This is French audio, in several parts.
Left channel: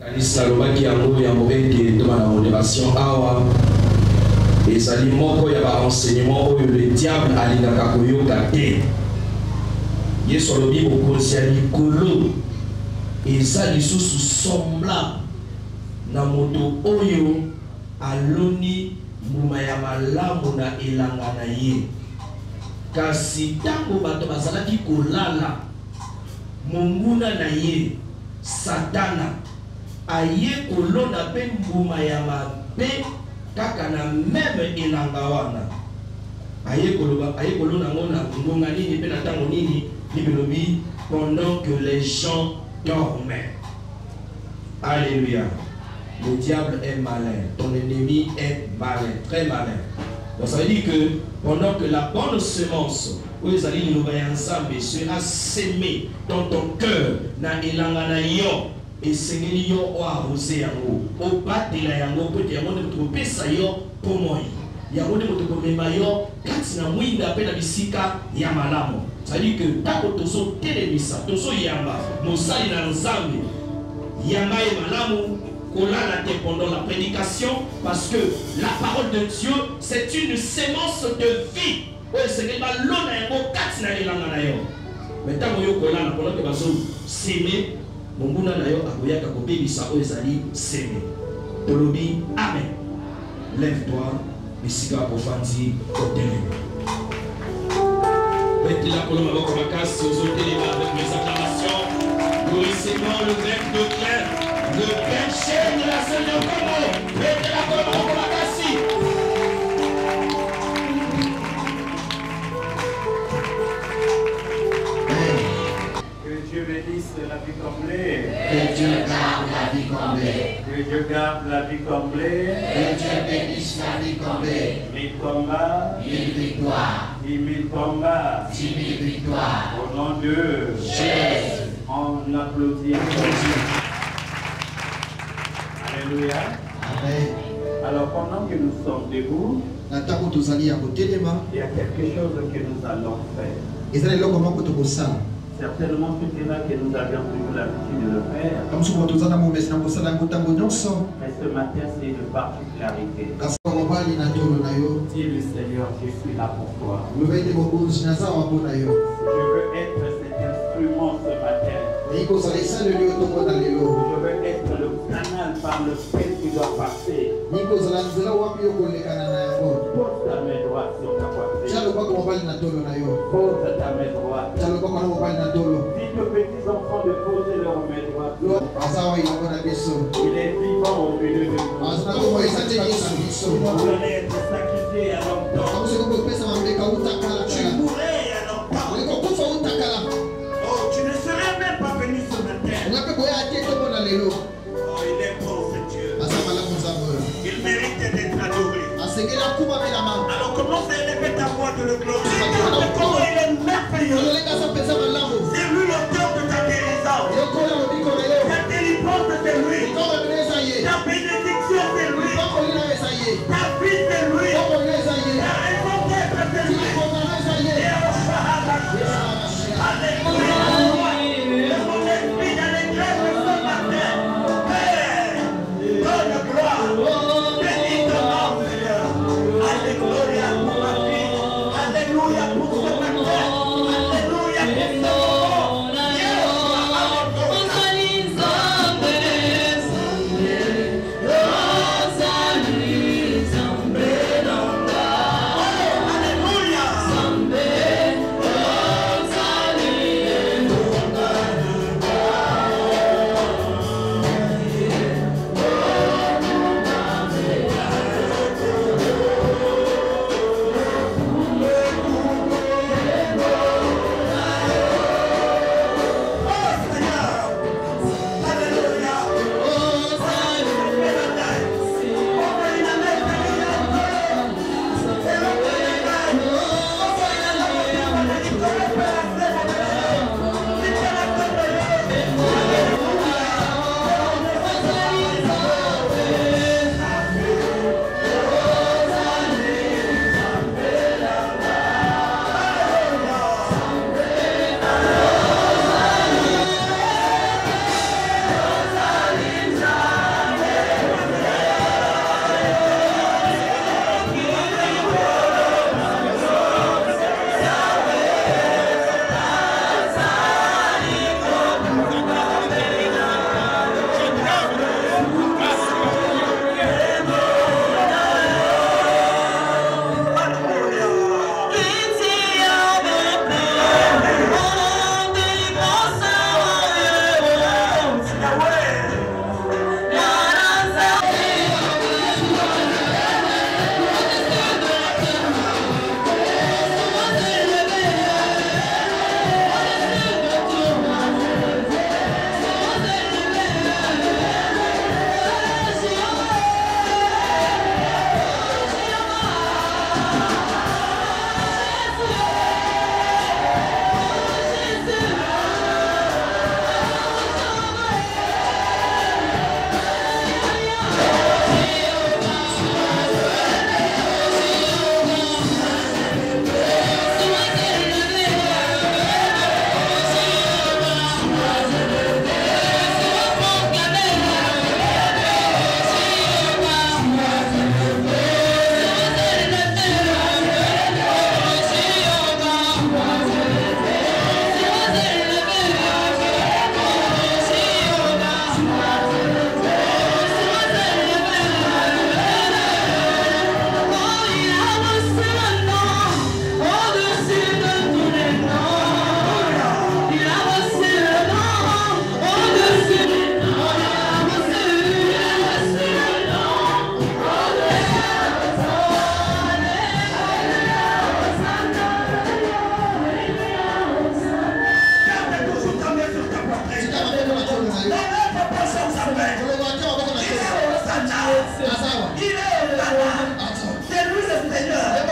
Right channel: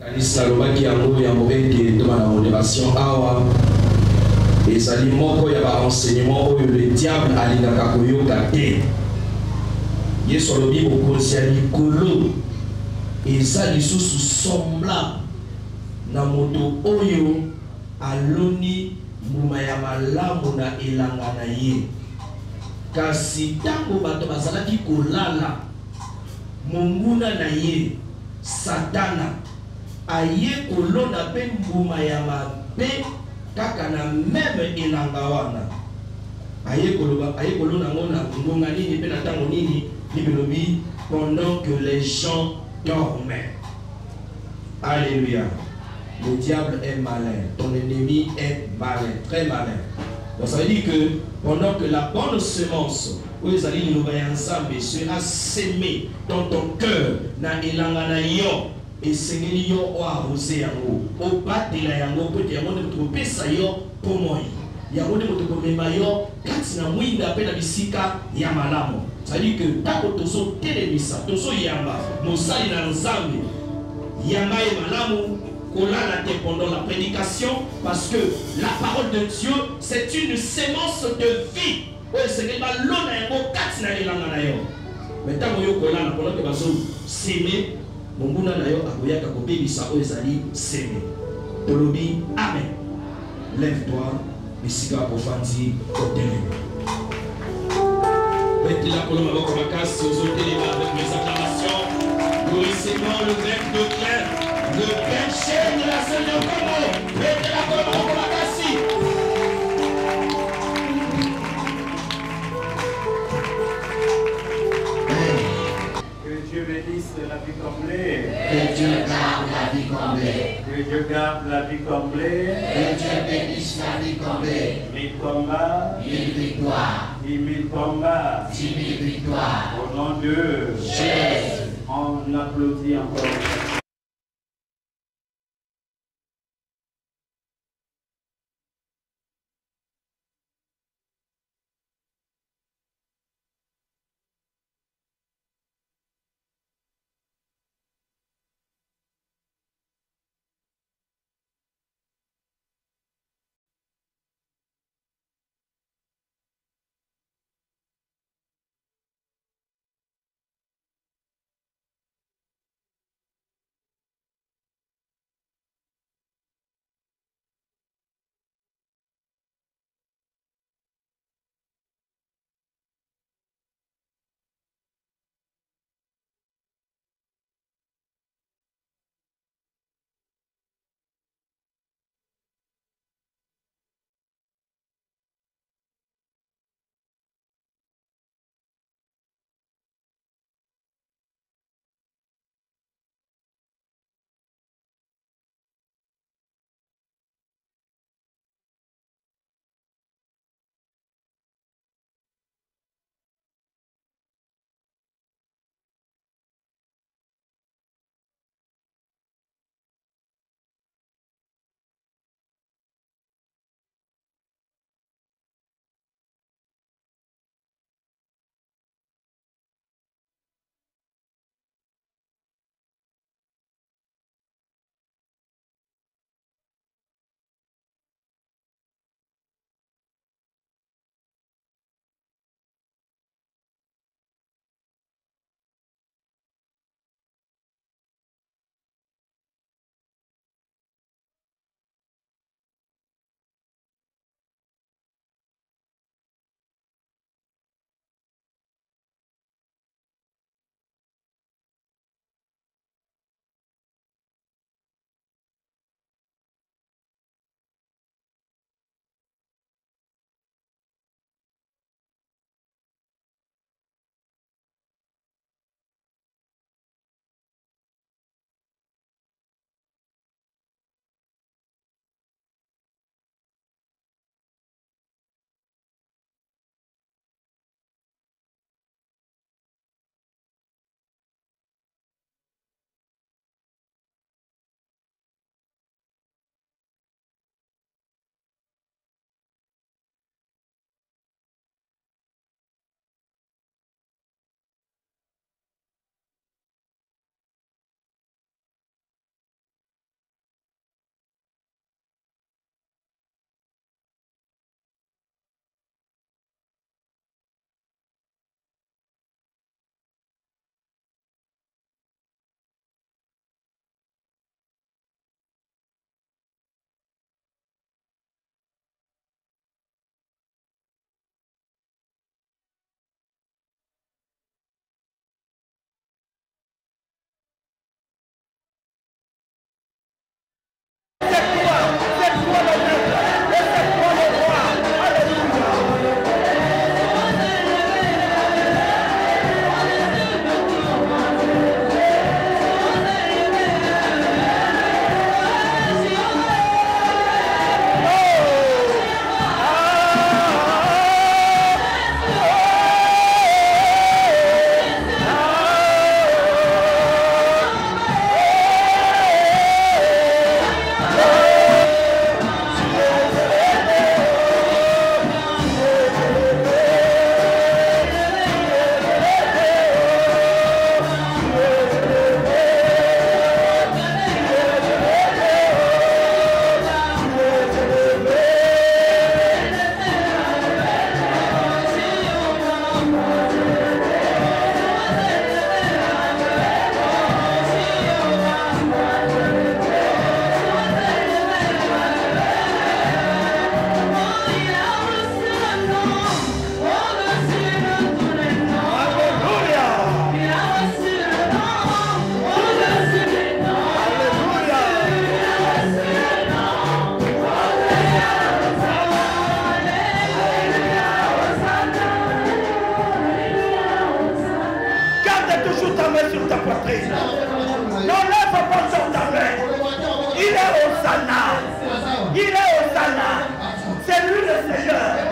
Kalisa lobaki yango ya mobeki de la modération awa ezali moko ya ba enseignement oyo le diable alingaka koyoka te. Yesu alobi bokonzi ya likolo eza lisusu semblable na moto oyo aloni mbuma ya malamu na elanga na ye. Kasi tango bato bazalaki kolala monguna na ye Satana aye kolona pe mbuma ya mabe kaka na meme elanga wana aye kolona ngona ngonga nini pe na tango nini bibelobi pendant que les gens dormaient. Alléluia. Le diable est malin, ton ennemi est malin, très malin. Donc ça veut dire que pendant que la bonne semence sera sémée dans ton cœur, na elanga na yo, et sengeli yo o arrosé yango, o batela yango pote yango ne to pesa yo pomoi. Yango ne to komema yo kati na mwinda pe na bisika ya malamu. Ça veut dire que tako tozo telemisa, tozo yamba, mosali na nzambe. Yamba e malamu pendant la prédication, parce que la parole de Dieu c'est une sémence de vie. Oui, c'est que l'on a un quatre na elanga na yo. Mais tant que yo kolana pendant que bazo s'aimer, mon buna na yo akoyaka ko bebisa o ezali s'aimer. Tolobi amen. Lève-toi, bisika profandi hôtel. Mettez la colonne avec ma casse aux hôtels avec mes acclamations. Nous recevons le grec de clair. Le péché de la Seigneur Congo, mettez la colonne en Komakasi. Que Dieu bénisse la vie comblée. Que Dieu garde la vie comblée. Que Dieu garde la vie comblée. Que Dieu bénisse la vie comblée. 1000 combats, 1000 victoires. 10 000 combats. 10 000 victoires. Au nom de Jésus. On applaudit encore. Alléluia. Amen. Alors pendant que nous sommes debout, il y a quelque chose que nous allons faire. Certainement tout est là que nous avions toujours l'habitude de le faire. Mais ce matin c'est une particularité. Dis le Seigneur, je suis là pour toi. Je veux être cet instrument ce matin. Je veux être le canal par lequel tu dois passer. Pose ta main droite sur ta poitrine. Pose ta main droite. Dites aux petits enfants de poser leur main droite. Il est vivant au milieu de nous. Vous allez être sacrifié à longtemps. Tu mourrais à longtemps. Oh, tu ne serais même pas venu ce matin. Oh, il est bon ce Dieu. Il mérite d'être adoré. Alors commence à élever ta voix de le glorifier. Comment il est merveilleux. C'est lui l'auteur de ta guérison. Ta délivrance c'est lui. Ta bénédiction c'est lui. Ta vie c'est lui. Ta raison d'être c'est lui. Alléluia. Le mon esprit dans les grèves ce matin.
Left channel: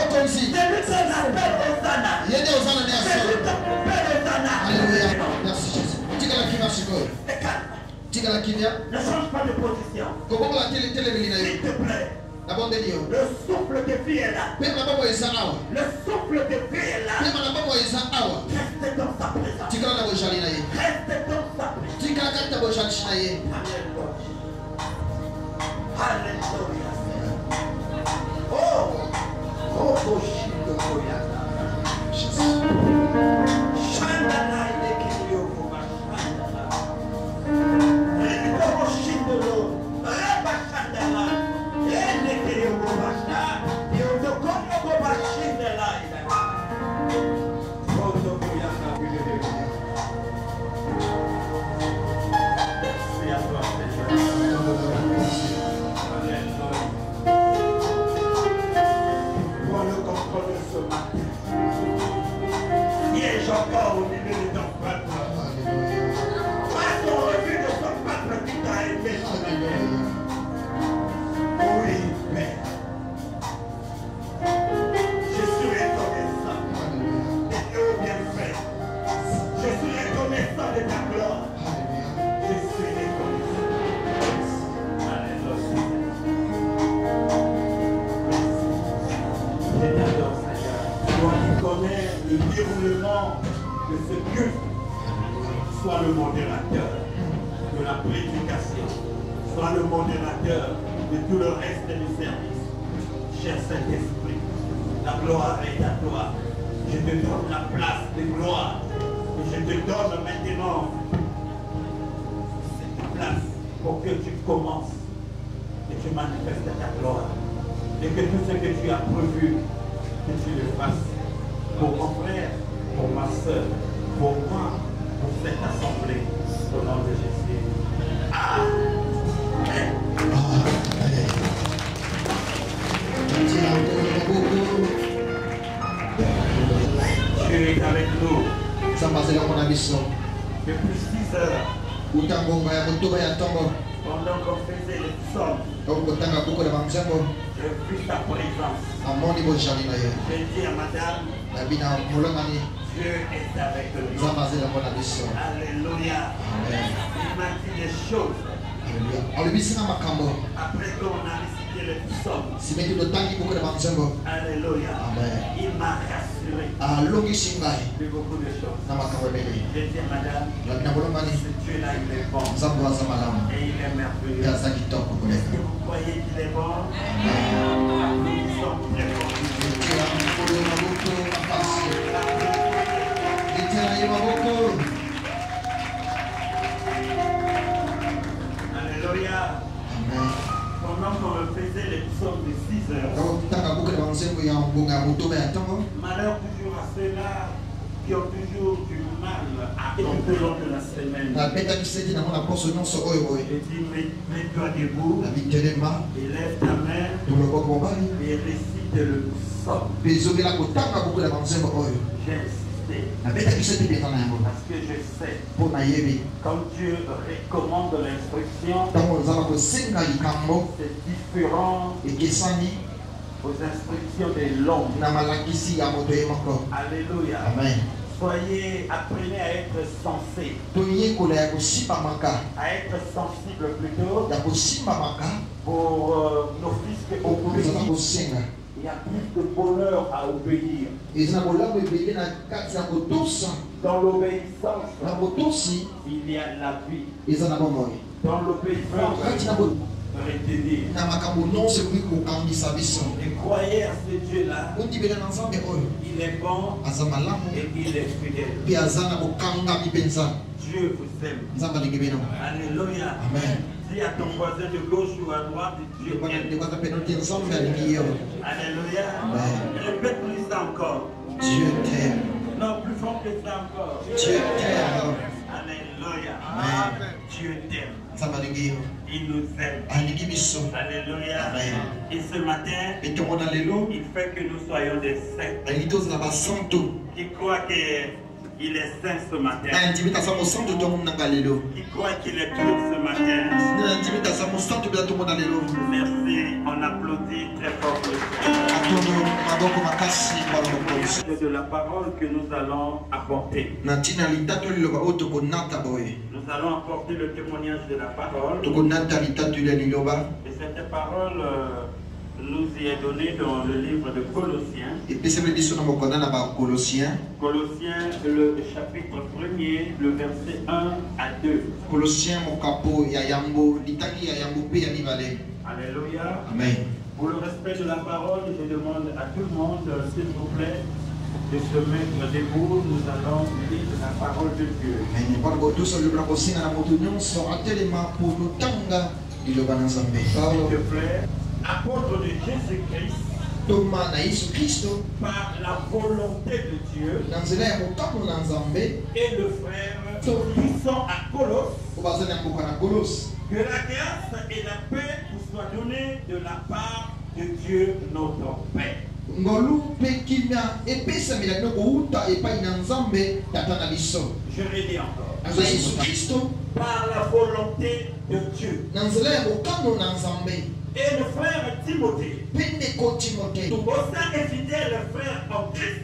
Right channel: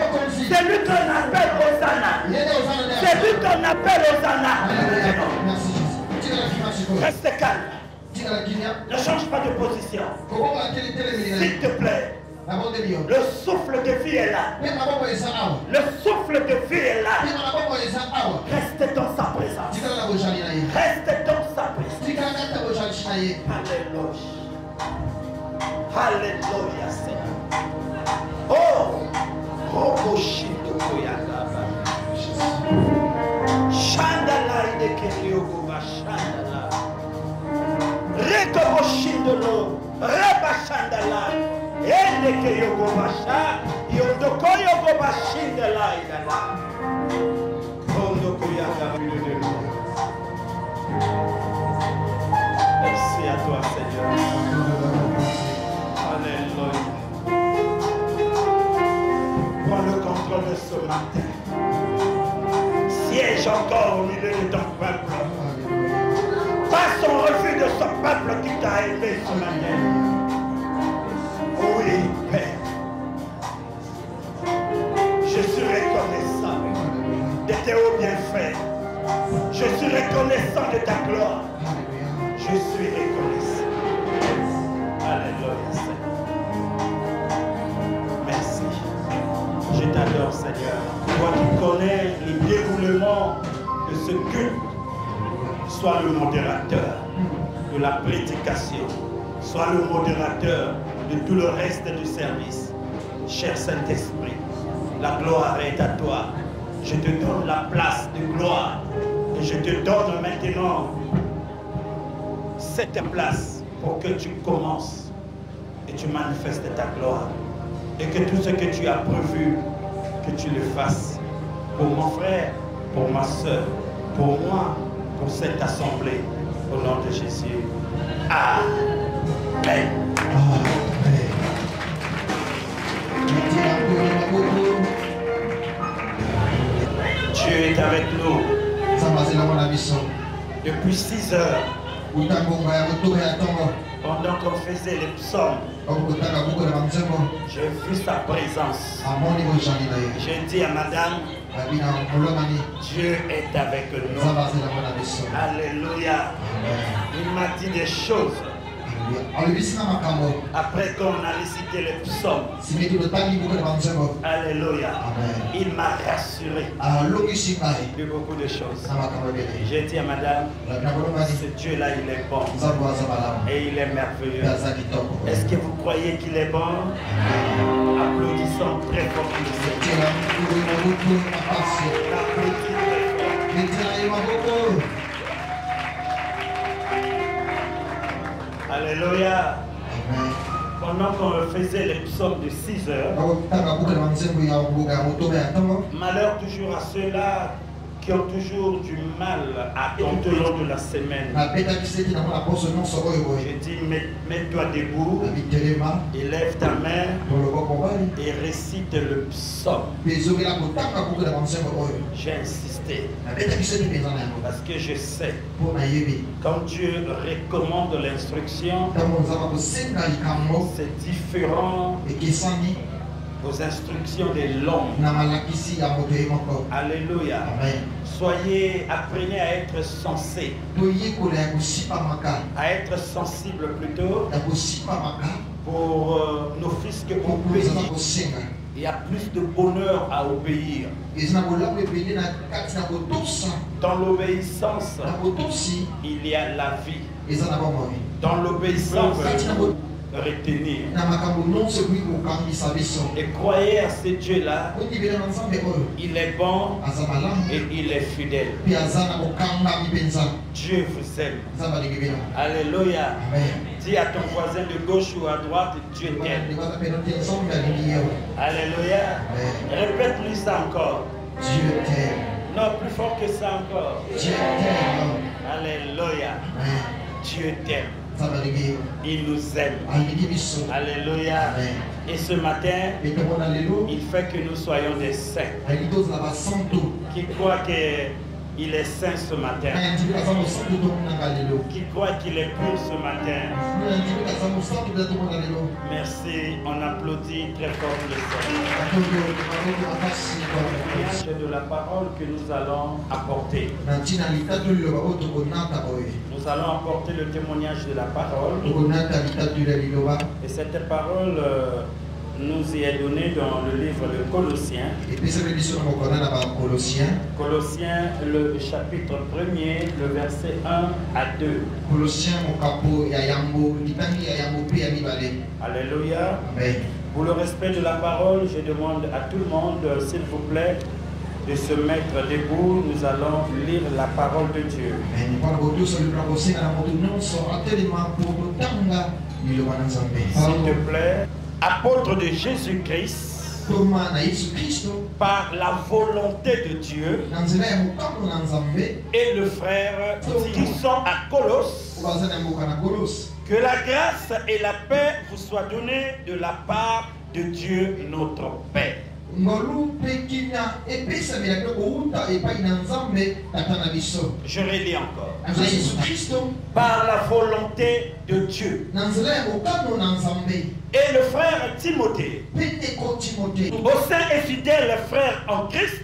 bokonzi. C'est lui qu'on appelle Hosanna. Yende Hosanna nde C'est lui qu'on appelle Hosanna. Alléluia. Merci Jésus. Tika la kimia sikoyo. Reste calme. Tika la kimia. Ne change pas de position. Kobongo la tele milina. S'il te plaît. Na bonde dio. Le souffle de vie est là. Pe maboko eza awa. Le souffle de vie est là. Pe maboko eza awa. Reste dans sa présence. Tika la bojali na ye. Reste dans sa présence. Tika la kata bojali na ye. Alléluia. Alléluia, Seigneur. Oh, Boshido Koyata. Chandala Idekelio Chandala. Reko Boshindolo. Reba Chandala. Enekeyo Gobasha. Yondokoyo Gobashindala. Kondo Koyata. Merci à toi, Seigneur. Alléluia. Prends le contrôle de ce matin. Siège encore au milieu de ton peuple. Pas son refus de son peuple qui t'a élevé ce matin. Oui, Père. Je suis reconnaissant de tes hauts bienfaits. Je suis reconnaissant de ta gloire. Je suis reconnaissant. Alléluia, Seigneur. Merci. Je t'adore, Seigneur. Toi qui connais le déroulement de ce culte, sois le modérateur de la prédication, sois le modérateur de tout le reste du service. Cher Saint-Esprit, la gloire est à toi. Je te donne la place de gloire et je te donne maintenant cette place pour que tu commences et tu manifestes ta gloire et que tout ce que tu as prévu, que tu le fasses pour mon frère, pour ma soeur, pour moi, pour cette assemblée, au nom de Jésus. Amen. Dieu est avec nous. Depuis 6 heures, pendant qu'on faisait les psaumes, j'ai vu sa présence. J'ai dit à madame, Dieu est avec nous. Alléluia. Il m'a dit des choses. Après qu'on a récité le psaume, alléluia, il m'a rassuré de beaucoup de choses. J'ai dit à madame, ce Dieu-là, il est bon et il est merveilleux. Est-ce que vous croyez qu'il est bon? Applaudissons très fort. Alléluia. Pendant qu'on faisait les psaumes de 6 heures, malheur toujours à ceux-là qui ont toujours du mal à contenir de la semaine. Je dis, mets-toi debout, élève ta main et récite le psaume. J'ai insisté parce que je sais, quand Dieu recommande l'instruction, c'est différent aux instructions de l'homme. Alléluia. Soyez, apprenez à être sensé, à être sensible plutôt pour nos fils que pour pays. Il y a plus de bonheur à obéir. Dans l'obéissance, il y a la vie. Dans l'obéissance, retenir. Et croyez à ce Dieu-là. Il est bon et il est fidèle. Dieu vous aime. Alléluia. Dis à ton voisin de gauche ou à droite, Dieu t'aime. Alléluia. Répète-lui ça encore. Dieu t'aime. Non, plus fort que ça encore. Dieu t'aime. Alléluia. Dieu t'aime. Il nous aime. Alléluia. Et ce matin, il fait que nous soyons des saints qui croient qu'il il est saint ce matin, qui croit qu'il est pur ce matin. Merci, on applaudit très fort le Seigneur. De la parole que nous allons apporter. Nous allons apporter le témoignage de la parole. Et cette parole nous est donnée dans le livre de Colossiens. Colossiens, le chapitre 1er, le verset 1 à 2. Alléluia. Amen. Pour le respect de la parole, je demande à tout le monde, s'il vous plaît, de se mettre debout. Nous allons lire la parole de Dieu. S'il te plaît, apôtre de Jésus-Christ, par la volonté de Dieu, et le frère qui sont à Colosse, que la grâce et la paix vous soient données de la part de Dieu notre Père. Je redis encore. Par la volonté de Dieu. Et le frère Timothée, au sein et fidèle frère en Christ,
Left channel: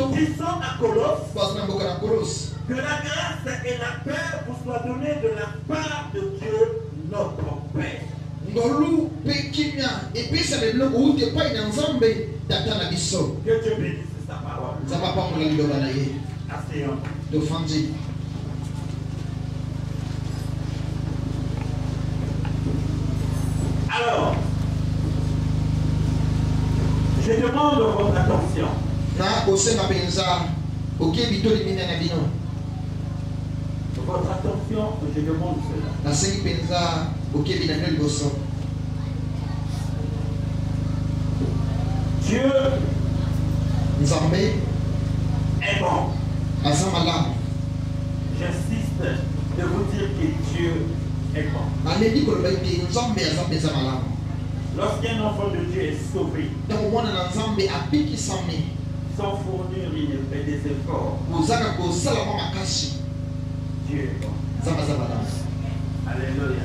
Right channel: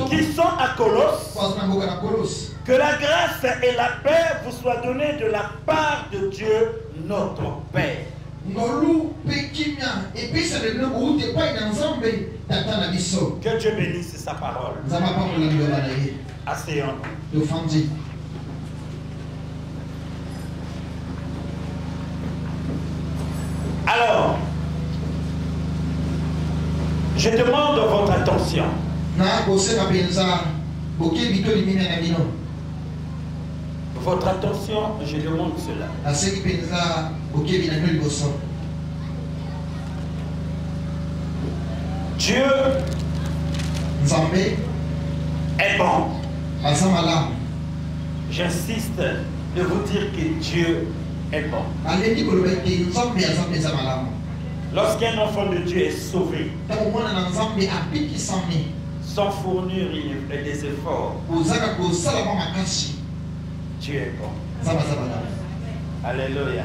qui sont à Colosse, que la grâce et la paix vous soient données de la part de Dieu notre Père. Que Dieu bénisse sa parole. Asseyons-nous. Alors, je demande votre attention. Votre attention, je demande cela. Dieu est bon. J'insiste de vous dire que Dieu est bon. Lorsqu'un enfant de Dieu est sauvé, sans fournir des efforts, Dieu est bon. Alléluia.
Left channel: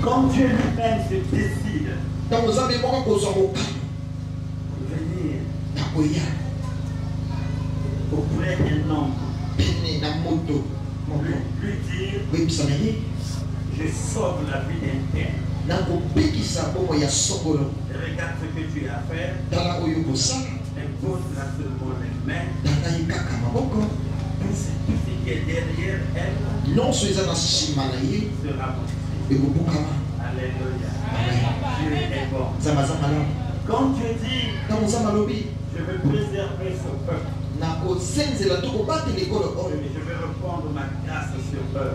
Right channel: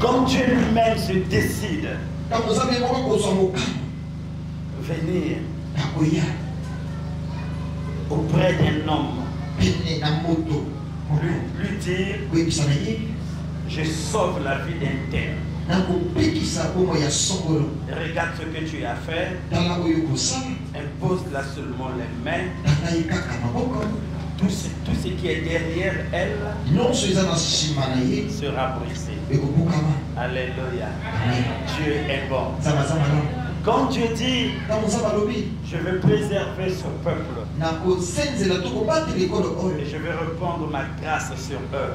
Quand Dieu lui-même se décide venir auprès d'un homme, lui dire, je sauve la vie d'un tel. Regarde ce que tu as fait, impose-la seulement les mains. Tout ce qui est derrière elle sera brisé. Alléluia. Dieu est bon. Quand Dieu dit, je veux préserver son peuple, et je veux répandre ma grâce sur eux,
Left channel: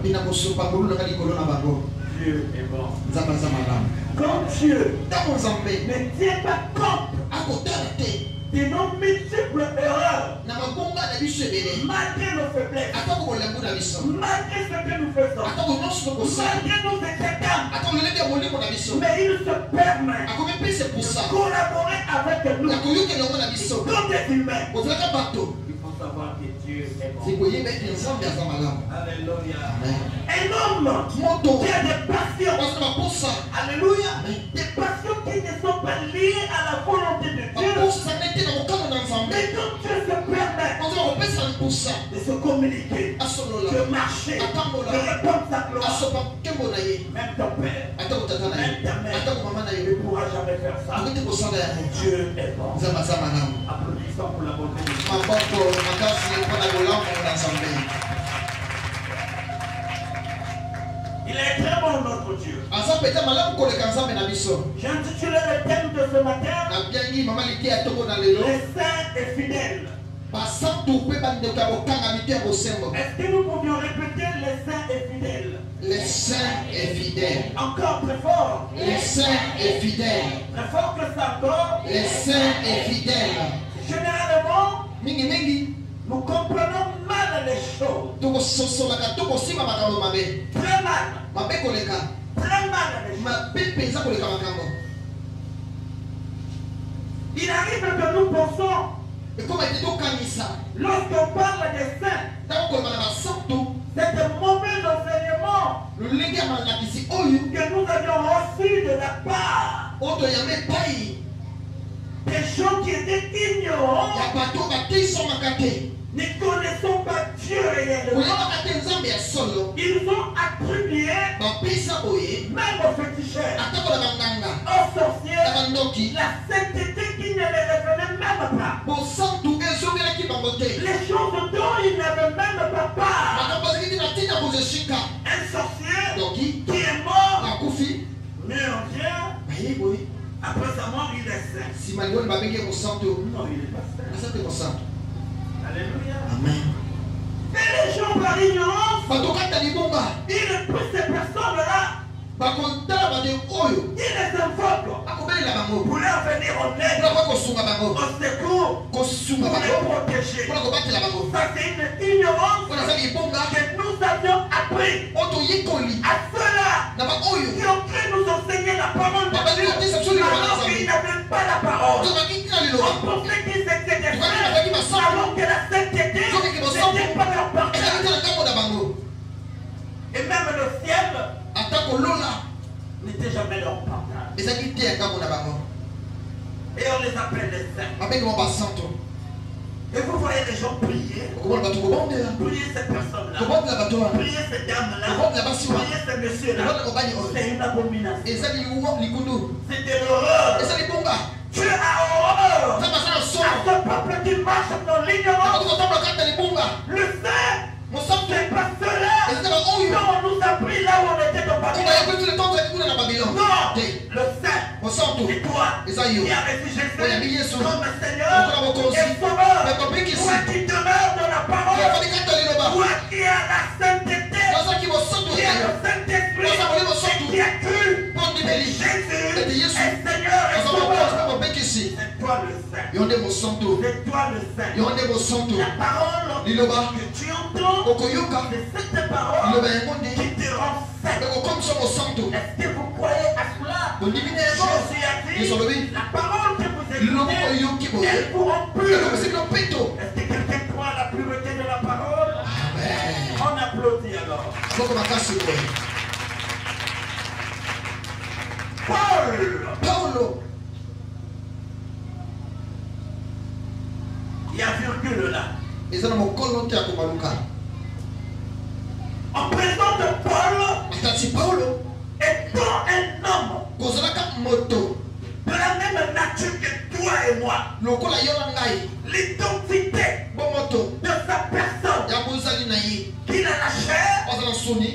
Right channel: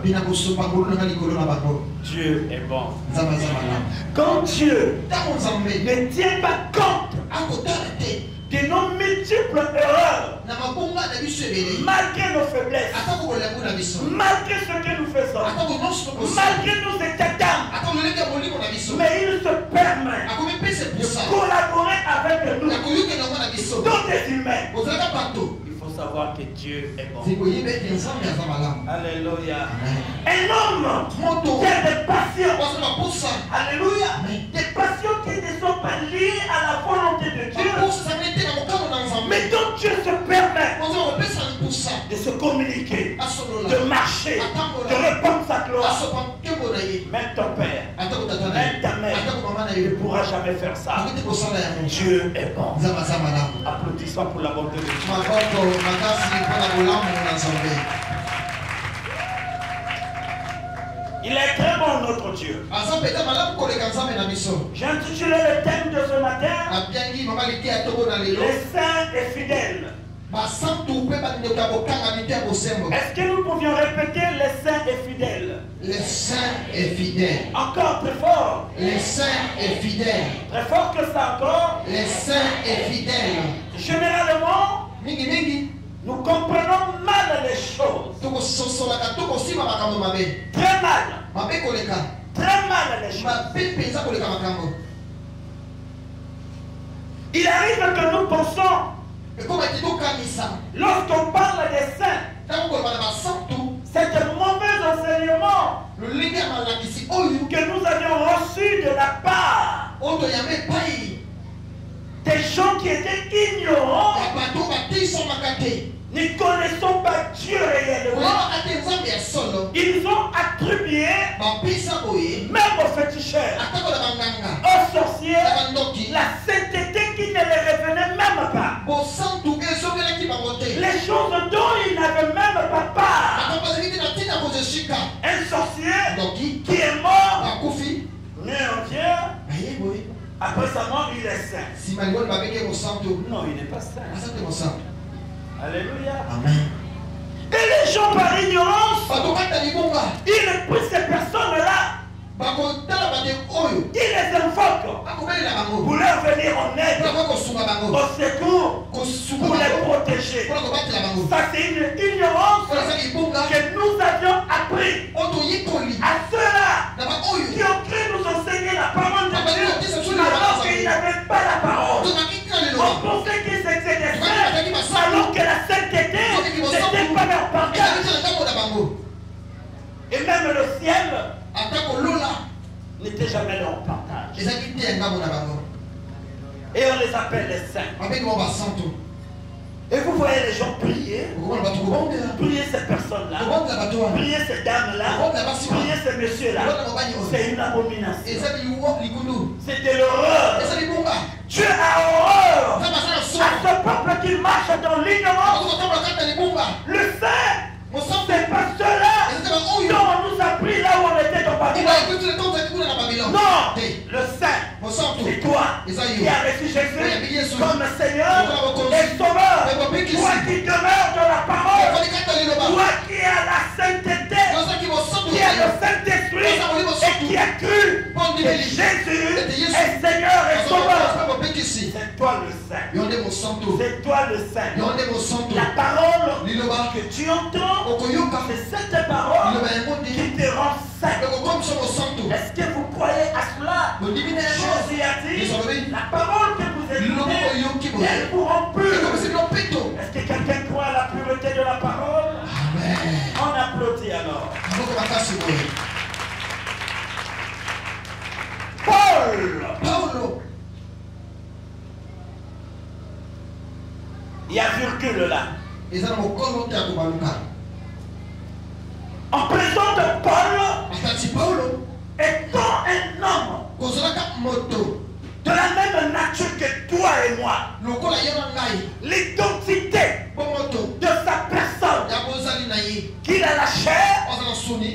Dieu est bon. Quand Dieu ne tient pas compte de nos multiples erreurs, malgré nos faiblesses, malgré ce que nous faisons, malgré nos états d'âme, mais il se permet de collaborer avec nous comme des humains. Il faut savoir que Dieu est bon. Alléluia. Un homme qui a des passions, alléluia, des passions qui ne sont pas liées à la volonté de Dieu, mais dont Dieu se permet de se communiquer, de marcher, de répandre sa gloire. Même ton père, même ta mère ne pourra jamais faire ça. Dieu est bon. Applaudissons pour la bonté de Dieu. Il est très bon notre Dieu. J'ai intitulé le thème de ce matin, les saints et fidèles. Est-ce que nous pouvions répéter les saints et fidèles? Les saints et fidèles. Encore très fort. Les saints et fidèles. Très fort que ça encore. Les saints et fidèles. Généralement, nous comprenons mal les choses. Très mal. Très mal les choses. Il arrive que nous pensons, lorsqu'on parle des saints, c'est un mauvais enseignement que nous avions reçu de la part des gens qui étaient ignorants, ne connaissant pas Dieu réellement. Ils ont attribué même aux féticheurs, aux sorciers, la sainteté qui ne les revenait même pas. Les choses dont ils n'avaient même pas part. Un sorcier qui est mort, né en Dieu, après sa mort, il est saint. Non, il n'est pas saint. Alléluia. Amen. Et les gens par ignorance, ils repoussent ces personnes-là. Ils les invoquent pour leur venir en aide, au secours, pour les protéger. Ça, c'est une ignorance que nous avions appris à ceux-là qui ont cru nous enseigner la parole de Dieu alors qu'ils n'avaient pas la parole. On pensait qu'ils étaient des saints alors que la sainteté n'était pas leur partage. Et même le ciel n'était jamais leur partage. Et on les appelle les saints. Et vous voyez les gens prier. Prier ces personnes-là. Prier ces dames-là. Prier ces messieurs-là. C'est une abomination. C'est de l'horreur. Dieu a horreur à ce peuple qui marche dans l'ignorance. Le saint, c'est pas ceux-là dont on nous a pris là où on était au Babylone. Non, le saint, c'est toi qui as reçu Jésus comme Seigneur et Sauveur. Toi qui demeures dans la parole. Toi qui as la sainteté, qui as le Saint-Esprit et qui as cru que Jésus est Seigneur et Sauveur. C'est toi le saint. C'est toi le saint. La parole que tu entends, c'est cette parole qui te rend saint. Est-ce que vous croyez à cela? Jésus a dit, la parole que vous écoutez, elle vous rend pur. Est-ce que quelqu'un croit à la pureté de la parole? Amen. On applaudit alors. Paul. Il y a virgule là. En présence de Paul, étant un homme de la même nature que toi et moi, l'identité de sa personne, qu'il a la chair,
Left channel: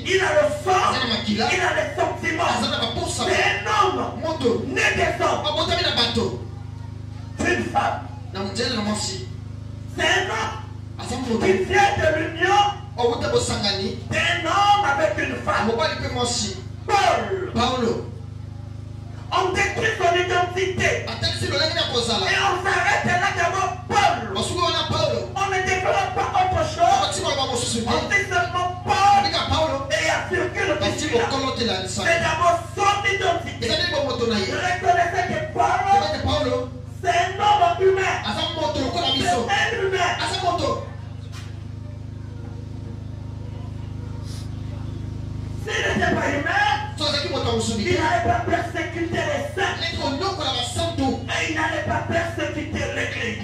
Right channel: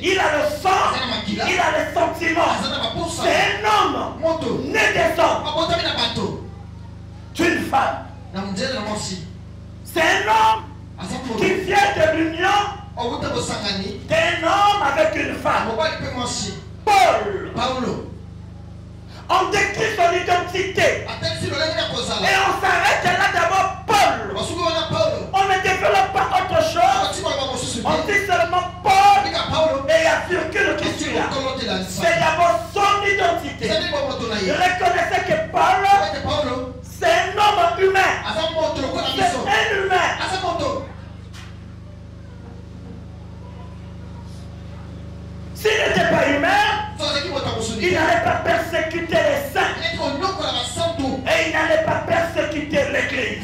il a le sang, il a les sentiments. C'est un homme né des hommes, d'une femme. C'est un homme qui vient de l'union d'un homme avec une femme. Paul. On décrit son identité. Et on s'arrête là d'abord Paul. On ne développe pas autre chose. On dit seulement Paul. Et il y a virgule qui suit là. C'est d'abord son identité. Je reconnaissais que Paul, c'est un homme humain. C'est un humain. S'il n'était pas humain, il n'allait pas persécuter les saints. Et il n'allait pas persécuter l'église.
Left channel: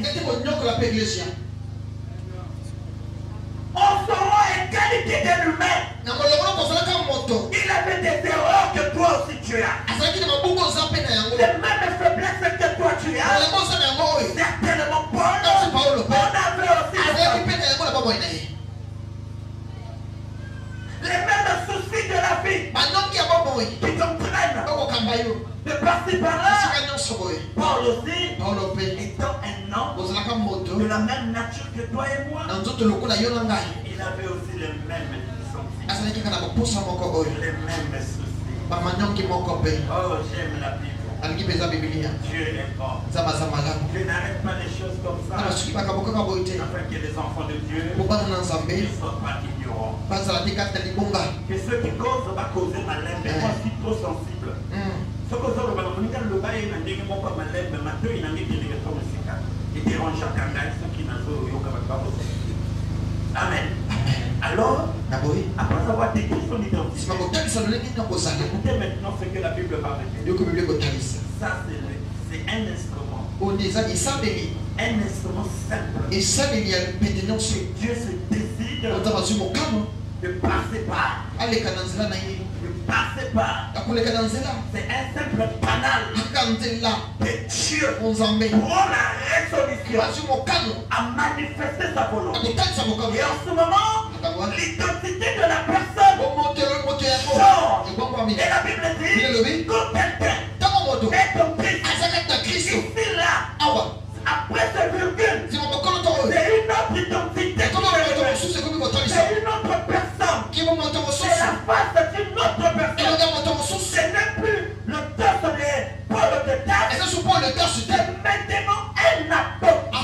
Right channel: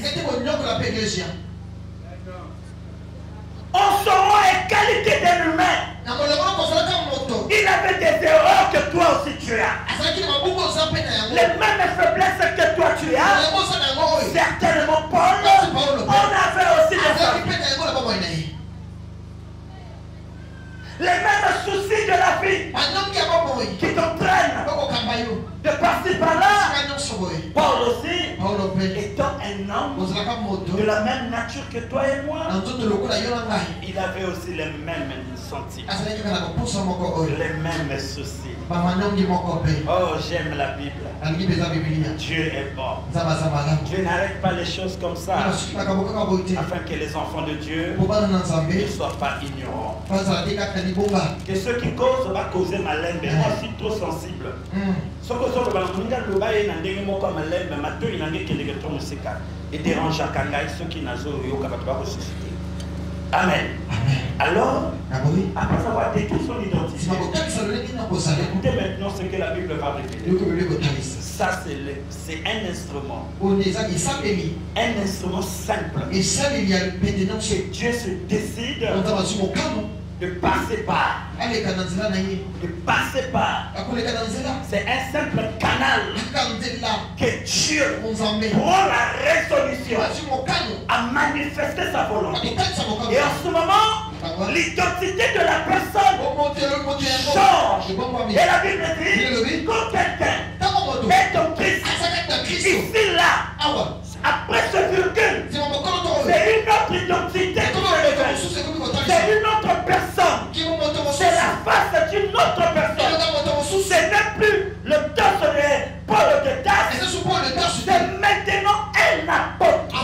On saura les qualités de l'humain. Il avait des erreurs que toi aussi tu as. Les mêmes faiblesses que toi tu as. Certainement Paul, on avait aussi des erreurs. Les mêmes soucis de la vie qui t'entraînent de passer par là. Paul aussi, étant un homme de la même nature que toi et moi, il avait aussi les mêmes sentiments, les mêmes soucis. Oh, j'aime la Bible. Dieu est bon. Dieu n'arrête pas les choses comme ça afin que les enfants de Dieu ne soient pas ignorants. Que ceux qui causent va causer malin, mais moi je suis trop sensible. Amen. Alors, après avoir décrit son identité, écoutez maintenant ce que la Bible va révéler. Ça, c'est un instrument. Un instrument simple. Dieu se décide de passer par. De passer par. C'est un simple canal que Dieu prend la résolution à manifester sa volonté. Et en ce moment, l'identité de la personne change. Et la Bible dit quand quelqu'un est en Christ, ici là, après ce virgule, c'est une autre identité. C'est une autre personne. C'est la face d'une autre personne. Ce n'est plus le torse de Paul de Tarse. C'est maintenant un apôtre.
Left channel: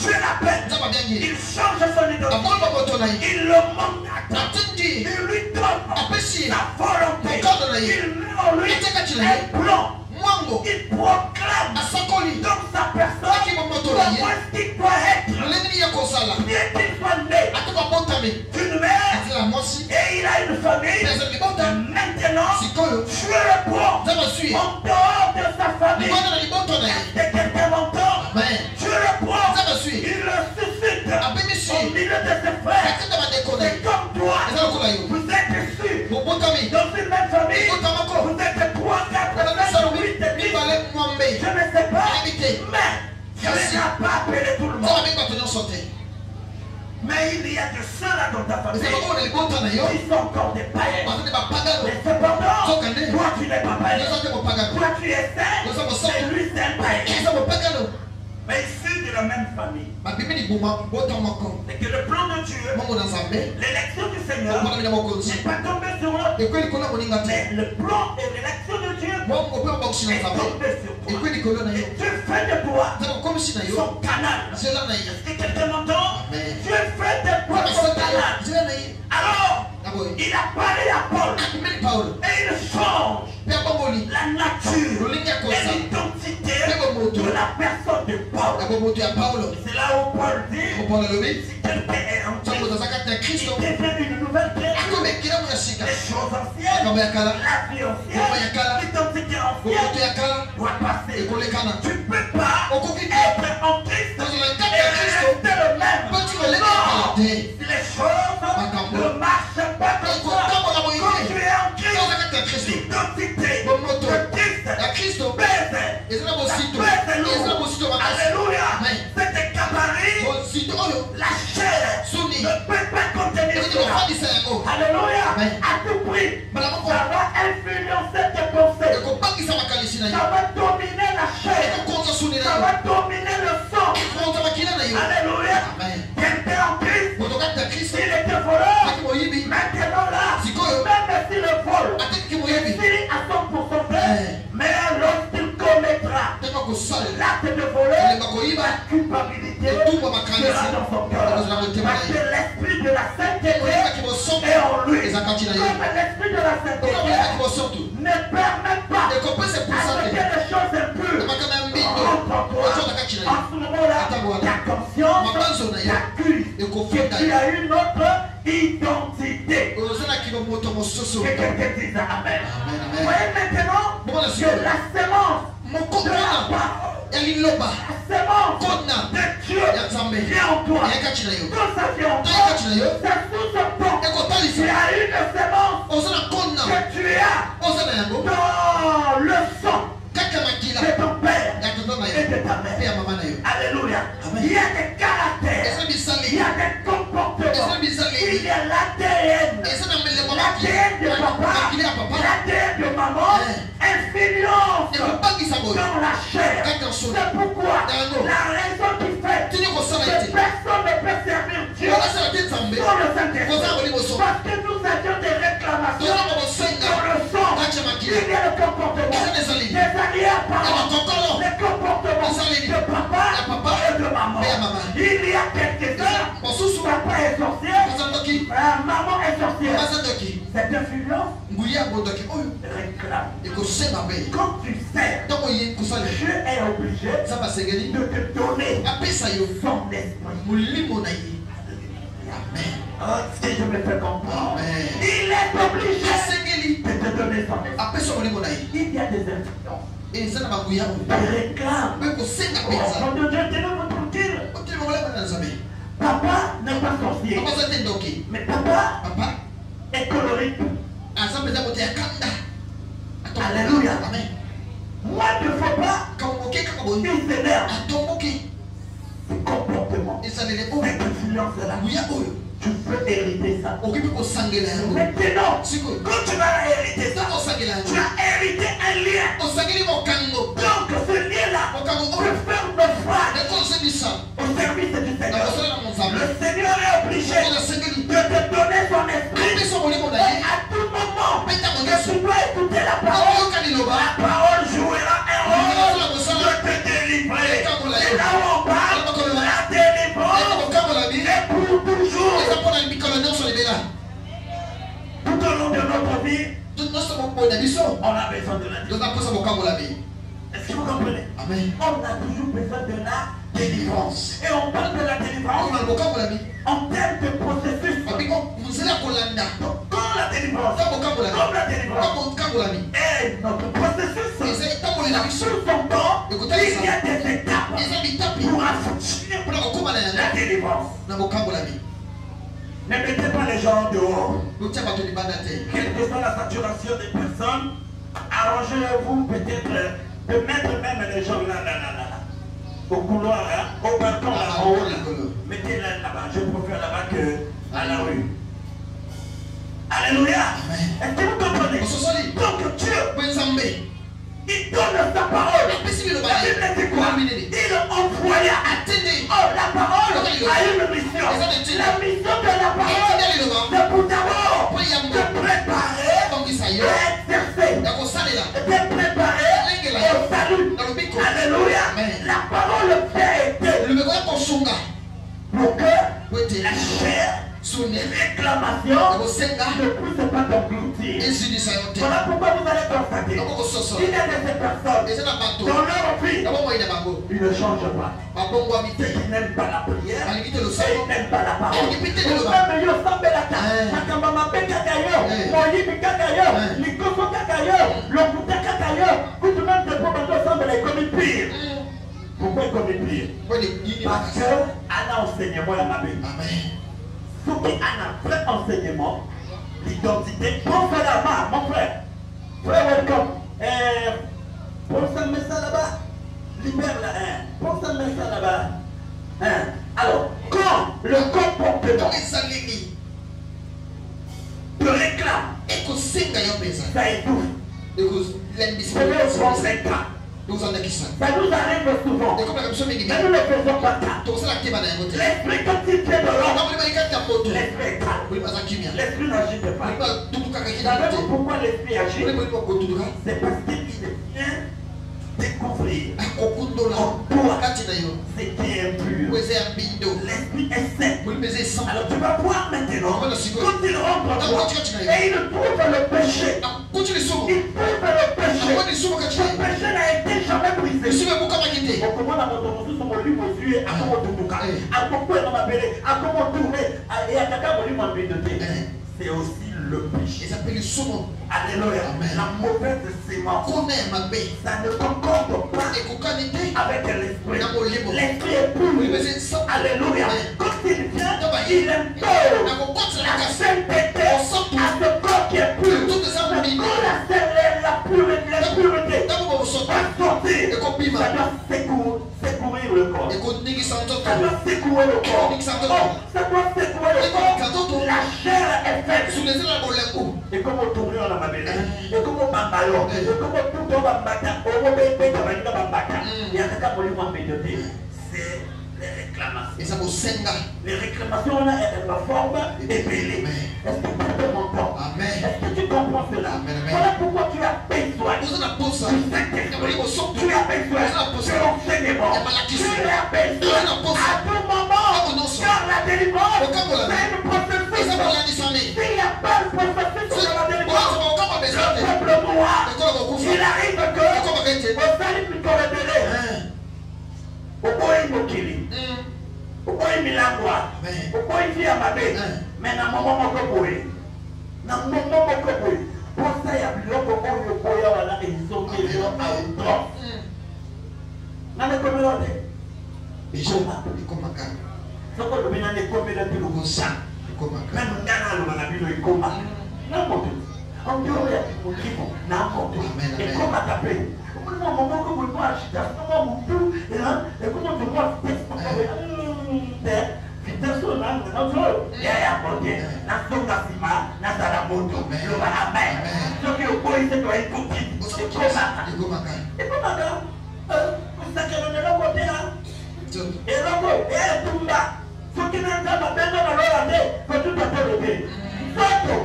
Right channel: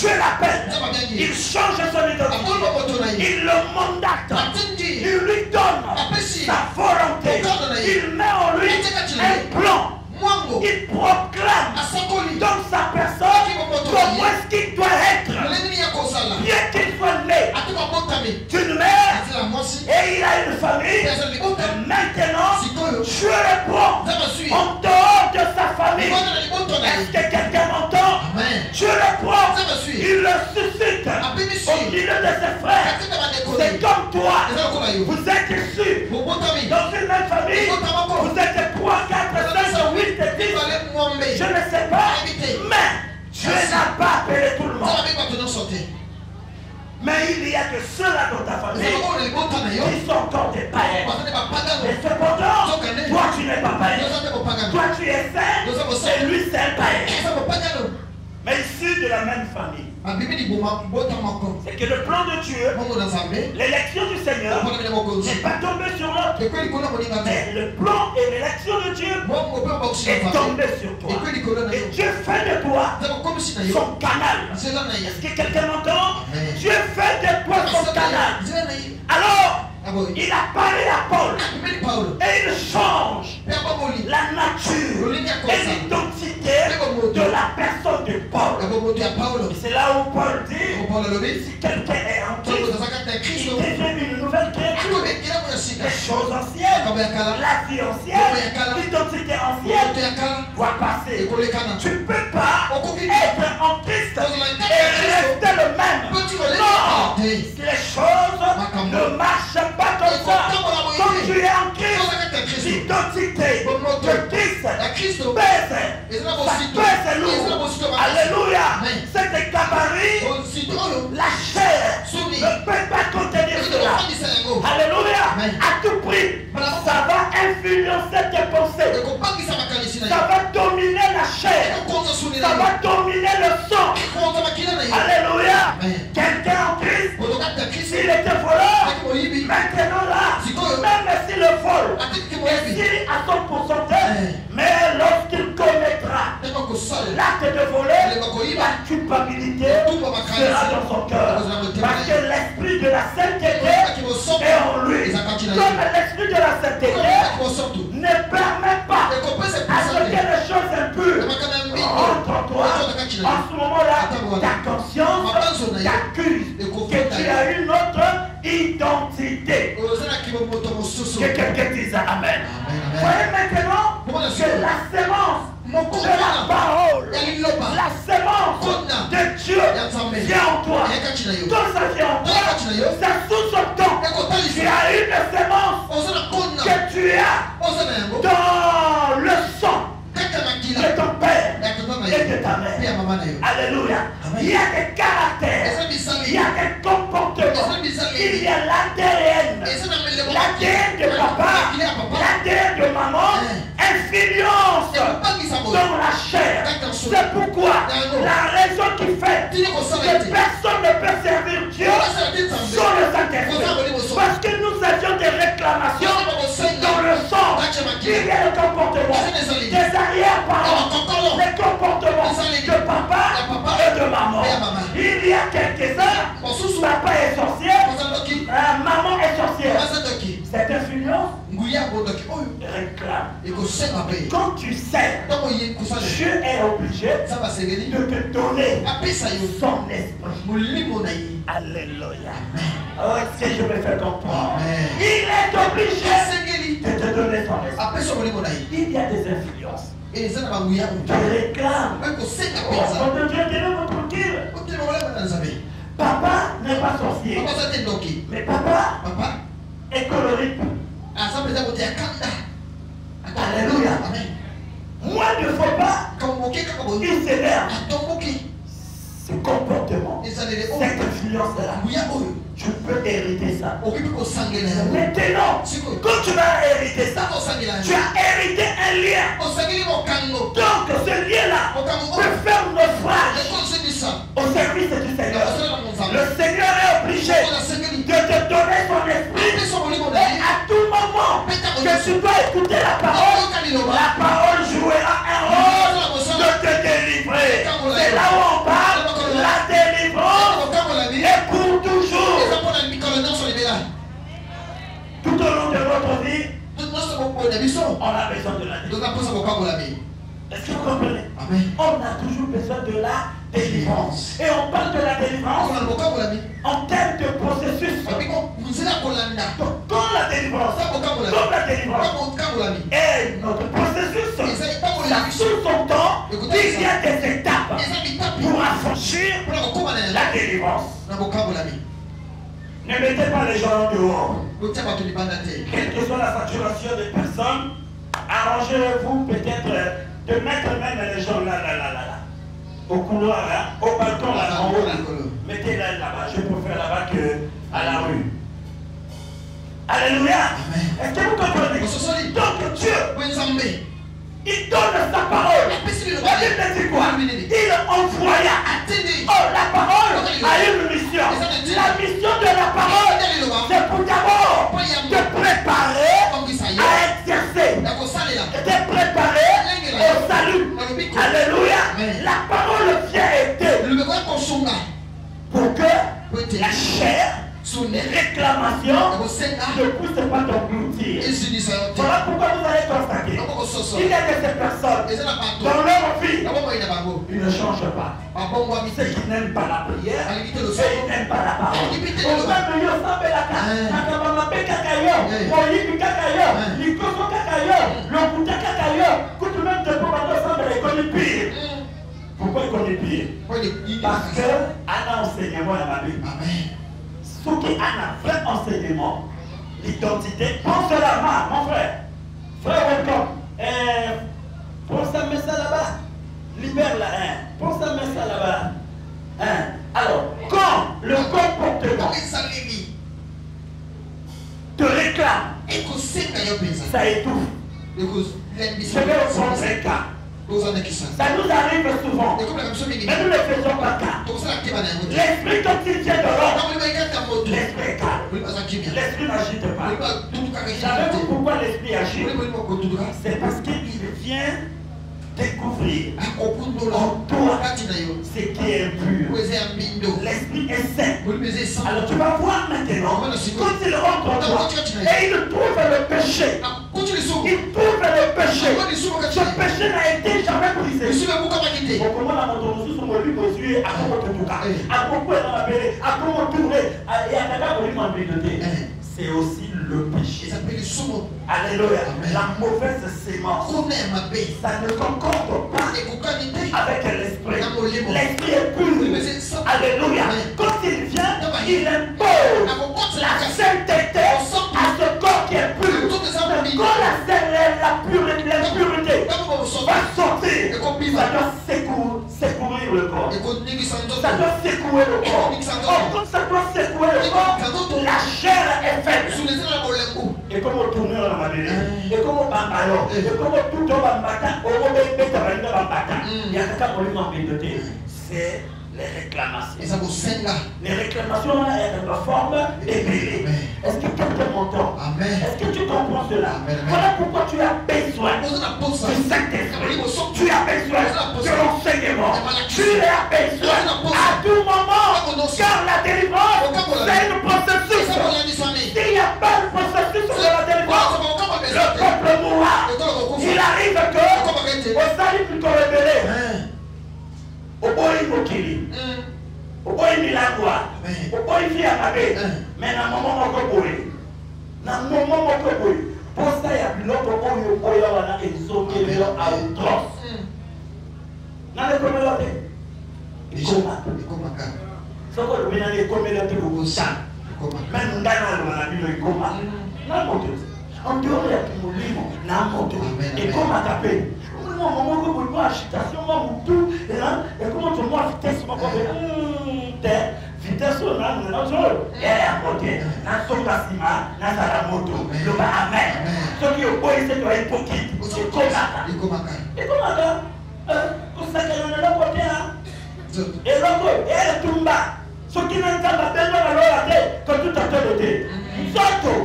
Je l'appelle. Il change son identité. Il le mandate. Il lui donne sa volonté. Il met en lui un plan. Il proclame dans sa personne comment est-ce qu'il doit être. Bien qu'il soit né d'une mère et il a une famille, maintenant je le prends en dehors de sa famille. Est-ce que quelqu'un m'entend? Je le prends, il le suscite au milieu de ses frères. C'est comme toi, vous êtes issus dans une même famille, vous êtes 3, 4, 5, 8, 10. Je ne sais pas, mais Dieu n'a pas appelé tout le monde. Mais il y a que ceux-là dans ta famille qui sont encore des païens. Et cependant, toi tu n'es pas païen. Toi tu es saint et lui c'est un païen. Mais issus de la même famille. C'est que le plan de Dieu, l'élection du Seigneur, n'est pas tombé sur eux. Mais le plan et l'élection de Dieu est tombé sur toi. Et Dieu fait de toi son canal. Est-ce que quelqu'un m'entend? Dieu fait de toi son canal. Alors, il a parlé à Paul et il change la nature et l'identité de la personne de Paul. C'est là où Paul dit si quelqu'un est en Christ, il devient une nouvelle créature. Les choses anciennes, la vie ancienne, l'identité ancienne doit passer. Tu ne peux pas être en Christ et rester le même. Non, les choses ne marchent pas comme ça. Quand tu es en Christ, l'identité de Christ baisse. Alléluia. Cet gabarit, la chair ne peut pas contenir cela. Alléluia. À tout prix, ça va influencer tes pensées. Ça va dominer la chair. Ça va dominer le sang. Alléluia. Quelqu'un en Christ, s'il était voleur, maintenant là, même s'il le vole, s'il a son pourcentage, mais lorsqu'il commettra l'acte de voler, la culpabilité sera dans son cœur. Parce que l'esprit de la sainteté est en lui. Comme l'esprit de la sainteté ne permet pas à ce que les choses impures rentrent en toi. En ce moment-là, ta conscience t'accuse que tu as une autre identité. Que quelqu'un dise Amen. Voyez maintenant que la sémence de la parole, la sémence de Dieu vient en toi. Tout ça vient en toi. C'est tout ce temps. Il y a une sémence que tu as dans le sang de ton père et de ta mère. Alléluia. Il y a des caractères, il y a des comportements, il y a l'ADN, l'ADN de papa, l'ADN de maman, influence dans la chair. C'est pourquoi la raison qui fait que personne ne peut servir Dieu sans le Saint-Esprit. Parce que nous avions des réclamations dans le sang. Il y a le comportement des arrière-parents, les comportements de papa et de maman. Il y a quelques-uns, papa est sorcier, maman est sorcière. Cette influence réclame. ekosema Quand tu sais, ntango ye kosala Dieu est obligé nzambe asengeli de te donner apesa yo son esprit. molimo na ye. Alléluia. Oh, si je me fais comprendre, Amen. il est obligé asengeli de te donner son esprit. apesa molimo na ye. Il y a des influences. eza na banguya Tu réclames. mpe kosenga Oh, mpenza mon Dieu, tenez-vous tranquille. otelema molemo na nzambe. Papa n'est pas sorcier, papa aza te ndoki mais papa papa est colorique. aza mpenza kote ya kanda. Alléluia. amen. Moi, il ne faut pas kamoke kaka boye qu'il s'énerve. atomboki Ce comportement, ezalele cette oyo influence-là, nguya oyo tu peux hériter ça. okoki mpe kosangela yango. Maintenant, sikoyo quand tu vas hériter ça, ntango osangela tu yango as hérité un lien. osangeli mokango Donc, ce lien-là mokango peut oyo faire naufrage ekosebisa au service du na Seigneur. kosala na monzambe Le Seigneur est obligé oyo nasengeli de te donner son esprit. apesa molimo na Et ye à tout moment mpe ntango que nyonso tu dois écouter la parole, aoyoka liloba la parole jouera un rôle de te délivrer. C'est là où on parle de la délivrance mokambolami et pour toujours. eza mpona mikolo nyonso libela Tout au long de notre vie, nyonso boboyi na biso on a besoin de la délivrance. tozaposa mokambolami. Est-ce que vous comprenez? amen. On a toujours besoin de la délivrance. Et on parle de la délivrance okona mokambolami en termes de processus. abiko nzela kolanda Dans la délivrance, za mokambolami dans la délivrance. ta mokambolami Et notre processus, eza ntango ça na biso sur son temps, il y a des étapes eza bitapi pour affranchir mpona kokóma na la yango délivrance. na mokambolami. Ne mettez pas les gens dehors. lotia bato libanda te Quelle que soit la saturation des personnes, arrangez-vous peut-être de mettre même les gens là, au couloir, là, au balcon, là, en haut, là. Mettez-les là-bas. Je préfère là-bas qu'à la rue. Alléluia. Est-ce que vous comprenez? ososoli Donc Dieu, mpe nzambe il donne sa parole. apesi La liloba Bible dit quoi? ye Il envoya. atende Oh, la parole a une mission. La mission de la parole, c'est pour d'abord te préparer tongisa ye à exercer, ya kosalela te préparer au salut. Alléluia. La parole vient aider lobeko ya kosunga pour que po ete la chair, sune les ya réclamations kosenga ne puissent pas t'engloutir. esilisa yo te Voilà pourquoi vous allez constater yango kososo qu'il y a des personnes eza na bato dans leur vie, ya bomoi na bango ils ne changent pas. babongwami Ceux te qui n'aiment pas la prière, balingi te ceux losolo qui n'aiment pas la parole. Oyibi te liloba Ozambe yo osambelaka makambo mabe kaka yo, oyibi kaka yo, likoso kaka yo, lokuta kaka yo, kutu même te po bando osambela ekomi pire. Pourquoi ekomi pire? Parce que ana enseignement ya mabe. amen Soki ana vrai enseignement, l'identité, pense à la main, mon frère. Frère, welcome. Pense à mettre ça là-bas. Libère la haine. Pense à mettre ça là-bas. Hein? Alors, quand le comportement donc ezaleli te réclame, ekosenga yo mpenza ça étouffe. Je ekolembisa vais vous prendre un cas. kozandakisa Ça nous arrive souvent. ekomaka biso mingi Mais nous ne faisons pas cas. tokosala keba na yango te L'esprit quand il tient de l'ordre, ntango liba ekati ya moto l'esprit est calme. oliba aza kimia L'esprit n'agite pas. oliba tutukaka kina Savez-vous te pourquoi l'esprit agit? oliba oliba kotutuka C'est parce qu'il vient découvrir akokundola kati na yo ce qui est impur. po eza ya mbindo L'esprit est saint. oliba eza esan Alors tu vas voir maintenant, quand il rentre en toi, et il trouve le péché. akuti lisumu Il trouve le péché. akwa lisumu kati Ce na ye péché n'a été jamais brisé. lisumu ebukamaki te okomona moto mosusu molimo ezwi akomotutuka akokwela mabele akomotourne eyakaka molimo mbindo te. C'est aussi le péché. eza mpe lisumu Alléluia. La mauvaise sémence, kuna ya mabe ça ne concorde pas ekokani te avec l'esprit. na molimo L'esprit est pur. oliba eza esan Alléluia. Quand il vient, il impose akokotela la kasi sainteté à ce corps qui est pur. tout eza Quand mobili la pureté ntango bobosoba va sortir, ekobima ça doit secourir le corps. ekoningisa Ça nzoto doit secouer le corps. Quand ça doit secouer le corps, la chair est faite. sulezela na bolembu Et comme on tourne dans la mabele, et comme on bambalo, et comme on tout dans la matin, on va mettre dans la matin. Il y a quelqu'un qui m'a médité. C'est les réclamations. eza kosenga Les réclamations là, elles sont forme épelée. Est-ce que tu te m'entends? amen Est-ce que tu comprends cela? Amen. Voilà pourquoi tu as besoin oza na posa du Saint-Esprit. Tu as besoin de l'enseignement. Tu as besoin à tout moment. Car la délivrance, c'est le processus. eza kolandisami S'il n'y a pas de processus sur la délivrance, Au bout il a quoi? Au bout il a mabe. Mais na maman mon cocoy. Na maman mon cocoy. Pour ça il y a plus longtemps qu'on y boya wana ezomi leo à outrance. Na le communauté. Et comment quand? Ça qu'on le met dans les communautés au Boussan. Même dans la ville de Goma. N'importe où. En dehors de tout le monde, n'importe où. Et comment taper? Au moment où vous voyez l'agitation, tout, et là, et comment tu vois la vitesse, vitesse, on a un autre, et à côté, dans son bâtiment, dans sa moto, le bas à main. Ce qui est au point, c'est doit être petit. Et comment et comment vous savez que l'on est là côté là. Et là, et tout bas. Ce qui n'est pas bien, on va regarder, que tout a été. Surtout.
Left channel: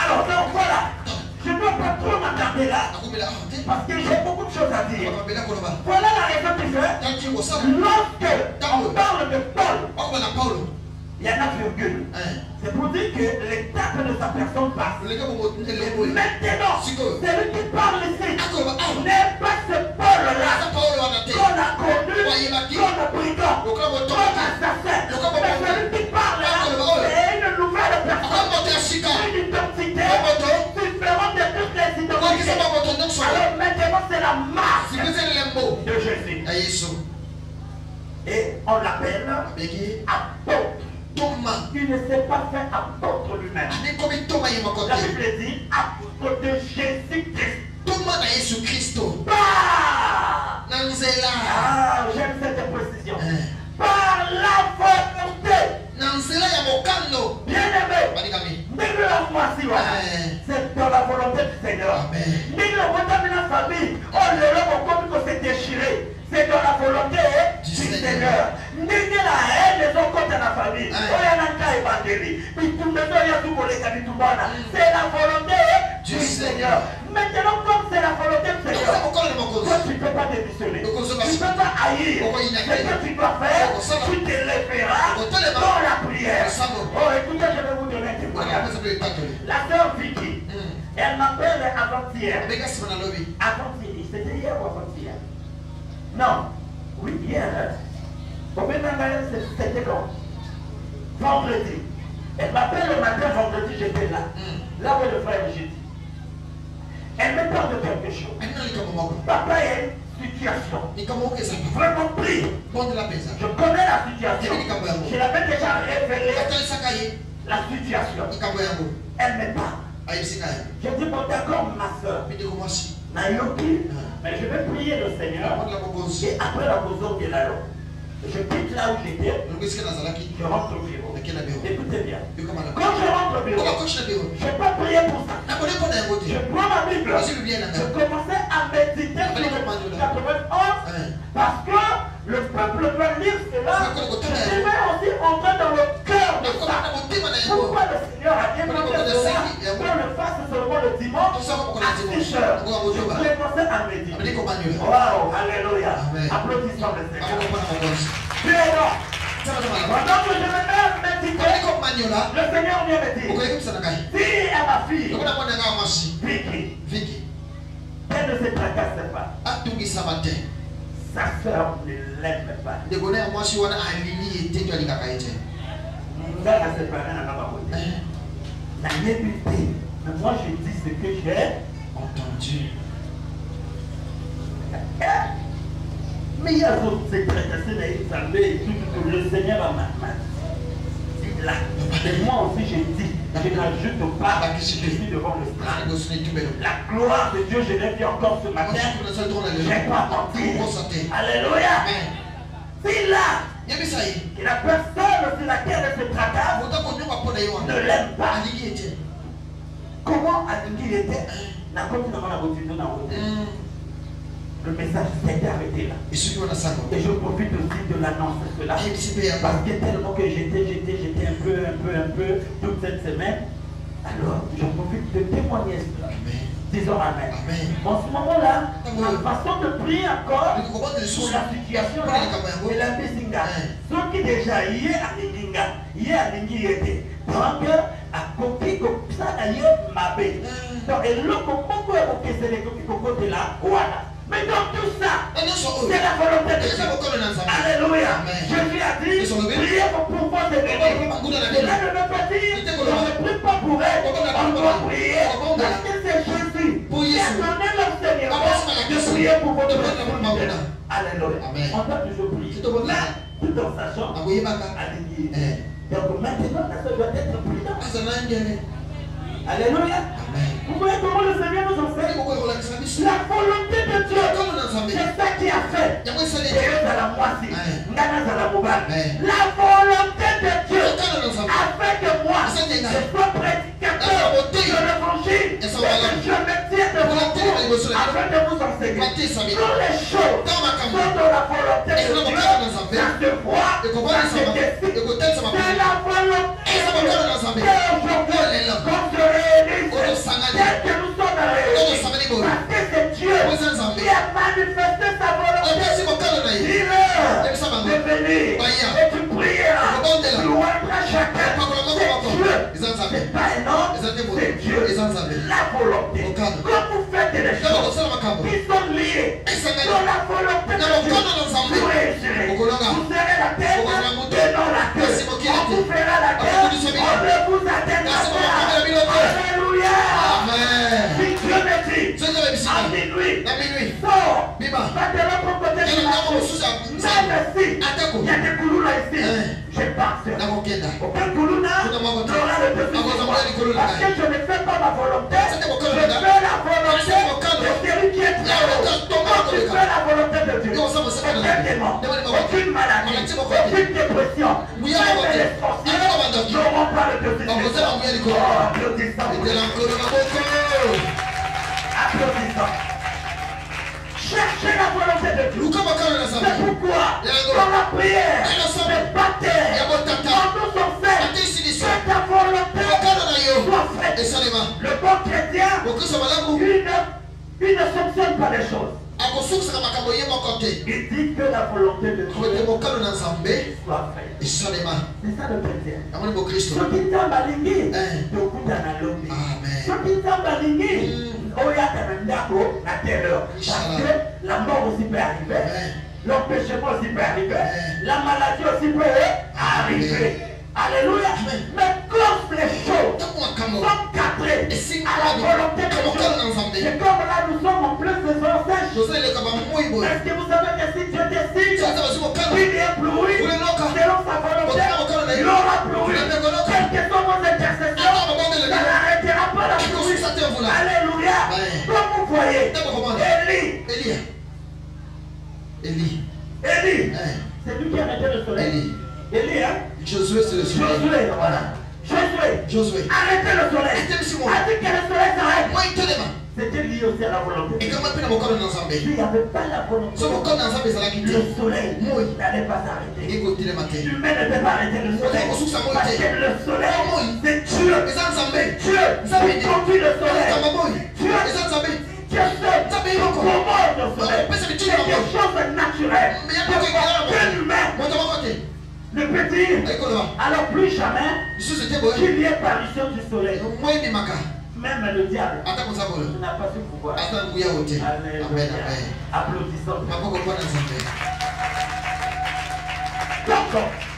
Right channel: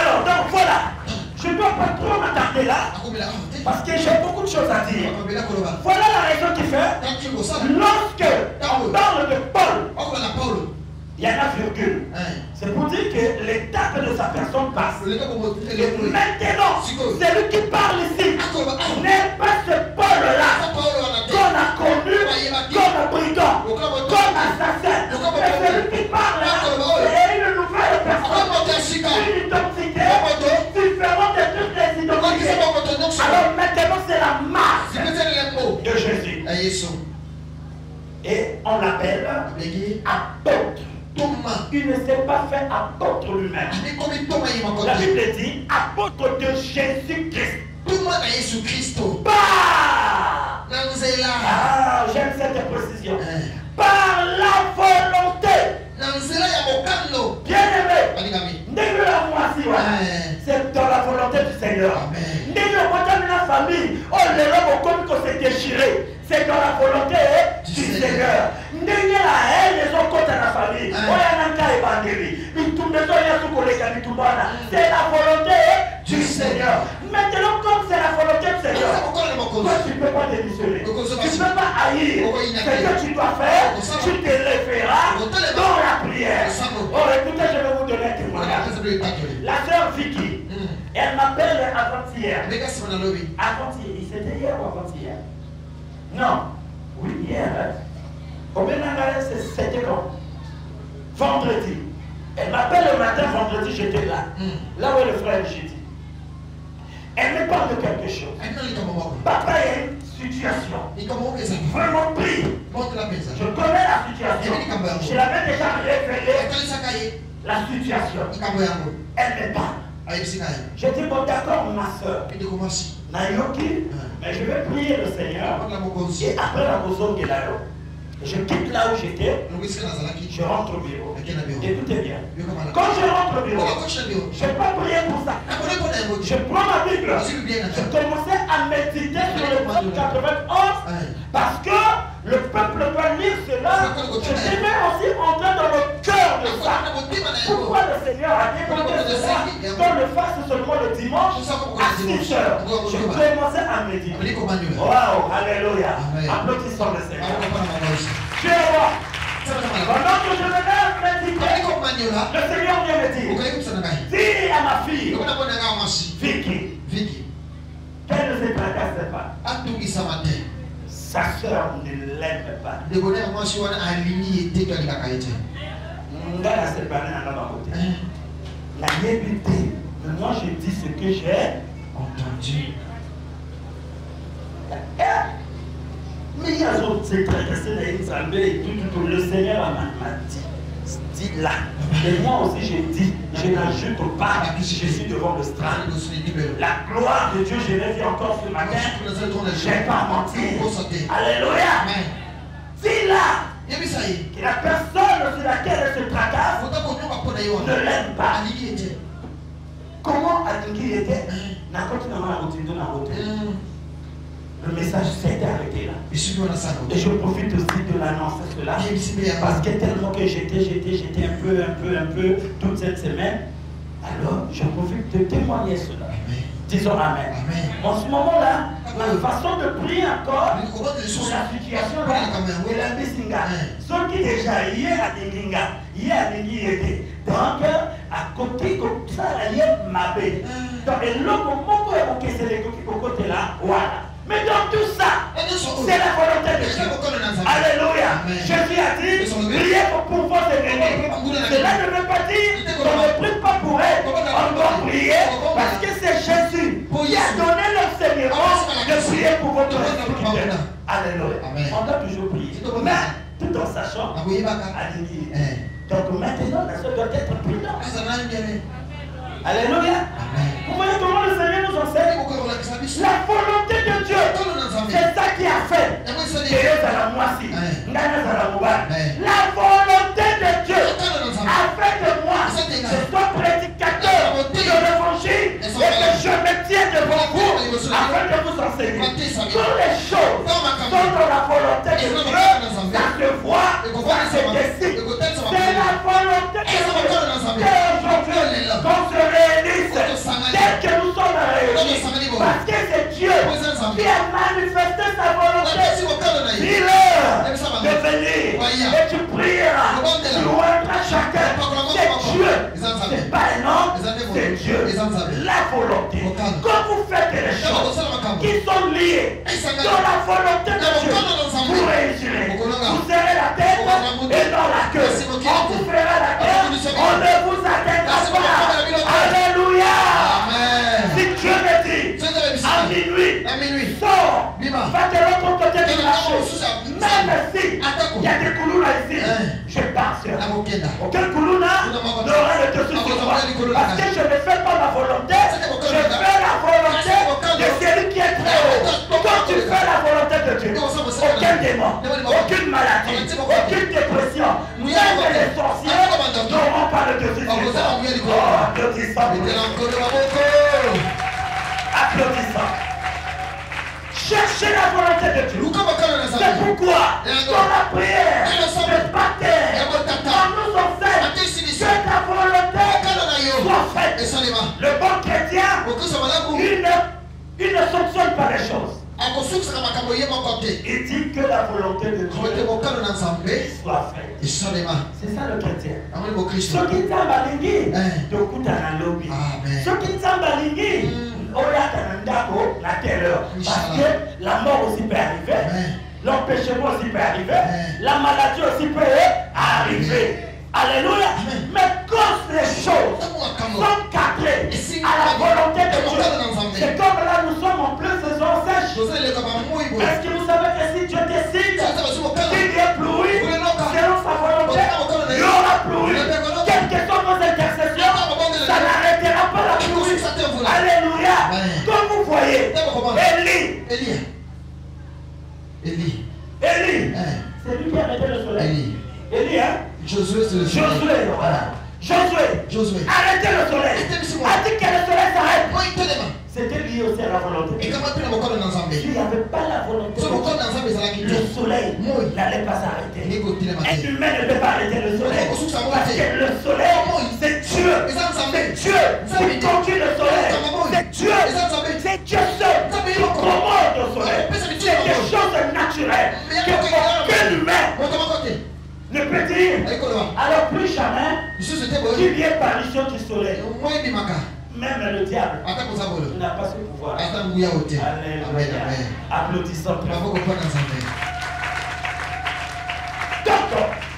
Alors, donc voilà, je ne dois pas trop m'attarder là, parce que j'ai beaucoup de choses à dire. Voilà la raison qui fait, lorsque on parle de Paul, il y a un virgule. C'est pour dire que l'état de sa personne passe. Maintenant, celui qui parle ici n'est pas ce Paul-là qu'on a connu comme brigand, comme assassin. Mais celui qui parle là, c'est une nouvelle personne, une identité différente de toutes les identités. Alors maintenant, c'est la marque de Jésus. Et on l'appelle apôtre. Il ne s'est pas fait apôtre lui-même. La Bible dit apôtre de Jésus-Christ. Bah! J'aime cette précision. Par la volonté. Bien aimé. C'est dans la volonté du Seigneur. La famille. Oh, les hommes comme qu'on s'est déchiré. C'est dans la volonté du Seigneur. N'ayez la haine des autres côtés de la famille. C'est la volonté du Seigneur. Maintenant, comme c'est la volonté du Seigneur, toi tu ne peux pas démissionner. Tu ne peux pas haïr. Ce que tu dois faire, tu te référeras dans la prière. Oh, écoutez, je vais vous donner un témoignage. La sœur Vicky, elle m'appelle avant-hier. Avant-hier, c'était hier ou avant-hier? Non. Oui, hier. Au Bénin, c'était long. Vendredi. Elle m'appelle le matin, vendredi, j'étais là. Là où le frère j'étais. Elle me parle de quelque chose. Papa, il y a une situation. Vraiment pris. Je connais la situation. Je l'avais déjà révélé la situation. Elle me parle. Je dis, bon d'accord, ma soeur. Nayoki, mais je vais prier le Seigneur. Et après la bousson qui est là, je quitte là où j'étais. Je rentre au bureau. Écoutez bien. Quand je rentre au bureau, je n'ai pas prié pour ça. Je prends ma Bible. Je commençais à méditer sur le psaume 91 parce que le peuple doit lire cela. Je devais aussi entrer dans le cœur de ça. Pourquoi le Seigneur a demandé cela? Qu'on le fasse seulement le dimanche à 6 heures. Je commençais à méditer. Waouh, alléluia. Applaudissons le Seigneur. Pendant que je venais méditer, le Seigneur vient me dire, dis à ma fille, Vicky, qu'elle ne se tracasse pas. Sa soeur ne l'aime pas. La débuté. Mais moi je dis ce que j'ai entendu. Mais il y a d'autres secrets, le Seigneur m'a dit là. Et moi aussi j'ai dit, je n'ajoute pas, je suis devant le strand. La gloire de Dieu, je l'ai dit encore ce matin. Je n'ai pas menti. Alléluia. C'est là. La personne sur laquelle elle se tracasse ne l'aime pas. Comment Alingi était? Le message s'est arrêté là. Et je profite aussi de l'annonce de cela. Parce que tellement que j'étais un peu toute cette semaine. Alors, je profite de témoigner cela. Disons Amen. En ce moment-là, la façon de prier encore sur la situation de la Bessinga. Ceux qui déjà hier à Délinga, hier à Délinga était. Donc, à côté comme ça, il y a ma paix. Donc, et le moment où c'est les côté là, voilà. Mais dans tout ça, c'est la volonté de Dieu. Alléluia. Jésus a dit, priez pour pouvoir devenir. Cela ne veut pas dire qu'on ne prie pas pour elle. On doit prier parce que c'est Jésus qui a donné l'enseignement de prier pour votre vie. Alléluia. On doit toujours prier. Tout en sachant. Donc maintenant, la soeur doit être prudente. Alléluia. Vous voyez comment le Seigneur nous enseigne? La volonté de Dieu, c'est ça qui a fait. La volonté de Dieu a fait de moi je sois prédicateur de l'évangile et que je me tienne devant vous afin de vous enseigner toutes les choses sont dans la volonté de Dieu. Ça se voit, ça se décide. C'est la volonté de Dieu. Et aujourd'hui, on se réunit dès que nous sommes réunis parce que c'est Dieu qui a manifesté sa volonté. Dis-leur de venir et tu prieras. Louange à chacun. C'est Dieu. C'est pas un homme, c'est Dieu. La volonté. Quand vous faites des choses qui sont liées dans la volonté de Dieu, vous réussirez. Vous serez la tête et dans la queue. On vous fera la tête, on ne vous atteindra pas. Alléluia. Si Dieu me dit, à minuit, sors, va de l'autre côté de la chose. Même si il y a des couloirs ici, je pense. Aucun couloir n'aura le dessus sur moi. Parce que je ne fais pas ma volonté, je fais la volonté de celui qui est très haut. Quand tu fais la volonté de Dieu, aucun démon, aucune maladie, aucune dépression, même les sorciers n'auront pas le dessus sur moi. Applaudissons. Cherchez la volonté de Dieu. C'est pourquoi dans la prière, le baptême, quand nous sommes faits, que ta volonté soit faite. Le bon chrétien, il ne soupçonne pas les choses. Il dit que la volonté de Dieu soit faite. C'est ça le chrétien. Ce qui t'a maligné, de coup à la lobby. Ce qui t'a maligné, la terreur. Parce que la mort aussi peut arriver, l'empêchement aussi peut arriver, la maladie aussi peut arriver. Alléluia. Mais quand les choses sont cadrées à la volonté de Dieu, et comme là nous sommes en pleine saison sèche, est-ce que vous savez que si Dieu décide qu'il y a pluie, selon sa volonté, il y aura pluie. Quelles que soient vos intercessions, ça n'arrêtera pas la pluie. Alléluia. Comme vous voyez, Élie, c'est lui qui a arrêté le soleil. Élie, hein? Josué, voilà. Josué. Arrêtez le soleil. A dit que le soleil s'arrête. C'était lié aussi à la volonté. Lui n'avait pas la volonté. Le soleil n'allait pas s'arrêter. Et l'humain ne peut pas arrêter le soleil. Parce que le soleil, c'est Dieu. C'est Dieu. Qui conduit le soleil. C'est Dieu. C'est Dieu seul. Comment le soleil? C'est quelque chose de naturel. Que l'humain ne peut dire. Alors plus jamais, qu'il y ait apparition du soleil. Même le diable n'a pas ce pouvoir. Amen. Applaudissons. Donc,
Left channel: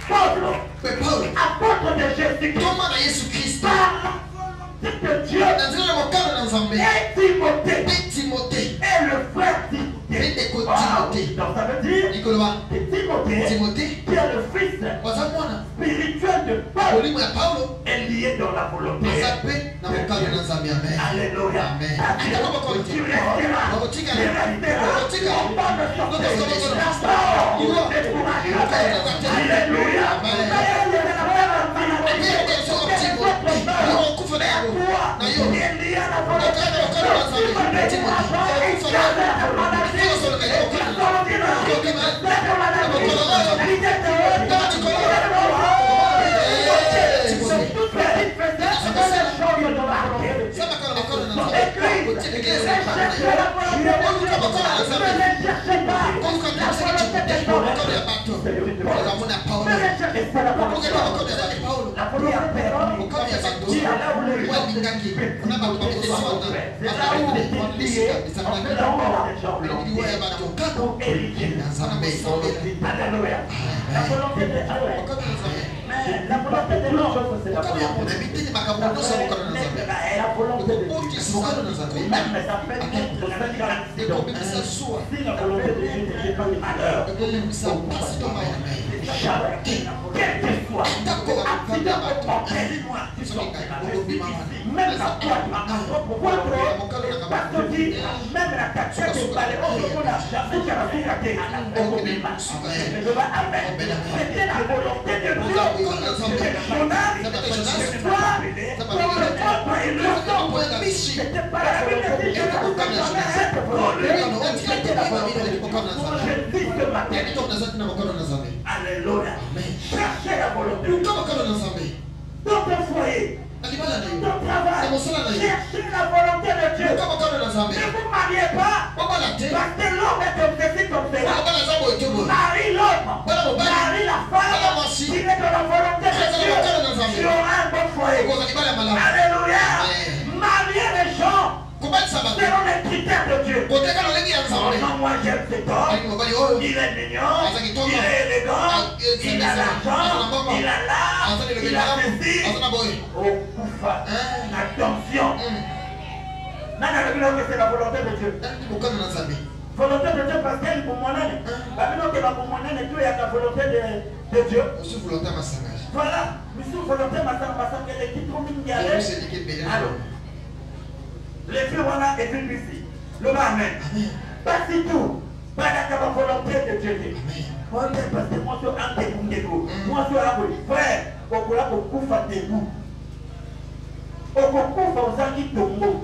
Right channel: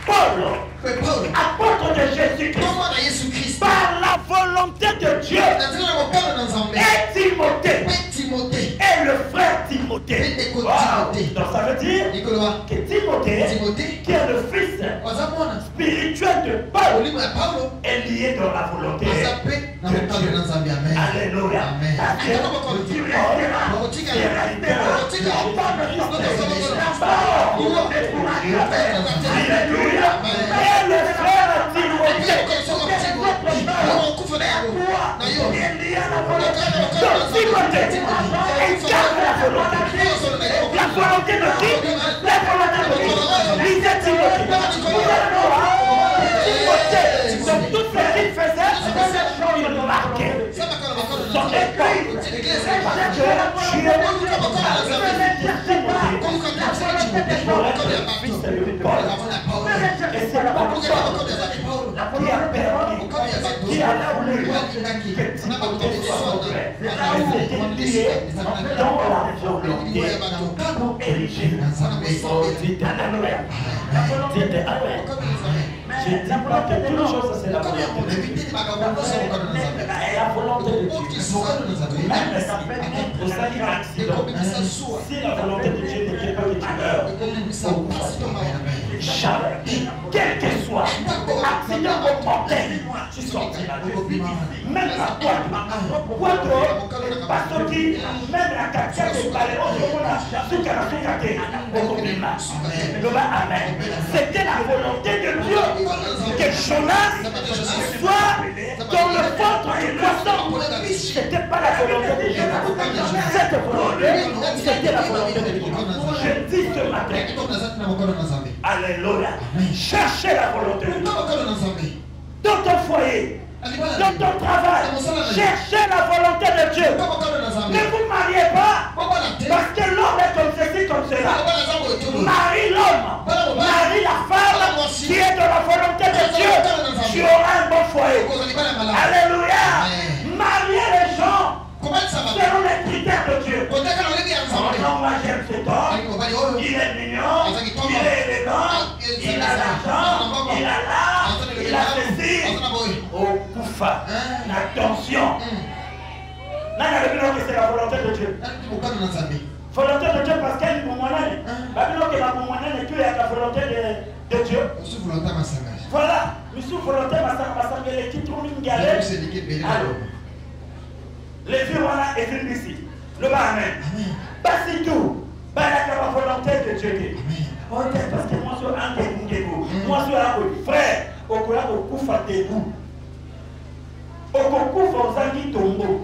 Paul, apôtre de Jésus-Christ, par la volonté de Dieu, et Timothée, et le frère Timothée. Donc ça veut dire que Timothée, qui est le fils spirituel de Paul, est lié dans la volonté de Dieu. Alléluia. Tu resteras. On va me sortir. D'abord, décourage. Alléluia. La c'est là où les gens se disent, c'est là où on fait d'abord des gens pour ériger. Alléluia. La volonté de Dieu. Mais la volonté de l'homme, c'est la volonté de Dieu. La volonté de Dieu. Ça fait naître la direction. Si la volonté de Dieu n'est pas malheur, quel que soit l'accident mortel, tu sortiras. Je suis ici, même la porte, ma propre parce que même la capture du palais, j'avais qu'à rien à c'était la volonté de Dieu. Que Jonas soit dans le ventre et le sang. C'était pas la Bible dit, je ne vous donne jamais cette volonté. C'était la volonté de Dieu. Je dis ce matin. Alléluia. Cherchez la volonté de Dieu. Dans ton foyer, dans ton travail, cherchez la volonté de Dieu. Ne vous mariez pas parce que l'homme est comme ceci, comme cela. Marie l'homme, marie la femme qui est de la volonté de Dieu. Tu auras un bon foyer. Alléluia. Mariez les gens selon les critères de Dieu. Non, moi j'aime cet homme. Il est mignon, il est élégant, il a l'argent, il a l'art, il a ceci. Oh, Koufa, attention. Là, c'est la volonté de Dieu. Volonté de Dieu parce qu'elle est pour moi-même. Babylone est pour moi-même et tu es à la volonté de Dieu. Voilà, monsieur volonté, ma qui trouve une galère. Les vieux, voilà, et une ici. Le Amen. Pas si tout. Pas la volonté de Dieu. Ok, parce que moi, je suis un dégoût. Moi, je suis un frère. Au courant, au coup, à tes goûts. Au concours aux anguilles tombeau.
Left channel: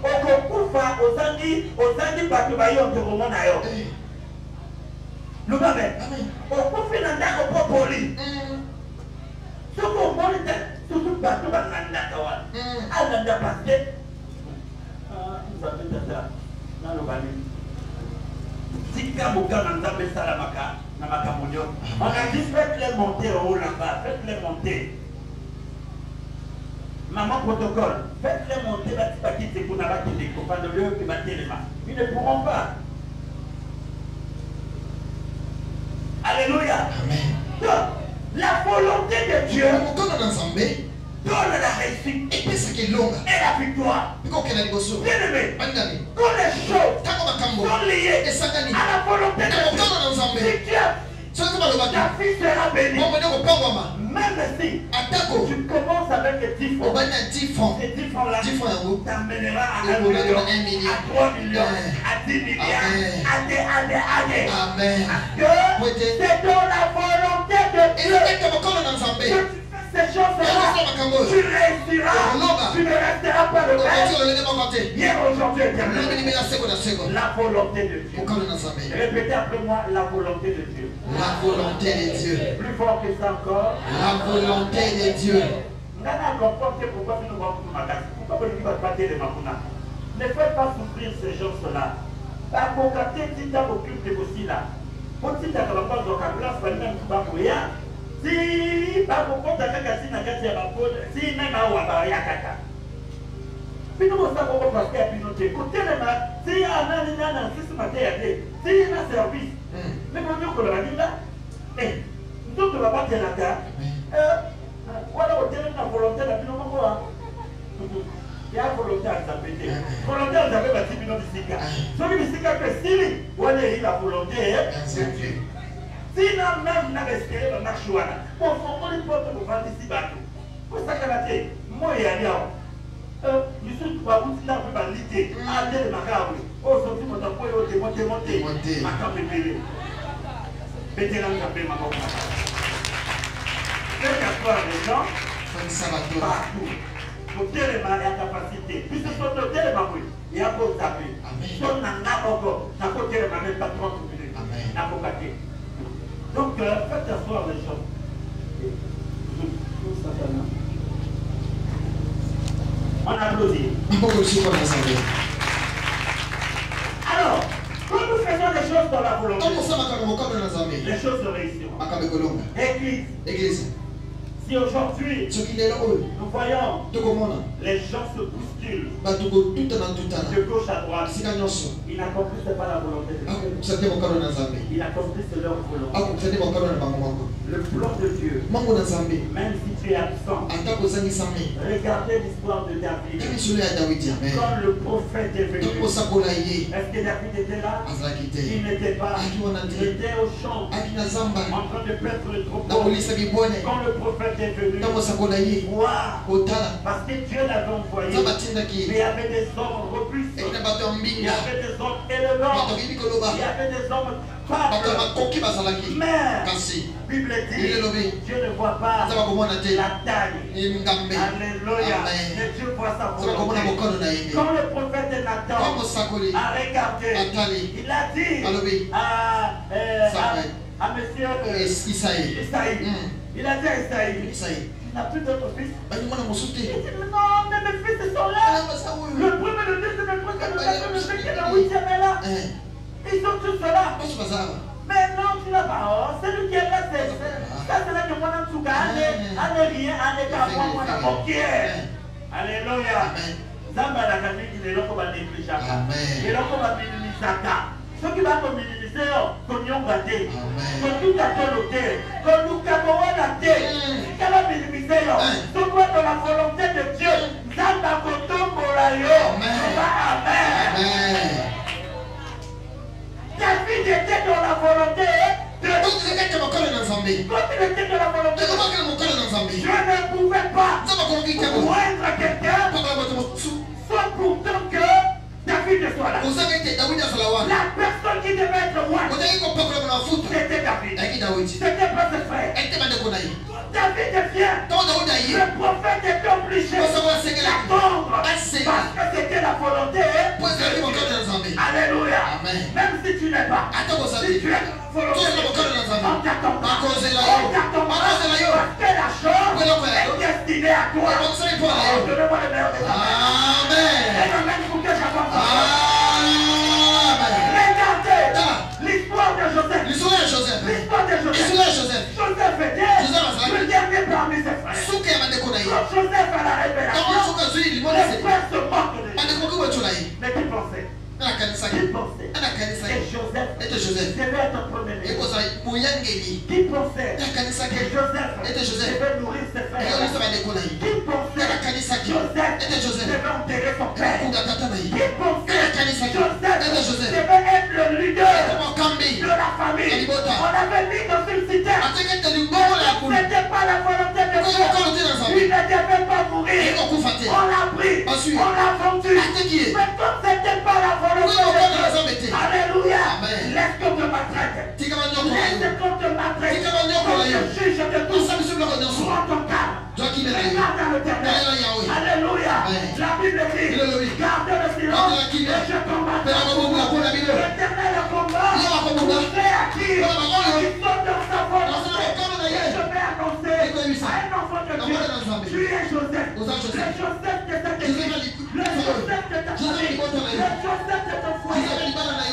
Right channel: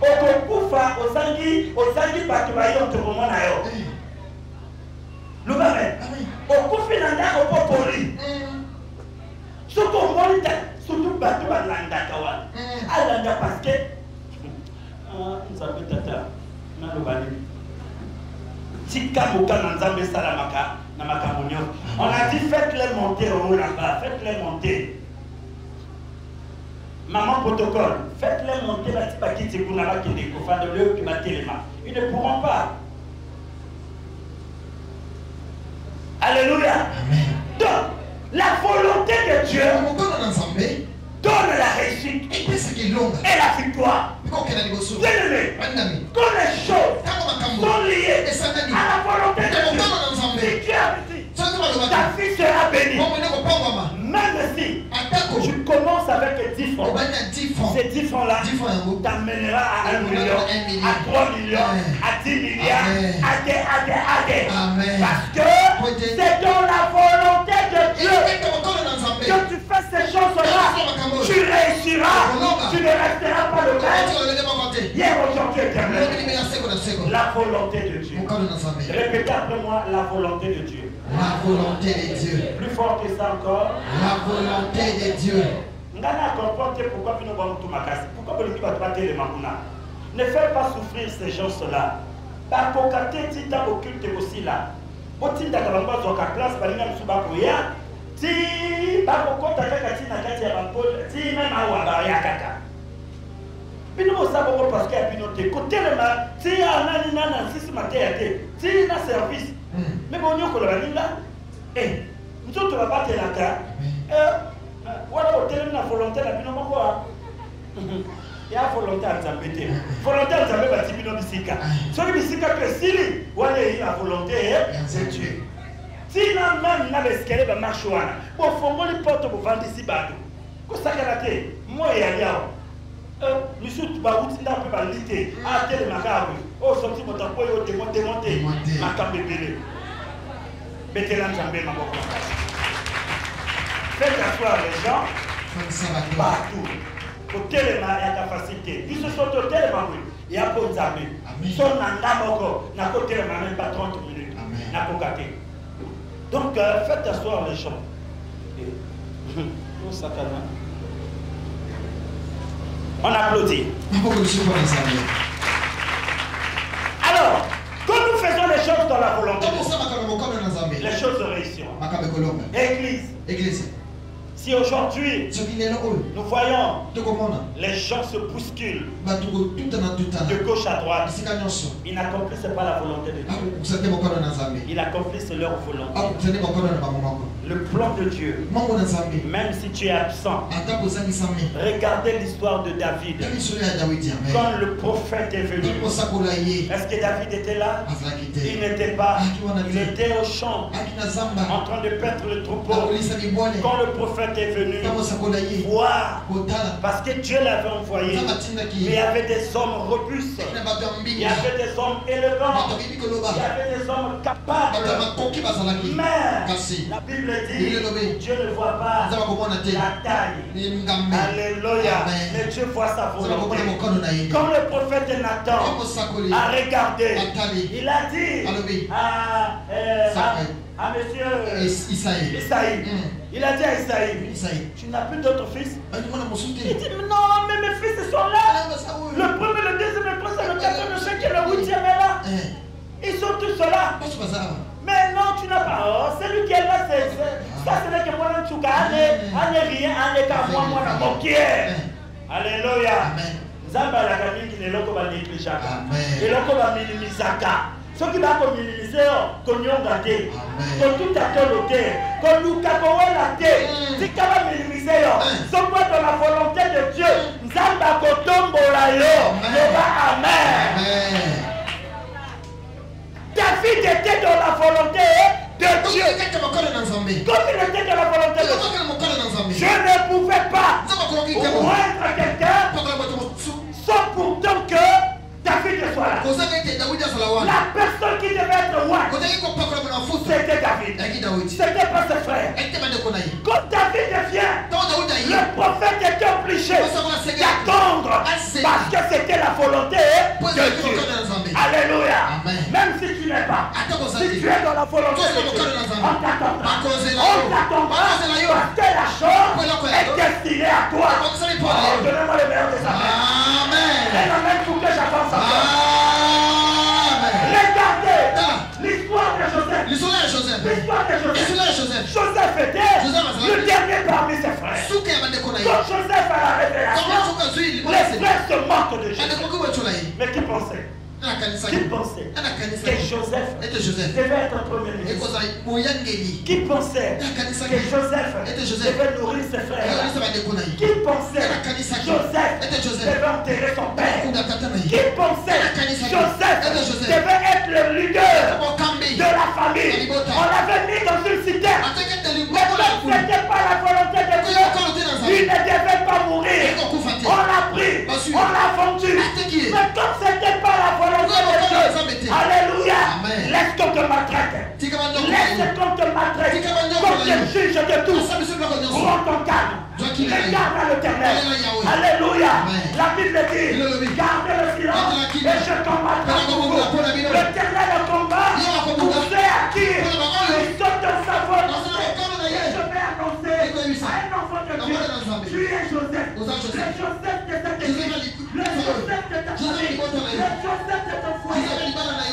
Au concours aux anguilles baturaillons de Roman ailleurs. Le Amen. Au coup, finalement, au popoli. Surtout battu à l'Andakawa. À l'Anda parce que. On a dit faites-les monter au Moulaka, faites-les monter. Maman protocole, faites-les monter, ils ne pourront pas. Alléluia. Amen. Donc, la volonté de Dieu donne la réussite et la victoire. Quand les choses sont liées à la volonté de Dieu, ta fille sera bénie. Même si tu commences avec 10 francs, ces 10 francs-là t'amènera à 1 million, à 3 millions, à 10 milliards, parce que c'est dans la volonté de Dieu que tu fais ces choses-là. Tu réussiras, tu ne resteras pas le même. Hier, aujourd'hui, la volonté de Dieu. Répétez après moi la volonté de Dieu. La volonté de Dieu. Plus fort que ça encore. La volonté de Dieu. Pourquoi ne fais pas souffrir ces choses-là. Par contre, tu as occulté aussi là. Quand tu as la place, par exemple, tu vas courir. Si par contre, tu as si même à Ouabaria, puis nous savons parce qu'il y a une autre côté. Si il y a un service, mais mon Dieu, qu'on l'a dit là, nous autres, on va pas te la terre. Voilà, au terme de la volonté, la vie, non, quoi. Il y a volonté à s'appeler. Volonté à s'appeler, la vie, non, Bissika. Celui qui s'y cache, si, voilà, il a volonté, c'est Dieu. Si, non, même, il a l'escalier, la marche, voilà. Bon, il faut que les portes pour vendre ici, bah, pour ça, qu'il y a moi, il y a rien. Nous sommes pas où c'est un peu bandité. Ah, tel macabre. Oh, sorti mon tapot, démonter. Macabre de bébé. Mettez l'ensemble, ma boca. Faites asseoir les gens. Partout. Au téléma, il y a capacité. Puis ce soit au téléma, il y a d'autres amis. Son n'a côté, même pas 30 minutes. N'a pas gâté. Donc, faites asseoir les gens. On applaudit. Alors, quand nous faisons les choses dans la volonté, les choses réussiront. Église. Si aujourd'hui, nous voyons les gens se bousculent de gauche à droite, ils n'accomplissent pas la volonté de Dieu. Ils accomplissent leur volonté. Le plan de Dieu, même si tu es absent, regardez l'histoire de David. Quand le prophète est venu, est-ce que David était là? Il n'était pas. Il était au champ en train de perdre le troupeau. Quand le prophète est venu voir, parce que Dieu l'avait envoyé, il y avait des hommes robustes, il y avait des hommes élevants, il y avait des hommes capables. Mais la Bible dit, Dieu ne voit pas la taille. Alléluia. Et Dieu voit sa volonté. Quand le prophète Nathan a regardé, il a dit à monsieur Isaïe, il a dit à Isaïe, tu n'as plus d'autres fils? Il dit, non, mais mes fils sont là. Le premier, le deuxième, le troisième, le quatrième, le cinquième, le huitième est là. Ils sont tous là. Mais non, tu n'as pas. Oh, celui qui est là, c'est ça, c'est là que moi, tu gagnes. Allez, rien, allez, quand on alléluia. Zamba la gagné qui est là comme un négligeable. Et là comme un minimisaka. Ceux qui vont minimiser, comme ils ont gâté. Comme tout à fait loqué. Comme nous avons gâté. Si tu vas minimiser, ce qu'on dans la volonté de Dieu. Zamba kotombo la yo. Amen. David était dans la volonté de Dieu. Comme il était dans la volonté de Dieu, je ne pouvais pas moindre quelqu'un sans pourtant que David soit là. La personne qui devait être roi, c'était David. C'était pas ses frères. Quand David vient, le prophète était obligé d'attendre parce que c'était la volonté de Dieu. Alléluia. Même si tu n'es pas, si tu es dans la volonté de Dieu, on t'accompagne. Parce que la chose est destinée à toi. Donnez-moi le meilleur des Regardez l'histoire de Joseph. Joseph était le dernier parmi ses frères. Quand Joseph a la révélation, les frères se moquent de Joseph. Mais qui pensait? Que Joseph devait être premier. Qui pensait que Joseph devait nourrir ses frères? Qui pensait que Joseph devait enterrer son père? Qui pensait que Joseph devait être le leader de la famille? On l'avait mis dans une citerne. Mais ce n'était pas la volonté de Dieu. Il ne devait pas mourir. On l'a pris, on l'a vendu. Mais comme ce n'était pas la volonté de Dieu, alléluia, laisse qu'on te maltraite. Laisse qu'on te maltraite. Qu'on te juge de tout. Prends ton calme. Regarde à l'Éternel. Alléluia. La Bible dit, gardez le silence et je combattrai. L'Éternel est combat. Vous savez à qui ils sont de sa volonté. Et je vais annoncer à un enfant de Dieu, tu es Joseph. Le Joseph de cette église. Le Joseph de ta famille. Le Joseph de ton foyer.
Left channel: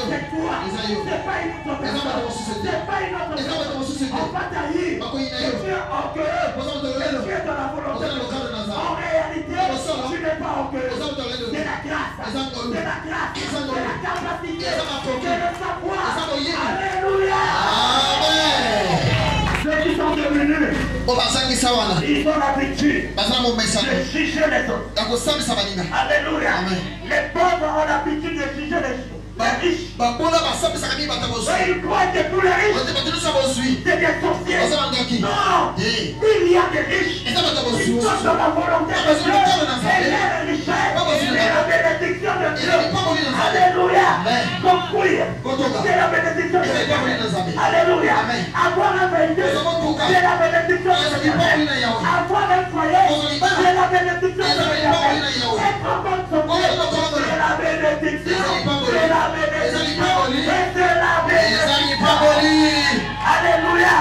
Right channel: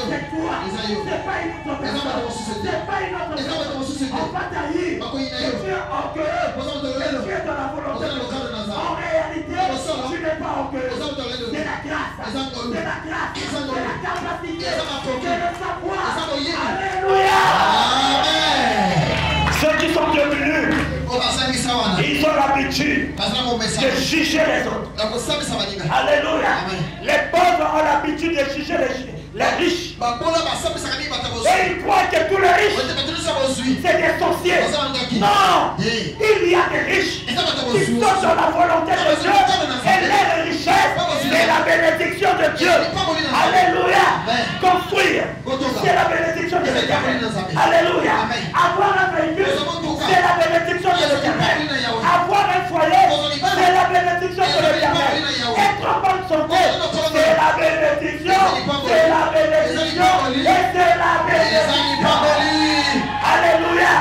C'est toi. C'est pas une autre personne. C'est pas une autre personne. On va tailler. Et tu es orgueilleux. Tu es dans la volonté de Dieu. En réalité, tu n'es pas orgueilleux. C'est la grâce. C'est la grâce. C'est la capacité. C'est le savoir. Alléluia. Amen. Ceux qui sont devenus, ils ont l'habitude de juger les autres. Alléluia. Les pauvres ont l'habitude de juger les riches. Et ils croient que tous les riches, c'est des sorciers. Non, il y a des riches qui sont dans la volonté de Dieu. Et les richesses, c'est la bénédiction de Dieu. Alléluia. Construire, c'est la bénédiction de Dieu. Alléluia. Avoir un véhicule, c'est la bénédiction de Dieu. Avoir un foyer, c'est la bénédiction de Dieu. Être en bonne santé, c'est la bénédiction. C'est la bénédiction. Et c'est la bénédiction. Alléluia.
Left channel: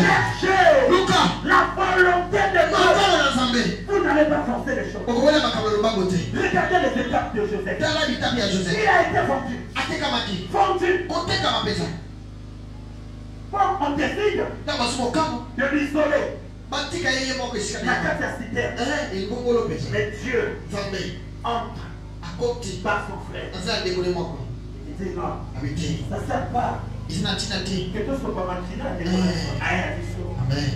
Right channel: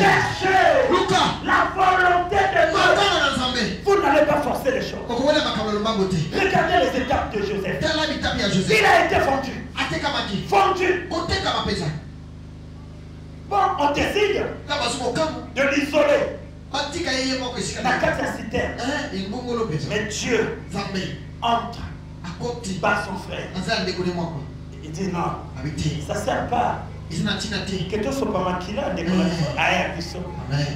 Cherchez la volonté de Dieu. Vous n'allez pas forcer les choses. Regardez les étapes de Joseph. Il a été vendu. Vendu. Bon, on décide de l'isoler. Mais Dieu entre par son frère. Il dit non, ça ne sert pas. Que tout soit pas maquillé, Amen.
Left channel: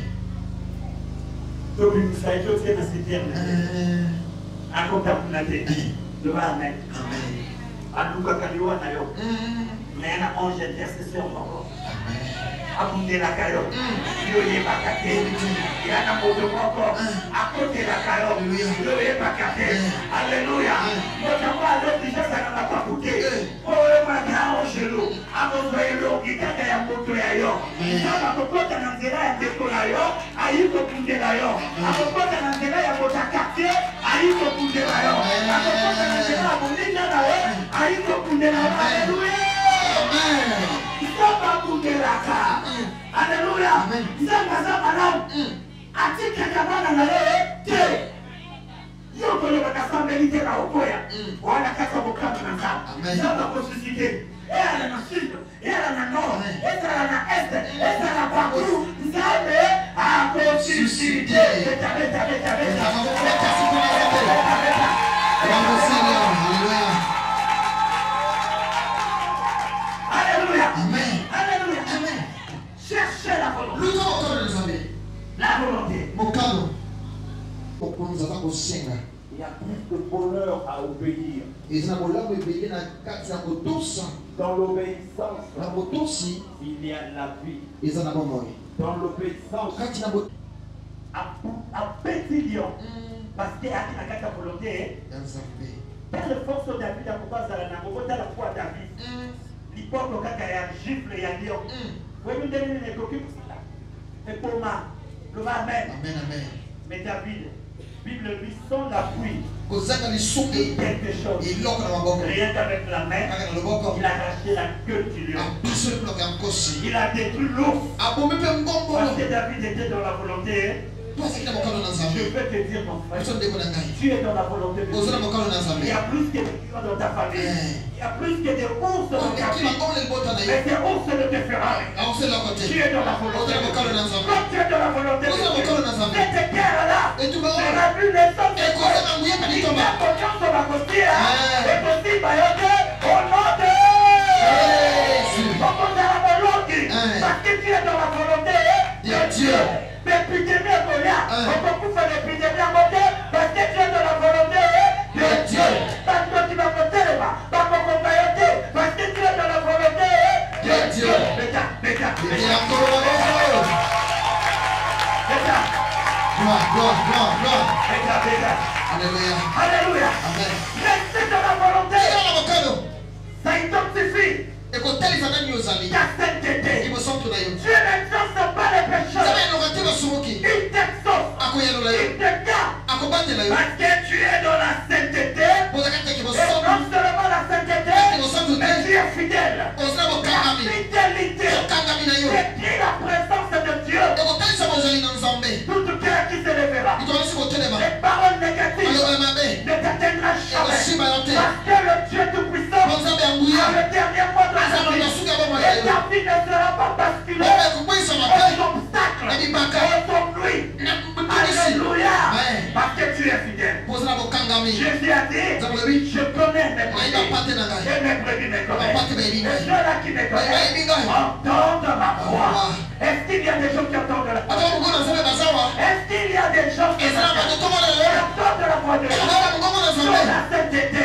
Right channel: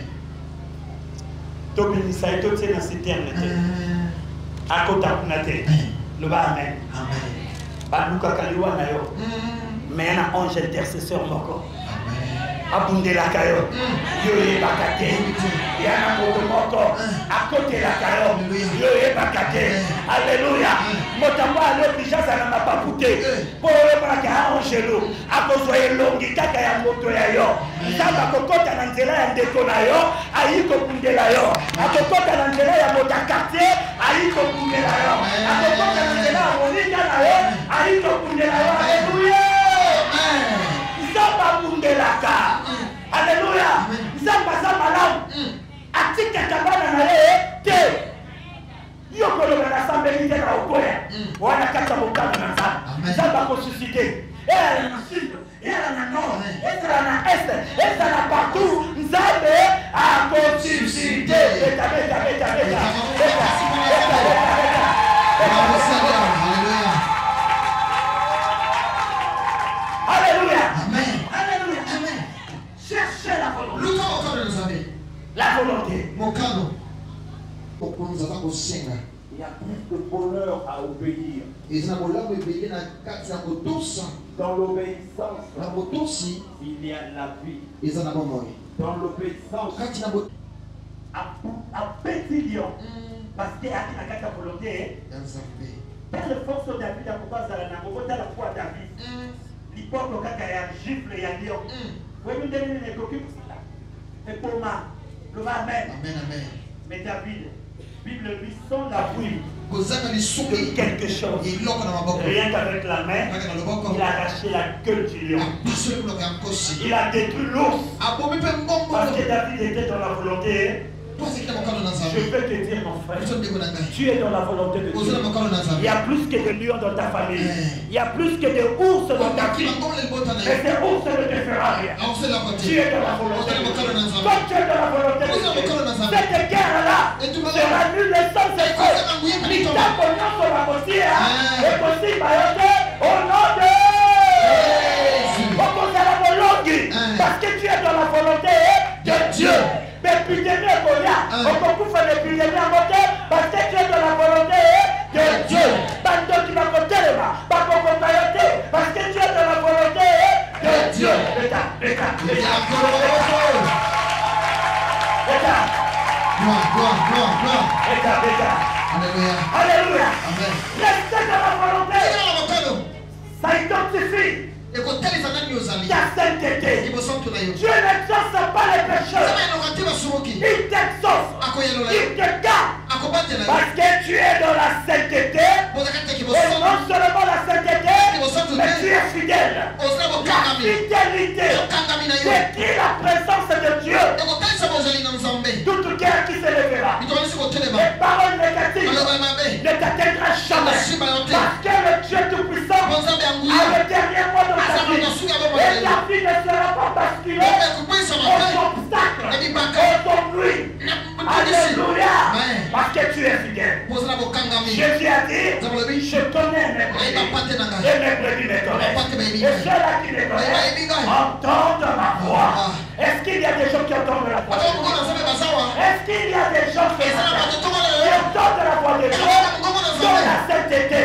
Donc, ça a été aussi dans ces termes. À côté de le Amen. Pas nous, mais un ange intercesseur encore. Abondé la caillou, Dieu est bataqué. Il y a un mouvement à côté de la caillou, Dieu est bataqué. Alléluia. Notamment à l'église, ça n'a pas coûté. Pour le bagage chez nous, à cause de l'eau qui t'a fait un moto d'ailleurs. Il y a un coco qui a intérêt à décoller, à y couper d'ailleurs. Un coco qui a intérêt à votre quartier, à y couper d'ailleurs. Un coco qui a intérêt à mon état d'ailleurs, à y couper d'ailleurs. Alléluia. Ils sont pas coupés la carte. Alléluia. Zamba zamba atika kabana na yeye te. Yoko lo kasamba ile kwa ukoya. Wana kata ukama na zamba. Zamba kususite. Era na sito, era na no, era na este, era na partout. Nzambe akosusite. Alléluia. Amen. Alléluia. Amen. Cherchez la volonté. La volonté. Il y a plus de bonheur à obéir. Dans l'obéissance, il y a la vie. Dans l'obéissance, un petit lion. Parce qu'il y a la volonté. Dans le force David, à la foi David. L'hypocrite kaka ya gifle ya lion. Oui, nous devons les coquilles pour cela. Mais pour moi, le Amen. Amen. Mais David, Bible lui sans la pluie. Quelque chose. Rien qu'avec la main, il a arraché la queue du lion. Il a détruit l'ours. Parce que David était dans la volonté. Je peux te dire, mon frère, tu es dans la volonté de Dieu. Il y a plus que de lions dans ta famille. Il y a plus que de ours dans ta vie. Et ces ours ne te feront rien. Tu es dans la volonté de Dieu. Quand tu es dans la volonté de Dieu, cette guerre-là sera plus naissante de Dieu. Il t'a confiance sur ma postille. Et possible au nom de Jésus. Parce que tu es dans la volonté de Dieu. Mais puis de Dieu, on peut faire les plus de Dieu parce que tu es dans la volonté de Dieu. Pas de Dieu qui va voter, pas pour communauté, parce que tu es dans la volonté de Dieu. Alléluia. Restez dans la volonté. Ça identifie. Ta sainteté. Dieu n'exauce pas les pécheurs. Il t'exauce. Il te garde. Parce que tu es dans la sainteté. Et non seulement la sainteté, mais tu es fidèle. La fidélité décrit la présence de Dieu. Tout cœur qui se lèvera. Les paroles négatives ne t'atteindra jamais. Parce que le Dieu Tout-Puissant a le dernier mot de sa vie. Et la vie ne sera pas basculée aux obstacles, aux bruits. Alléluia. Parce que tu es fidèle. Jésus a dit, je connais mes brebis. Et mes brebis me connaissent. Et ceux-là qui me connaissent entendent ma voix. Est-ce qu'il y a des gens qui entendent la voix de Dieu? Est-ce qu'il y a des gens qui entendent la voix de Dieu? Dans la sainteté.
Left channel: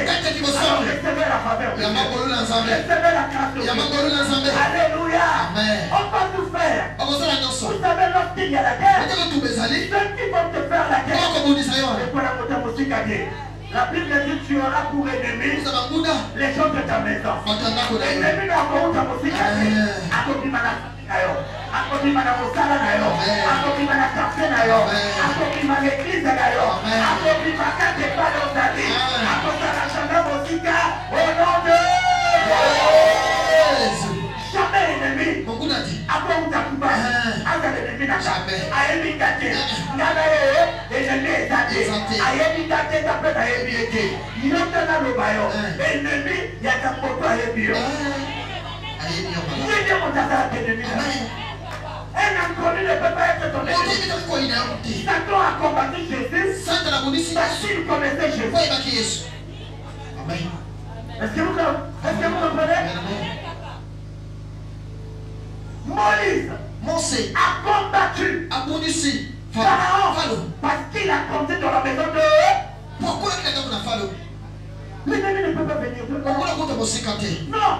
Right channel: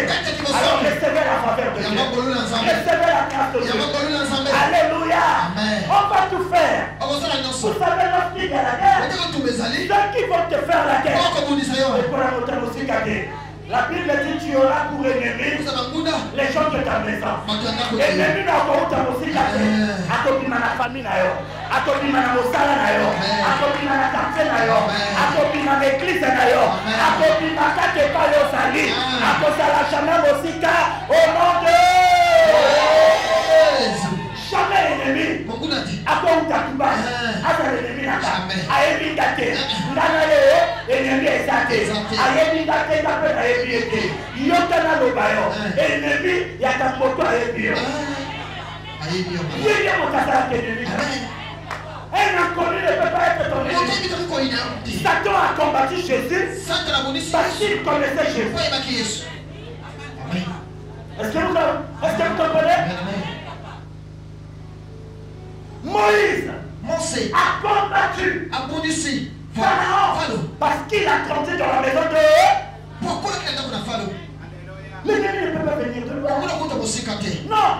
Alors recevez la faveur de Dieu. Recevez la grâce de Dieu. Alléluia. On va tout faire. Vous savez, lorsqu'il y a la guerre, ceux qui vont te faire la guerre, c'est pour la montée musicale. La Bible dit tu auras pour ennemi les gens de ta maison. Ennemi n'a pas ta musicale. Akobima na famille na yo. Akobima na osala na yo. Akobima na quartier na yo. Akobima na église na yo. Akobima kate pa yo sali. Akosala jamais musicale au nom de jamais ennemi. Akonda kuba. Aka ennemi na ka. Ayebi kate. Nana yo ennemi ezate. Ayebi kate ka pe na yebi ete. Yokana lo bayo. Ennemi ya ka poto ayebi yo. Yeye mo kata ennemi. Ena connu ne peut pas être ton ennemi. Satan a combattu Jésus parce qu'il connaissait Jésus. Est-ce que vous comprenez? Moïse a combattu Pharaon parce qu'il a grandi dans la maison de Pourquoi il est dans la Pharaon? l'ennemi ne peut pas venir de là. Non.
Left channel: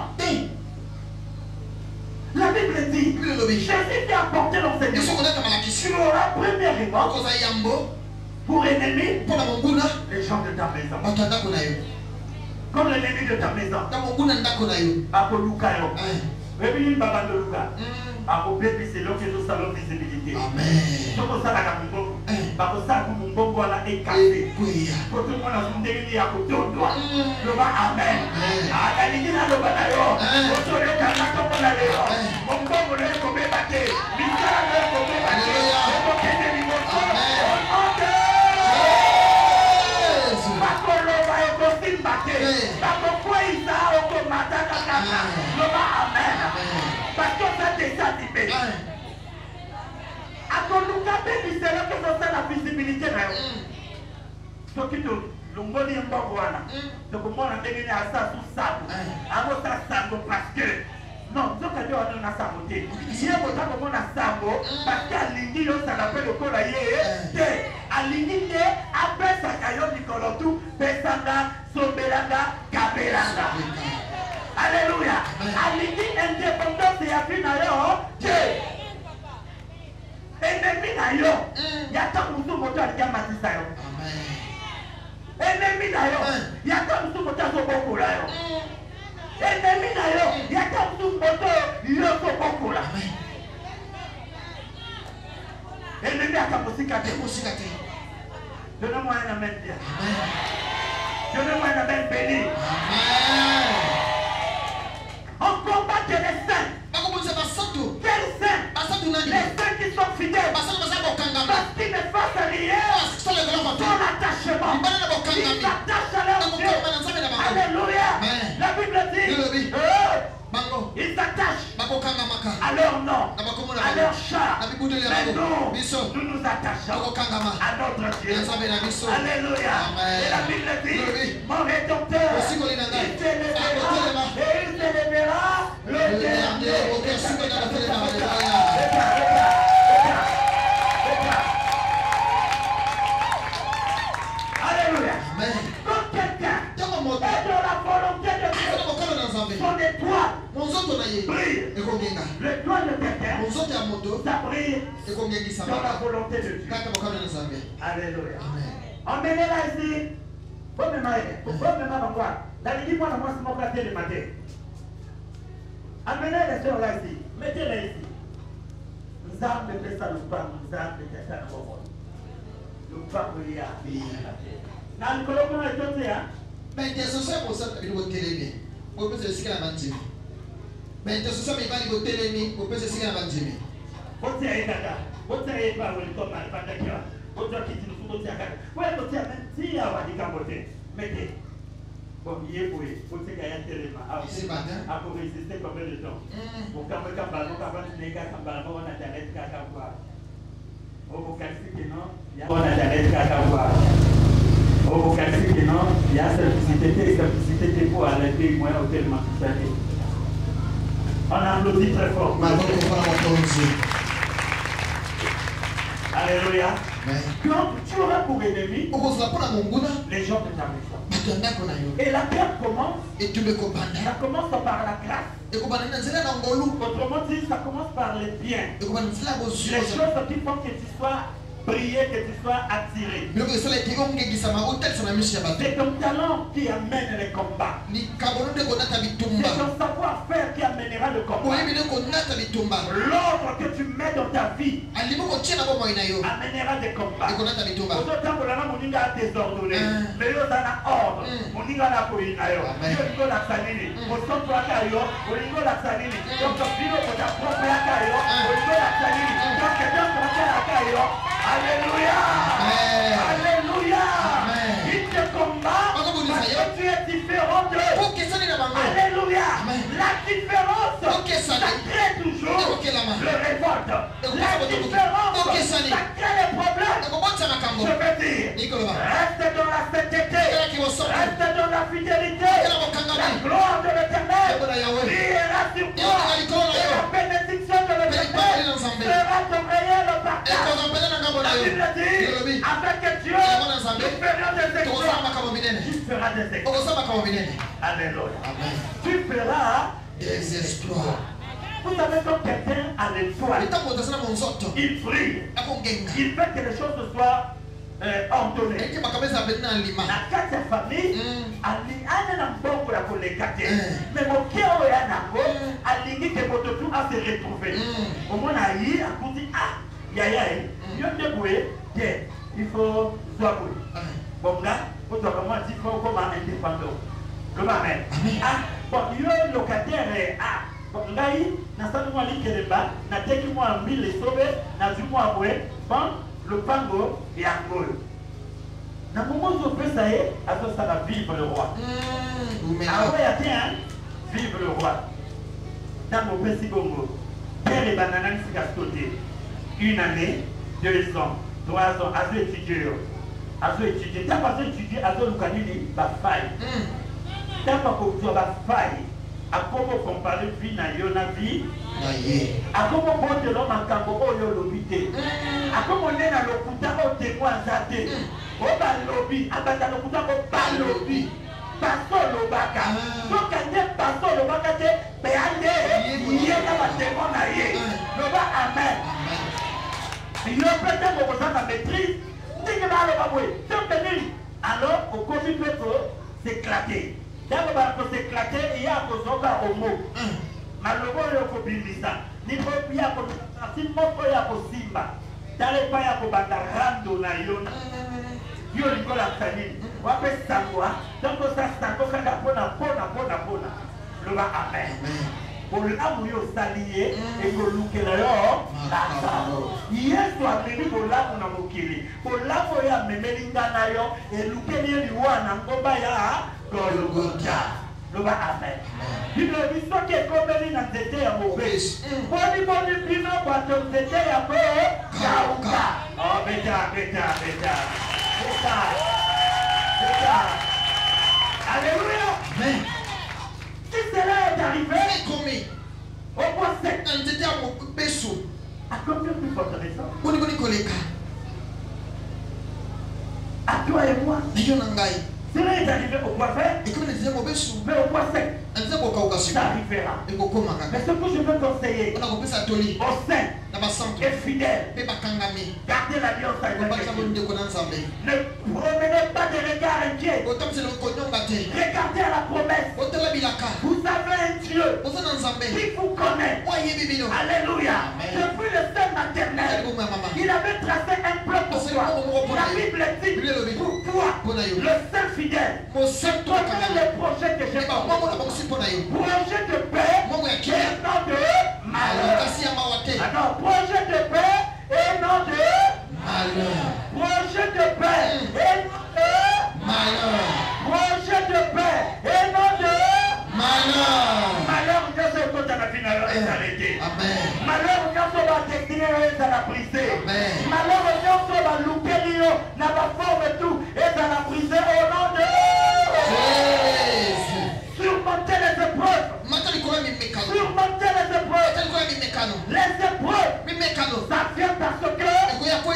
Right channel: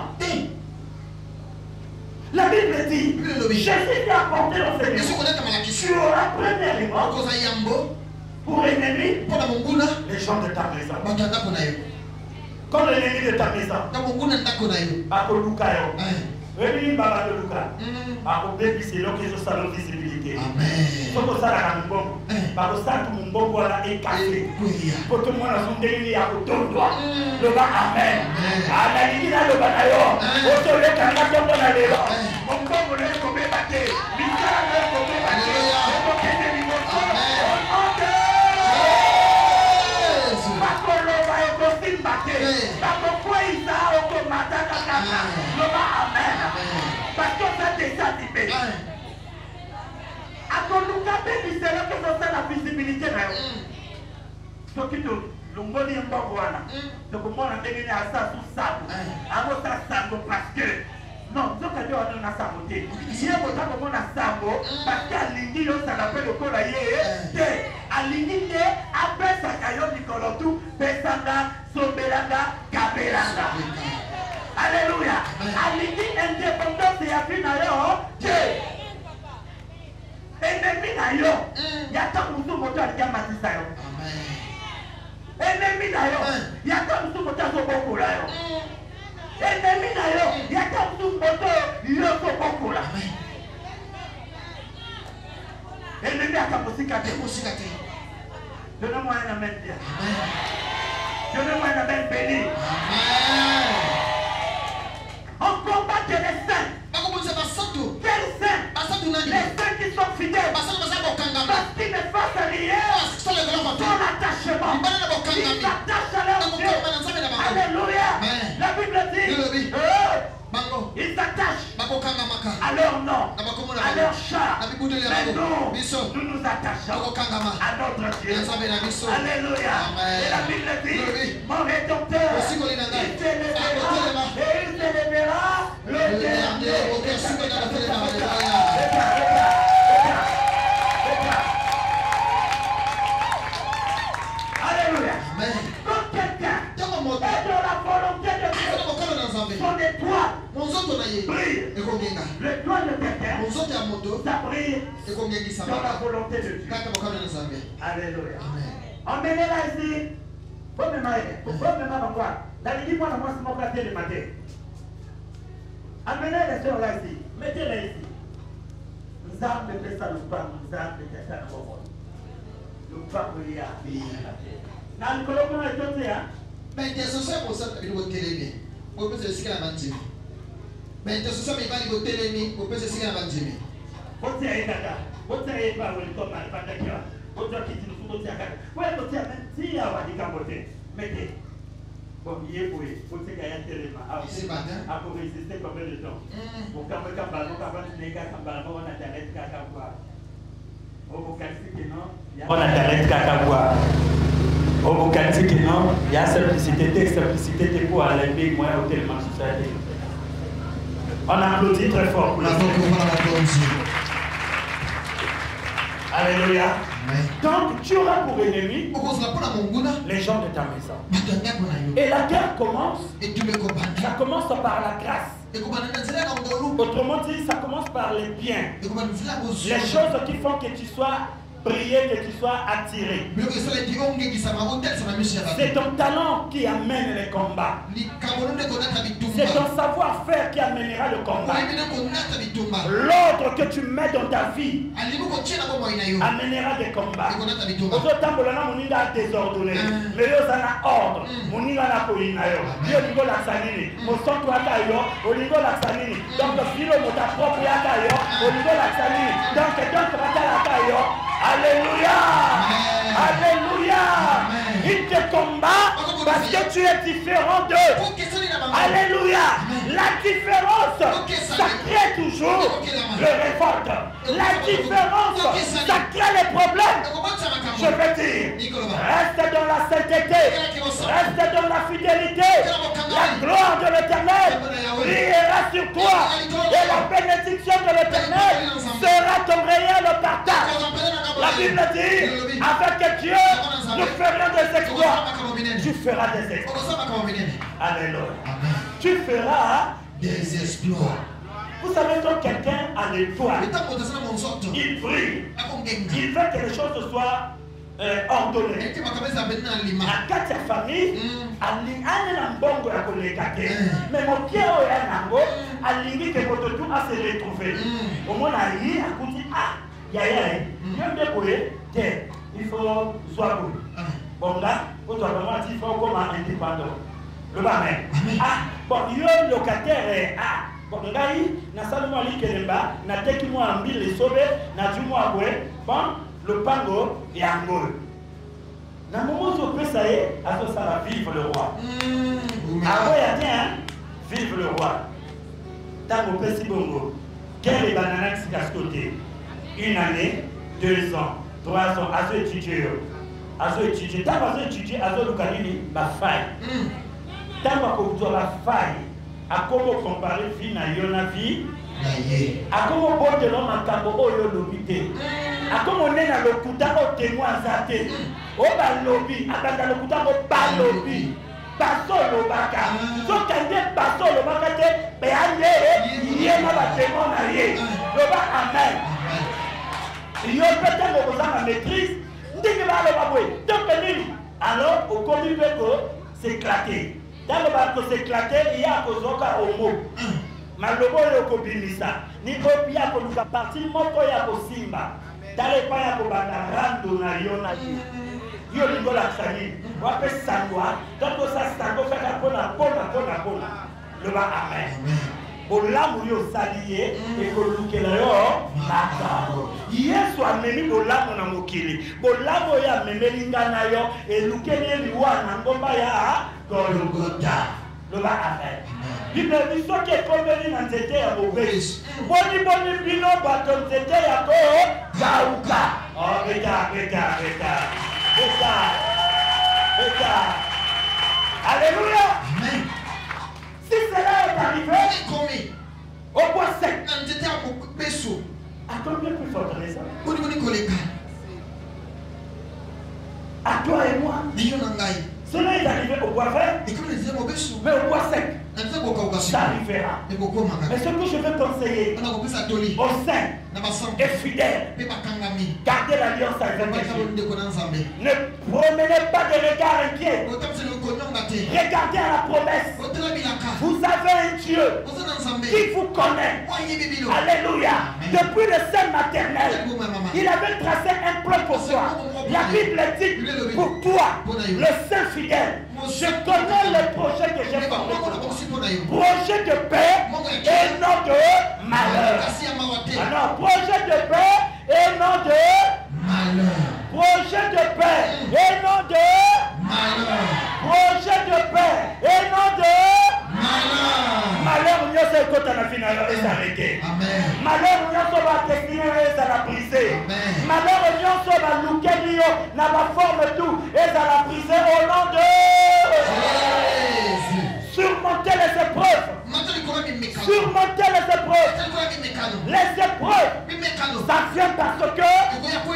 La Bible dit Jésus qui a porté l'enseignement. Tu auras premièrement pour ennemi les gens de ta maison. Comme l'ennemi de ta maison. À Olukayo. Réveillez Baba de Luka. À Obébi, c'est là que je salue visibilité. Amen. Pour ça, la Gambo, par ça, tout le monde voit la écarté. Pour tout le monde, on délie à côté de toi. Le bas, Amen. À la ligne, le bas d'ailleurs. Au soleil, quand on a d'ailleurs. Mon bon, on est comme batté. Mika, on est comme batté. On est comme batté. Pourquoi il a Amen. Parce que ça déjà dit. À ton Lucas, c'est là que ça la visibilité. Ce qui te l'ongoli en Bagouana. Donc, moi, on a déguisé à ça sous sable. À votre sable parce que. Non, ce que Dieu a donné à saboter. Il y a votre comment on a sabo parce qu'à l'indi, ça l'appelle le colayer. À l'indi, après ça, caillot Nicolotou, Pesanga, Sobelanga, Kabelanga. Alléluia. Alini indépendance et appui d'ailleurs. Ennemi d'ailleurs. Il y a tant de motos qui ont mati ça. Ennemi d'ailleurs. Il y a tant de motos qui ont beaucoup là. Ennemi d'ailleurs. Il y a tant de motos qui ont beaucoup là. Ennemi a capacité de donnez-moi un amen bien. Donnez-moi un amen béni. On combat les saints. Quels saints? Les saints qui sont fidèles. Parce qu'ils ne fassent rien. Son attachement. Ils s'attachent à leur Dieu. Alléluia. La Bible dit ils s'attachent à leur nom, à leur char. Mais nous nous attachons à notre Dieu. Alléluia. Et la Bible dit mon rédempteur, il s'élèvera et il s'élèvera le dernier. Alléluia. Quand quelqu'un est dans la volonté de Dieu, son étoile brille. L'étoile de quelqu'un, ça brille dans la volonté de Dieu. Alléluia. Emmenez-la ici. Faut me marier. Faut me marier. La ligue, moi, c'est mon quartier de matin. Amenez les gens là ici. Mettez-les ici. Nous avons fait ça, nous avons fait ça. Nous avons fait ça. Dans le colloque, on a été là. Mais intercession pour ça, il faut télémi. Pour que ce soit la bandime. Mais intercession, il va y avoir télémi. Pour que ce soit la bandime. Vous êtes là. Vous êtes là. Vous êtes là. Vous êtes là. Vous êtes là. Mettez. Bon, il est pour vous êtes là. Pour résister combien de temps? Pour quand vous avez les gars, on a internet cacabois. Au Bocassi, non, il y a internet cacabois. Au Bocassi, non, il y a simplicité de quoi à l'ennemi, moi, au tellement société. On a applaudi très fort. Alléluia. Donc, tu auras pour ennemi les gens de ta maison. Et la guerre commence. Ça commence par la grâce. Autrement dit, ça commence par les biens. Les choses qui font que tu sois brillé, que tu sois attiré. C'est ton talent qui amène les combats. C'est ton savoir-faire qui amènera le combat. L'ordre que tu mets dans ta vie amènera des combats. Autant que l'on a désordonné, mais on a ordre. On y va la colline. On y va la sanini. On sent toi d'ailleurs. On y va la sanini. Donc, le filo de ta propre d'ailleurs. On y va la sanini. Donc, quelqu'un se va à d'ailleurs. Alléluia. Alléluia. Il te combat parce que tu es différent d'eux. Alléluia. La différence, ça crée toujours le révolte. La différence, ça crée les problèmes. Je veux dire, reste dans la sainteté, reste dans la fidélité. La gloire de l'Éternel brillera sur toi. Et la bénédiction de l'Éternel sera ton réel partage. La Bible dit, avec Dieu, tu feras des exploits. Tu feras des exploits. Alléluia. Tu feras des exploits. Vous savez, quand quelqu'un a des foi, il brille. Il veut que les choses soient ordonnées. La quatrième famille, elle a un bon pour les quatre. Mais mon pied est un bon, elle dit que votre tout a se retrouvé. Au moins, elle dit, elle dit, ah, il faut soit bon. Bon, là, il faut comme un indépendant. Le barème. Ah, bon, il y a un locataire. Ah, bon, là, il y a un mois qui est là, il y a quelques mois en mille, les sauver, il y a du mois après, bon, le pango est en gol. Dans le moment où on peut ça y est, alors ça va vivre le roi. Ah ouais, il y a bien, vive le roi. Dans mon petit bongo, quel est bananas qui a côté? Une année, 2 ans, 3 ans, à ce étudier. À ce étudier, t'as pas étudié, à ce localité, la faille. T'as pas compris la faille. À comment comparer vie na yona vie? À comment on te nomme un cambo au lobby? À comment on est dans le kuta au témoin zaté? Au bas lobby, à dans le kuta au bas lobby. Pastor le baka. So quelqu'un pastor le baka, mais allez, il y a la témoin na yé. Le bas amen. Il y a peut-être que vous avez la maîtrise. Dès que vous avez la alors, au commis peut s'éclater. Dans le bateau s'éclater, il y a un au mot. Mais le mot est au copinisa. Ni pas bien pour nous partir, mon coya au simba. Dans les pas pour rando na yona. Yo lingo la famille. On va faire ça, donc ça, ça va faire pona. Le bas amen. Au là où yo salié et que nous kelero hier soit meni au là où na mokili au là où ya meni ngana yo et nous kelé liwa na ngomba ya Golgotha le ba amen il me dit soit que comme il n'a été à mauvais boni bino bato c'était à ko bauka oh beta alléluia amen. Si cela est arrivé, au point sec, on était à mon berceau. À combien plus fortaleza? À toi et moi. Cela est arrivé au point vert. Mais au point sec, ça arrivera. Mais ce que je veux conseiller au sein et fidèle, gardez l'alliance avec Dieu. Ne promenez pas de regard inquiet. Regardez à la promesse. Vous avez un Dieu qui vous connaît. Alléluia. Depuis le sein maternel, il avait tracé un plan pour toi. La Bible dit pour toi, le Saint fidèle, je te donne le projet que j'ai formé. Projet de paix et non de malheur. Alors, projet de paix et non de malheur. Projet de paix et non de malheur. Projet de paix et non de malheur. Malheur, on y a ce côté à la finale et s'arrêter. Malheur, on y a ce va destiner et ça la briser. Malheur, on y a ce va louquer, n'a pas forme et tout et ça la briser au nom de surmonter les épreuves. Surmonter les épreuves. Les épreuves, ça vient parce que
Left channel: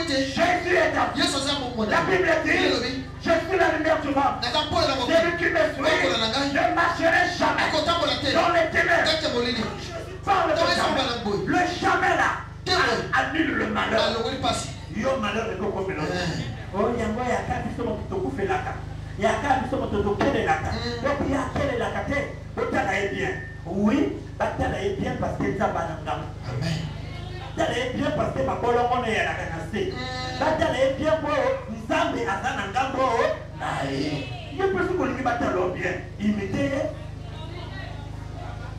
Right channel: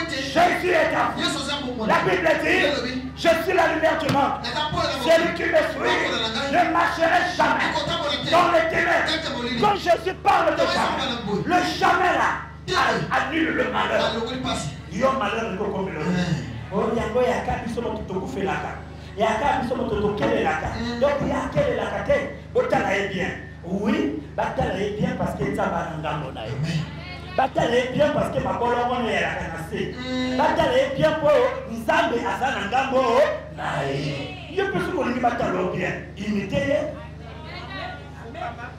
Jésus est en vous. La Bible dit, je suis la lumière du monde. Celui qui me suit, je ne marcherai jamais dans les ténèbres. Quand Jésus parle de jamais, le jamais là annule le malheur. Il y a un malheur de nos compétences. Oh, il y a un cas qui sont tout fait là. Il y a un cas qui sont tout fait là. Donc il y a quel est la carte? Bataille est bien. Oui, bataille est bien parce que ça va dans le monde. Bataille est bien parce que ma colonne est à la canasée. Bataille est bien pour Nzambe à Sanangambo. Il y a plus qu'on dit bataille bien. Imiter.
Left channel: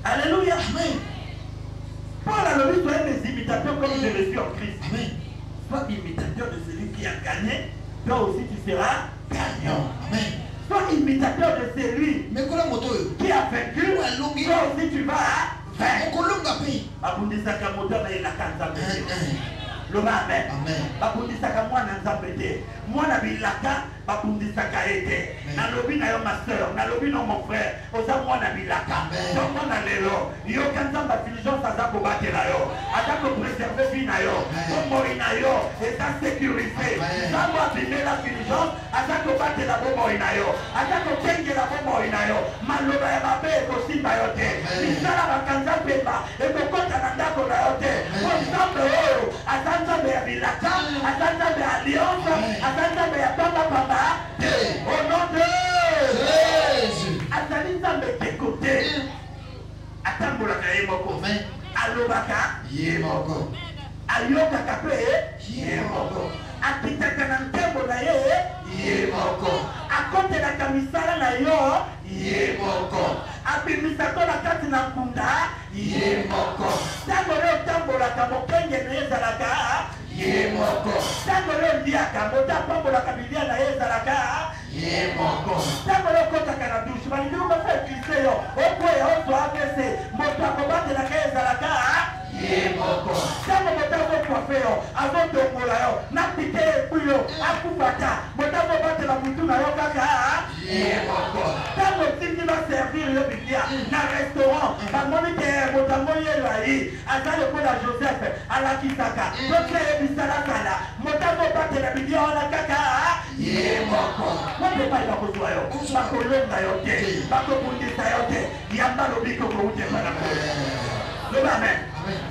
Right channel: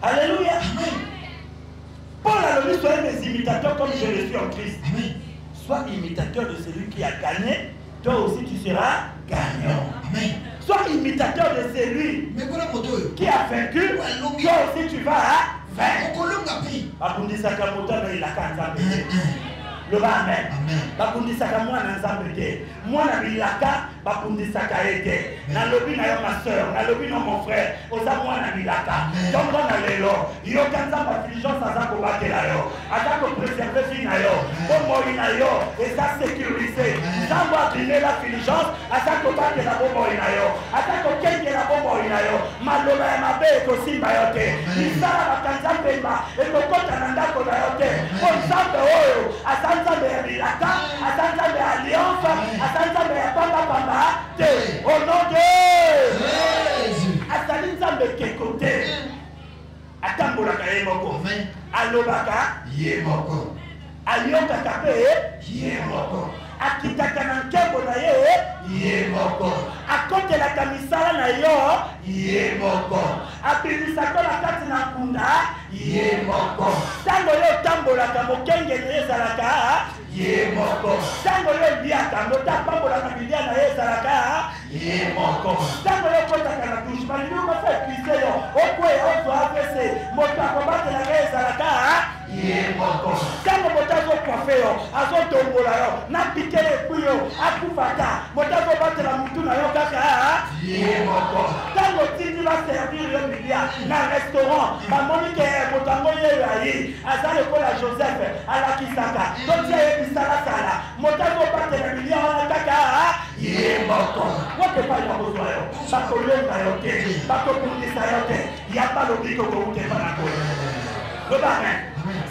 Alléluia. Paul a le soyez des imitateurs comme je le suis en Christ. Sois imitateur de celui qui a gagné. Toi aussi tu seras gagnant. Sois imitateur de celui qui a vaincu. Toi aussi tu vas vaincre. Abundi Sakamoto il a 4 Le amen. Bakundisaka mwana nzambe te. Mwana bilaka bakundisaka ete. Na lobi na yo ma soeur, na lobi na mon frère, oza mwana bilaka. Donc na lelo, yo kanza diligence azako batela yo. Azako préserver vie na yo. Bomoi na yo, eza sécurisé. Nzambe abine la diligence, azako batela bomoi na yo. Azako kengela bomoi na yo. Maloba ya mabe ekosimba yo te. Misala bakanza pema, ekokota na ndako na yo te. Nzambe oyo, Nzambe ya bilaka, Nzambe ya alliance, Nzambe ya papa te. Au nom de Jésus. Azali Nzambe kekote. Atambolaka ye moko. Alobaka ye moko. Aliyokaka pe ye moko. Akitaka na nkebo na ye moko. Akotelaka misala na yo ye moko. Abimisako na kati na nkunda ye moko. Tango leo tambolaka mokenge na ezalaka ye moko. Tango leo liaka motapambolaka bilia na ezalaka ye moko. Tango leo kotaka na douche mali ndio bafa epise yo okweya ozo apese motakobate na ezalaka ye moko. Tango motako kofe yo azotombola yo na pike ekuyo akufata motakobate na mutu na yo kaka ye moko. Tango tiki va servir le bilia na restaurant bamoni ke motango ye lai aza lokola Joseph alakisaka donc ebisala kala motakobate na bilia wana kaka ye moko. Wote pali bakozwa yo bakolonga yo te bakokundisa yo te yamba lobiko koute banako. Amen.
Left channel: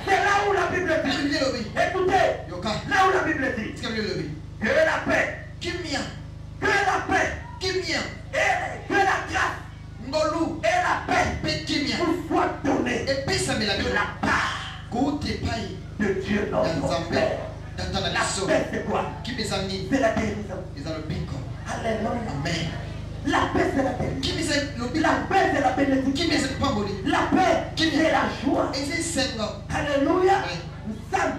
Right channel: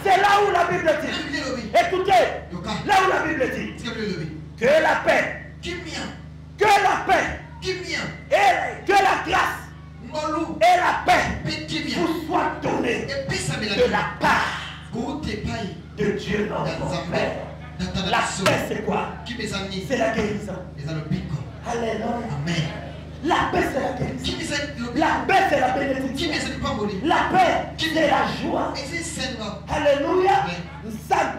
C'est là où la Bible dit. Écoutez, là où la Bible dit que la paix, que la paix, et que la grâce et la paix vous soient données de la part de Dieu notre Père. La paix c'est quoi? C'est la guérison. Alléluia. Amen. La paix c'est la guérison. La paix c'est la bénédiction. La paix c'est la joie. Alléluia. Sam,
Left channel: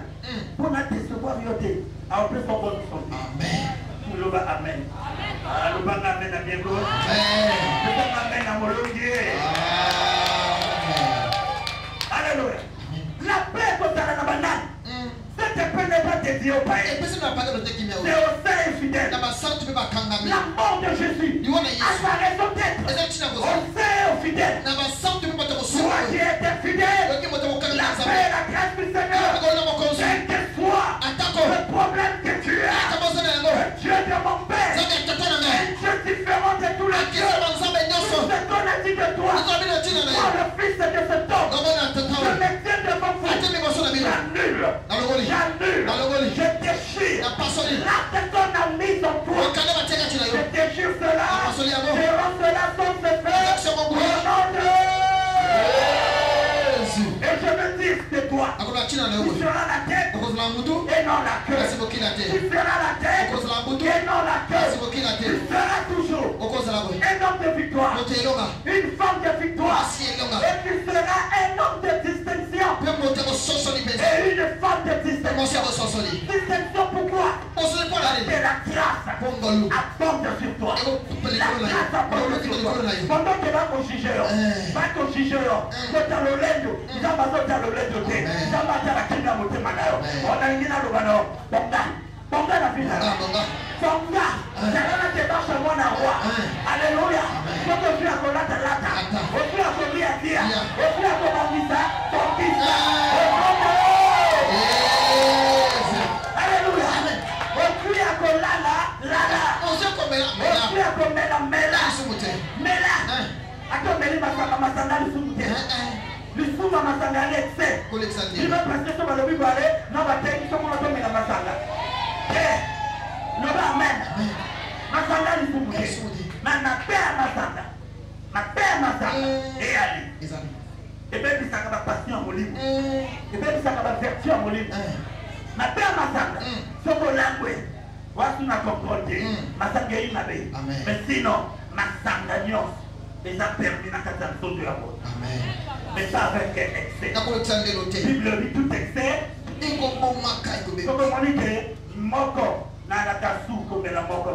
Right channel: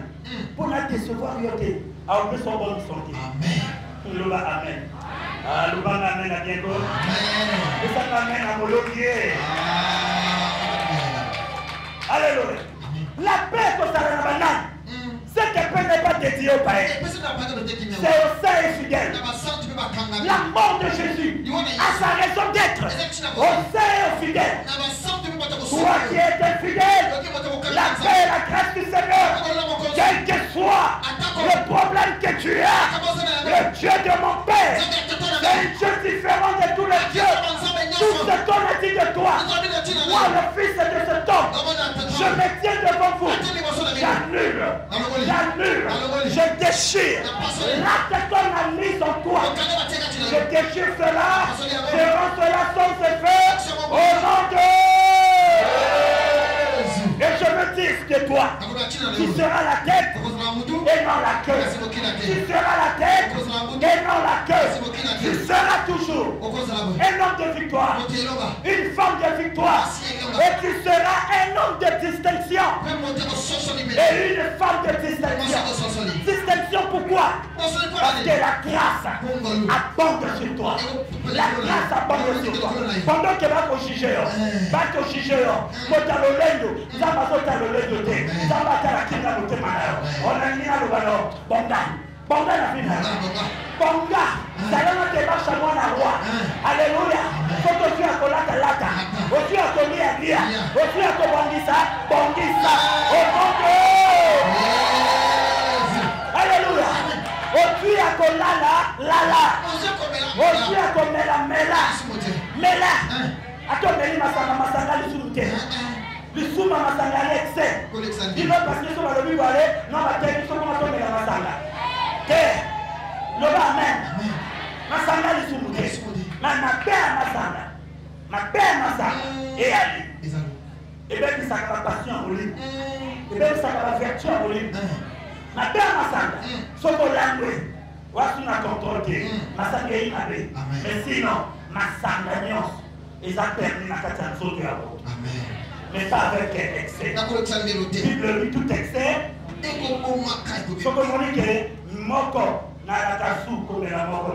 pour la recevoir yote. Alors plus on va nous sortir. Amen. Louba amen. Louba amen à Diego. Amen. Louba amen à Molongier. Alléluia. La paix pour ta banane. Ce que peut ne pas dédié au païen. C'est au sein fidèle. La mort de Jésus à sa raison d'être. Au sein fidèle. Toi qui étais fidèle, la paix et la grâce du Seigneur, quel que soit le problème que tu as, le Dieu de mon Père est un Dieu différent de tous les dieux. Tout ce qu'on a dit de toi, moi le fils de cet homme, je me tiens devant vous. J'annule, je déchire l'acte que ton a mis en toi. Je déchire cela, devant cela sans se faire au nom de et je veux dire que toi, tu seras la tête et non la queue. Tu seras la tête et non la queue. Tu seras toujours un homme de victoire, une femme de victoire. Et tu seras un homme de distinction et une femme de distinction. Distinction pourquoi? Parce que la grâce abonde sur toi. La grâce abonde sur toi. Pendant que va te juger, quand tu as le lait, Zabazota le lait de thé. Zabata la kenda moté manayo. On a une alubano. Bonga la vie. Bonga. Salama te marche à moi la roi. Alléluia. Faut que tu as collé la lata. Faut que tu as collé à dia. Faut que tu as collé Bongisa. Au nom de Alléluia. Faut que tu as collé la. Faut que tu as collé la mela. Mela. Attends, mais il m'a dit que Bisuma masanga l'excès. Il va passer sur le bibale, non va tenir sur mon tour de la masanga. Le amen. Masanga les soumoutés. Ma père masanga. Ma père masanga. Et Ali. Et bien ça la passion au lit. Et bien ça la vertu au lit. Ma père masanga. Sur mon langue. Voici ma contrôle. Masanga est inabé. Mais sinon, masanga nyos. Et ça termine à 400 de la route. Amen. Mais pas avec excès. Bible dit tout excès. Il faut qu'on dise que moko na kasu comme la moko.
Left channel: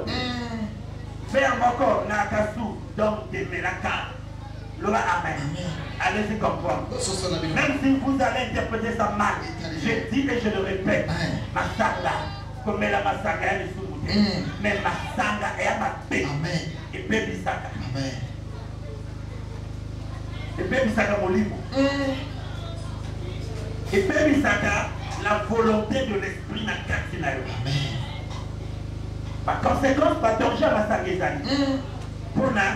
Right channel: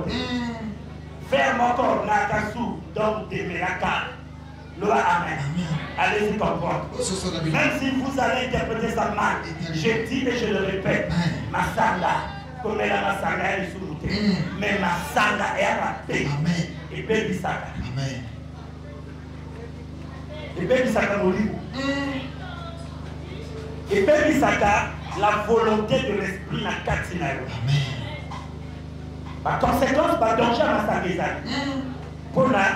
Faire moko na kasu donc de melaka. Le amen. Allez-y comprendre. Même si vous allez interpréter ça mal, je Je dis et je le répète, Masanga, comme la Masanga est sous mais Masanga est à la paix. Et paix Bisaka. Et paix Bisaka Molibo. Et paix Bisaka, la volonté de l'esprit n'a qu'à Amen. Par conséquent, pas danger à Masanga. Pour la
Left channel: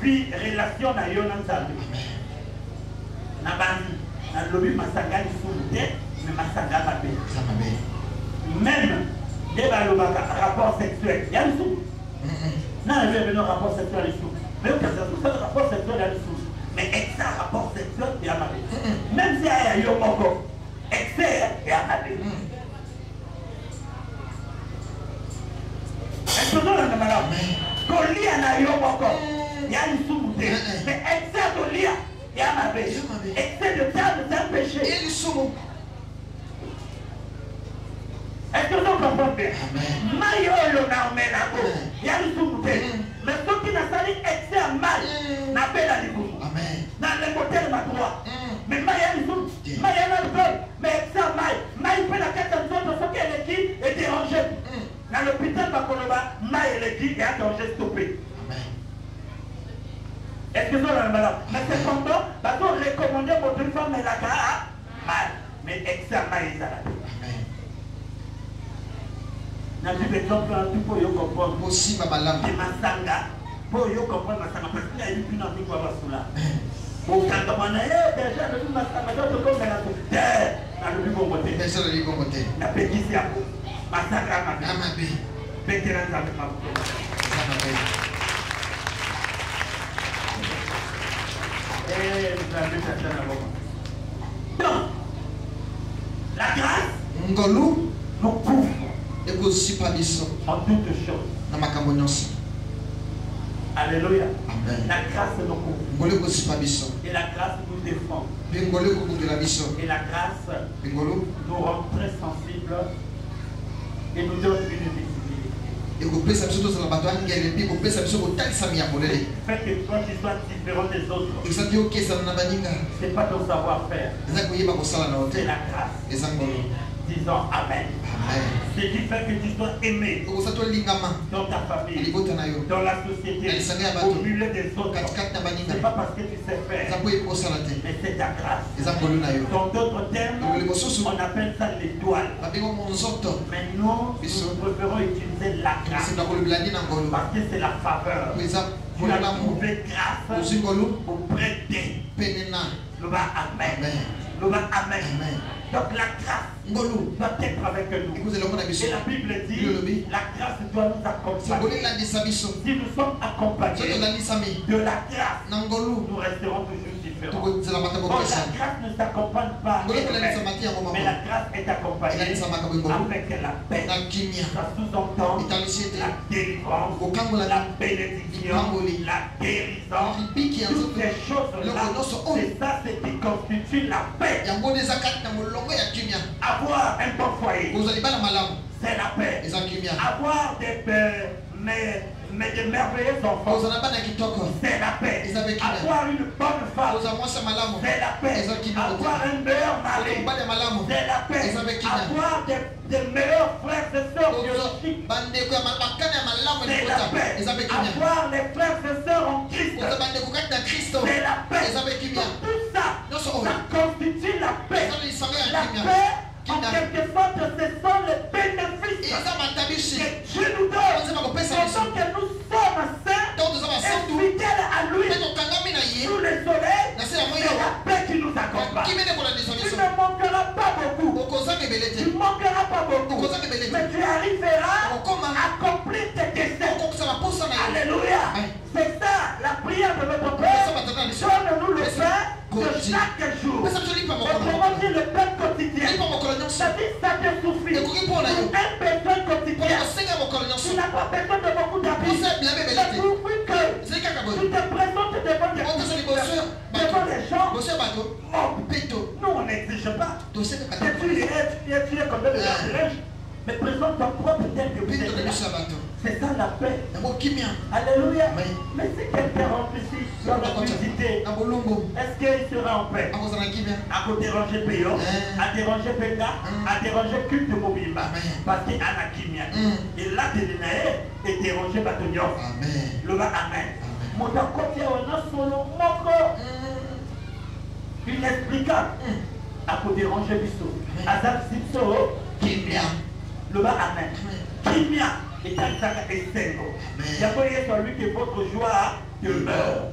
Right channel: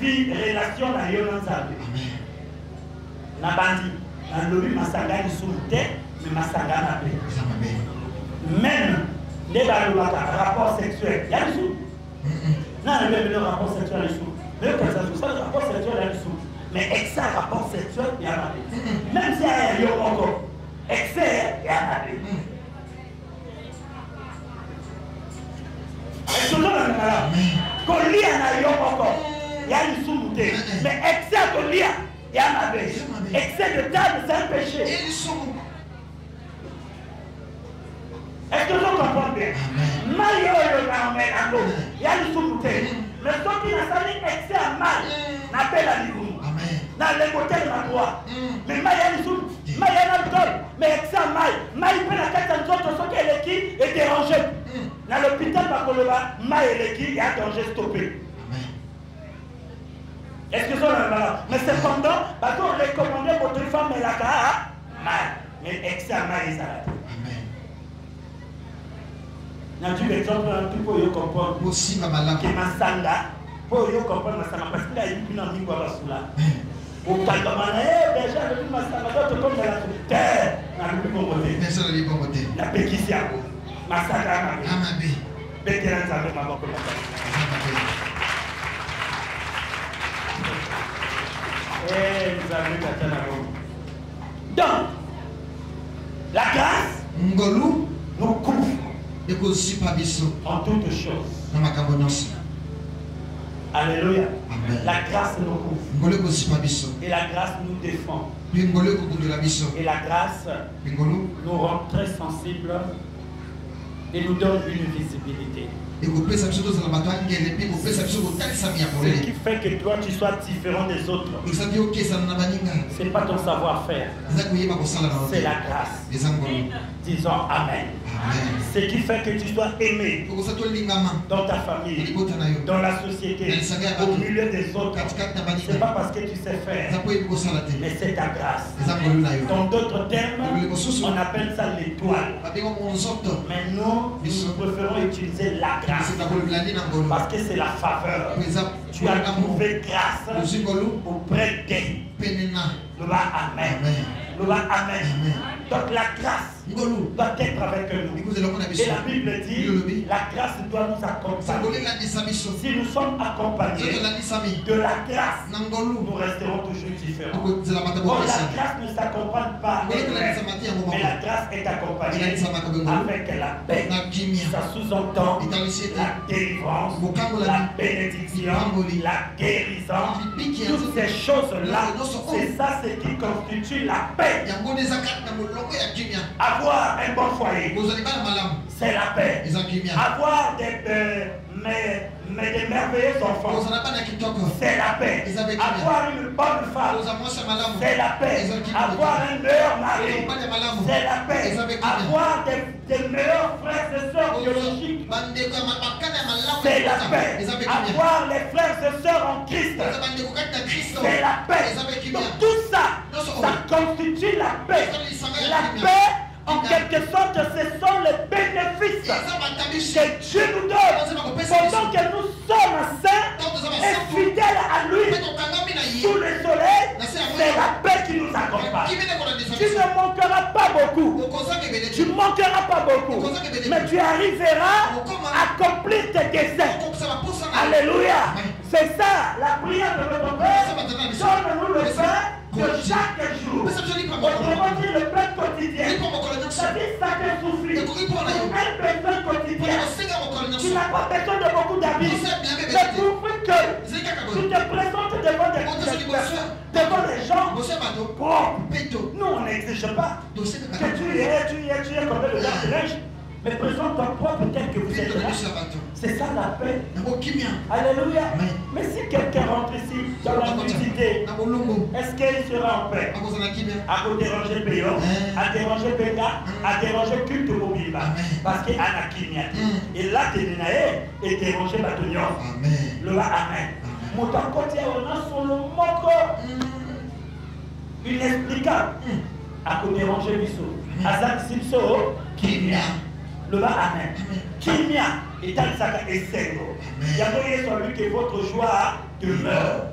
vie, relation à Yonanzabe. La bandit, la lobby Masanga est sous mais Masanga m'a paix. Même les rapports sexuels, il y a le sous. Non, même le rapport sexuel est sous. Même quand ça le rapport sexuel est sous. Mais excès rapport sexuel, il y a mal. Même si il y a un encore, excès, il y a mal. Est-ce que vous avez mal? Quand il y a un encore, il y a une sous. Mais excès de lien, il y a mal. Excès de table, c'est un péché. Est-ce que vous comprenez? Mario le Namélango, il y a le sous-bouteille. Mais ceux qui n'ont pas excès à mal, n'appellent à l'Iboum. Dans les hôtels, on a droit. Mais Maïa le sous, Maïa le donne. Mais excès à mal, Maïa fait la tête à l'autre, ce qu'elle est qui est dérangé. Dans l'hôpital, Maïa est qui est dérangé, stoppé. Est-ce que vous avez mal? Mais cependant, on recommande votre femme et la mal. Mais excès à mal, ils arrêtent. Tu peux comprendre aussi ma malade qui m'a sanda pour y comprendre ma sama parce qu'il a dit plus dans une fois là au pas déjà le ma sama d'autres comme la terre na lui bon côté mais ça le bon côté la péquicia ma sanda ma bé vétéran ça le ma bon côté nous avons maintenant donc la grâce ngolu nous couvre en toutes choses. Alléluia. La grâce nous couvre. Et la grâce nous défend. Et la grâce nous rend très sensibles et nous donne une visibilité. Ce qui fait que toi tu sois différent des autres. Ce n'est pas ton savoir-faire. C'est la grâce. Disons Amen. Ce qui fait que tu dois aimer dans ta famille, dans la société, au milieu des autres. Ce n'est pas parce que tu sais faire, mais c'est ta grâce. Dans d'autres termes, on appelle ça l'étoile. Mais nous préférons utiliser la grâce parce que c'est la faveur. Tu as trouvé grâce auprès d'eux. Amen. Amen. Donc la grâce doit être avec nous. Et la Bible dit la grâce doit nous accompagner. Si nous sommes accompagnés de la grâce, nous resterons toujours différents. Bon, la grâce ne s'accompagne pas, mais la grâce est accompagnée avec la paix. Ça sous-entend la délivrance, la bénédiction, la guérison. Toutes ces choses-là, c'est ça ce qui constitue la paix. Avoir un bon foyer, c'est la paix. Avoir des merveilleux enfants, c'est la paix. Avoir une bonne femme, c'est la paix. Avoir un meilleur mari, c'est la paix. Avoir des meilleurs frères et sœurs biologiques, c'est la paix. Avoir les frères et sœurs en Christ, c'est la paix. Donc, tout ça, ça constitue la paix. La paix, en quelque sorte, ce sont les bénéfices que Dieu nous donne. Pendant que nous sommes saints et fidèles à lui, sous le soleil, c'est la paix qui nous accompagne. Tu ne manqueras pas beaucoup. Tu ne manqueras pas beaucoup. Mais tu arriveras à accomplir tes desseins. Alléluia. C'est ça la prière de notre Père. Donne-nous le pain de chaque jour. Autrement dit, le pain quotidien. C'est-à-dire ça te souffle. Un besoin quotidien. Tu n'as pas besoin de beaucoup d'amis. C'est pour que tu te présentes devant les gens. Nous, on n'exige pas. Que tu es comme le linge, mais présente ton propre tel que vous êtes là. C'est ça la paix. Alléluia. Mais si quelqu'un rentre ici dans la nudité, est-ce qu'il sera en paix? À vous déranger payant, à déranger péta, à déranger culte mobile. Parce qu'il y a la kimia. Et là, tu es et déranger Batonion. Le va amen. Mon côté, on a son moko. Inexplicable. À vous déranger Bissou. Azak Sipso, kimia. Le va amen. Kimia. Et dans ça, et c'est bon. Il y a celui que votre joie demeure.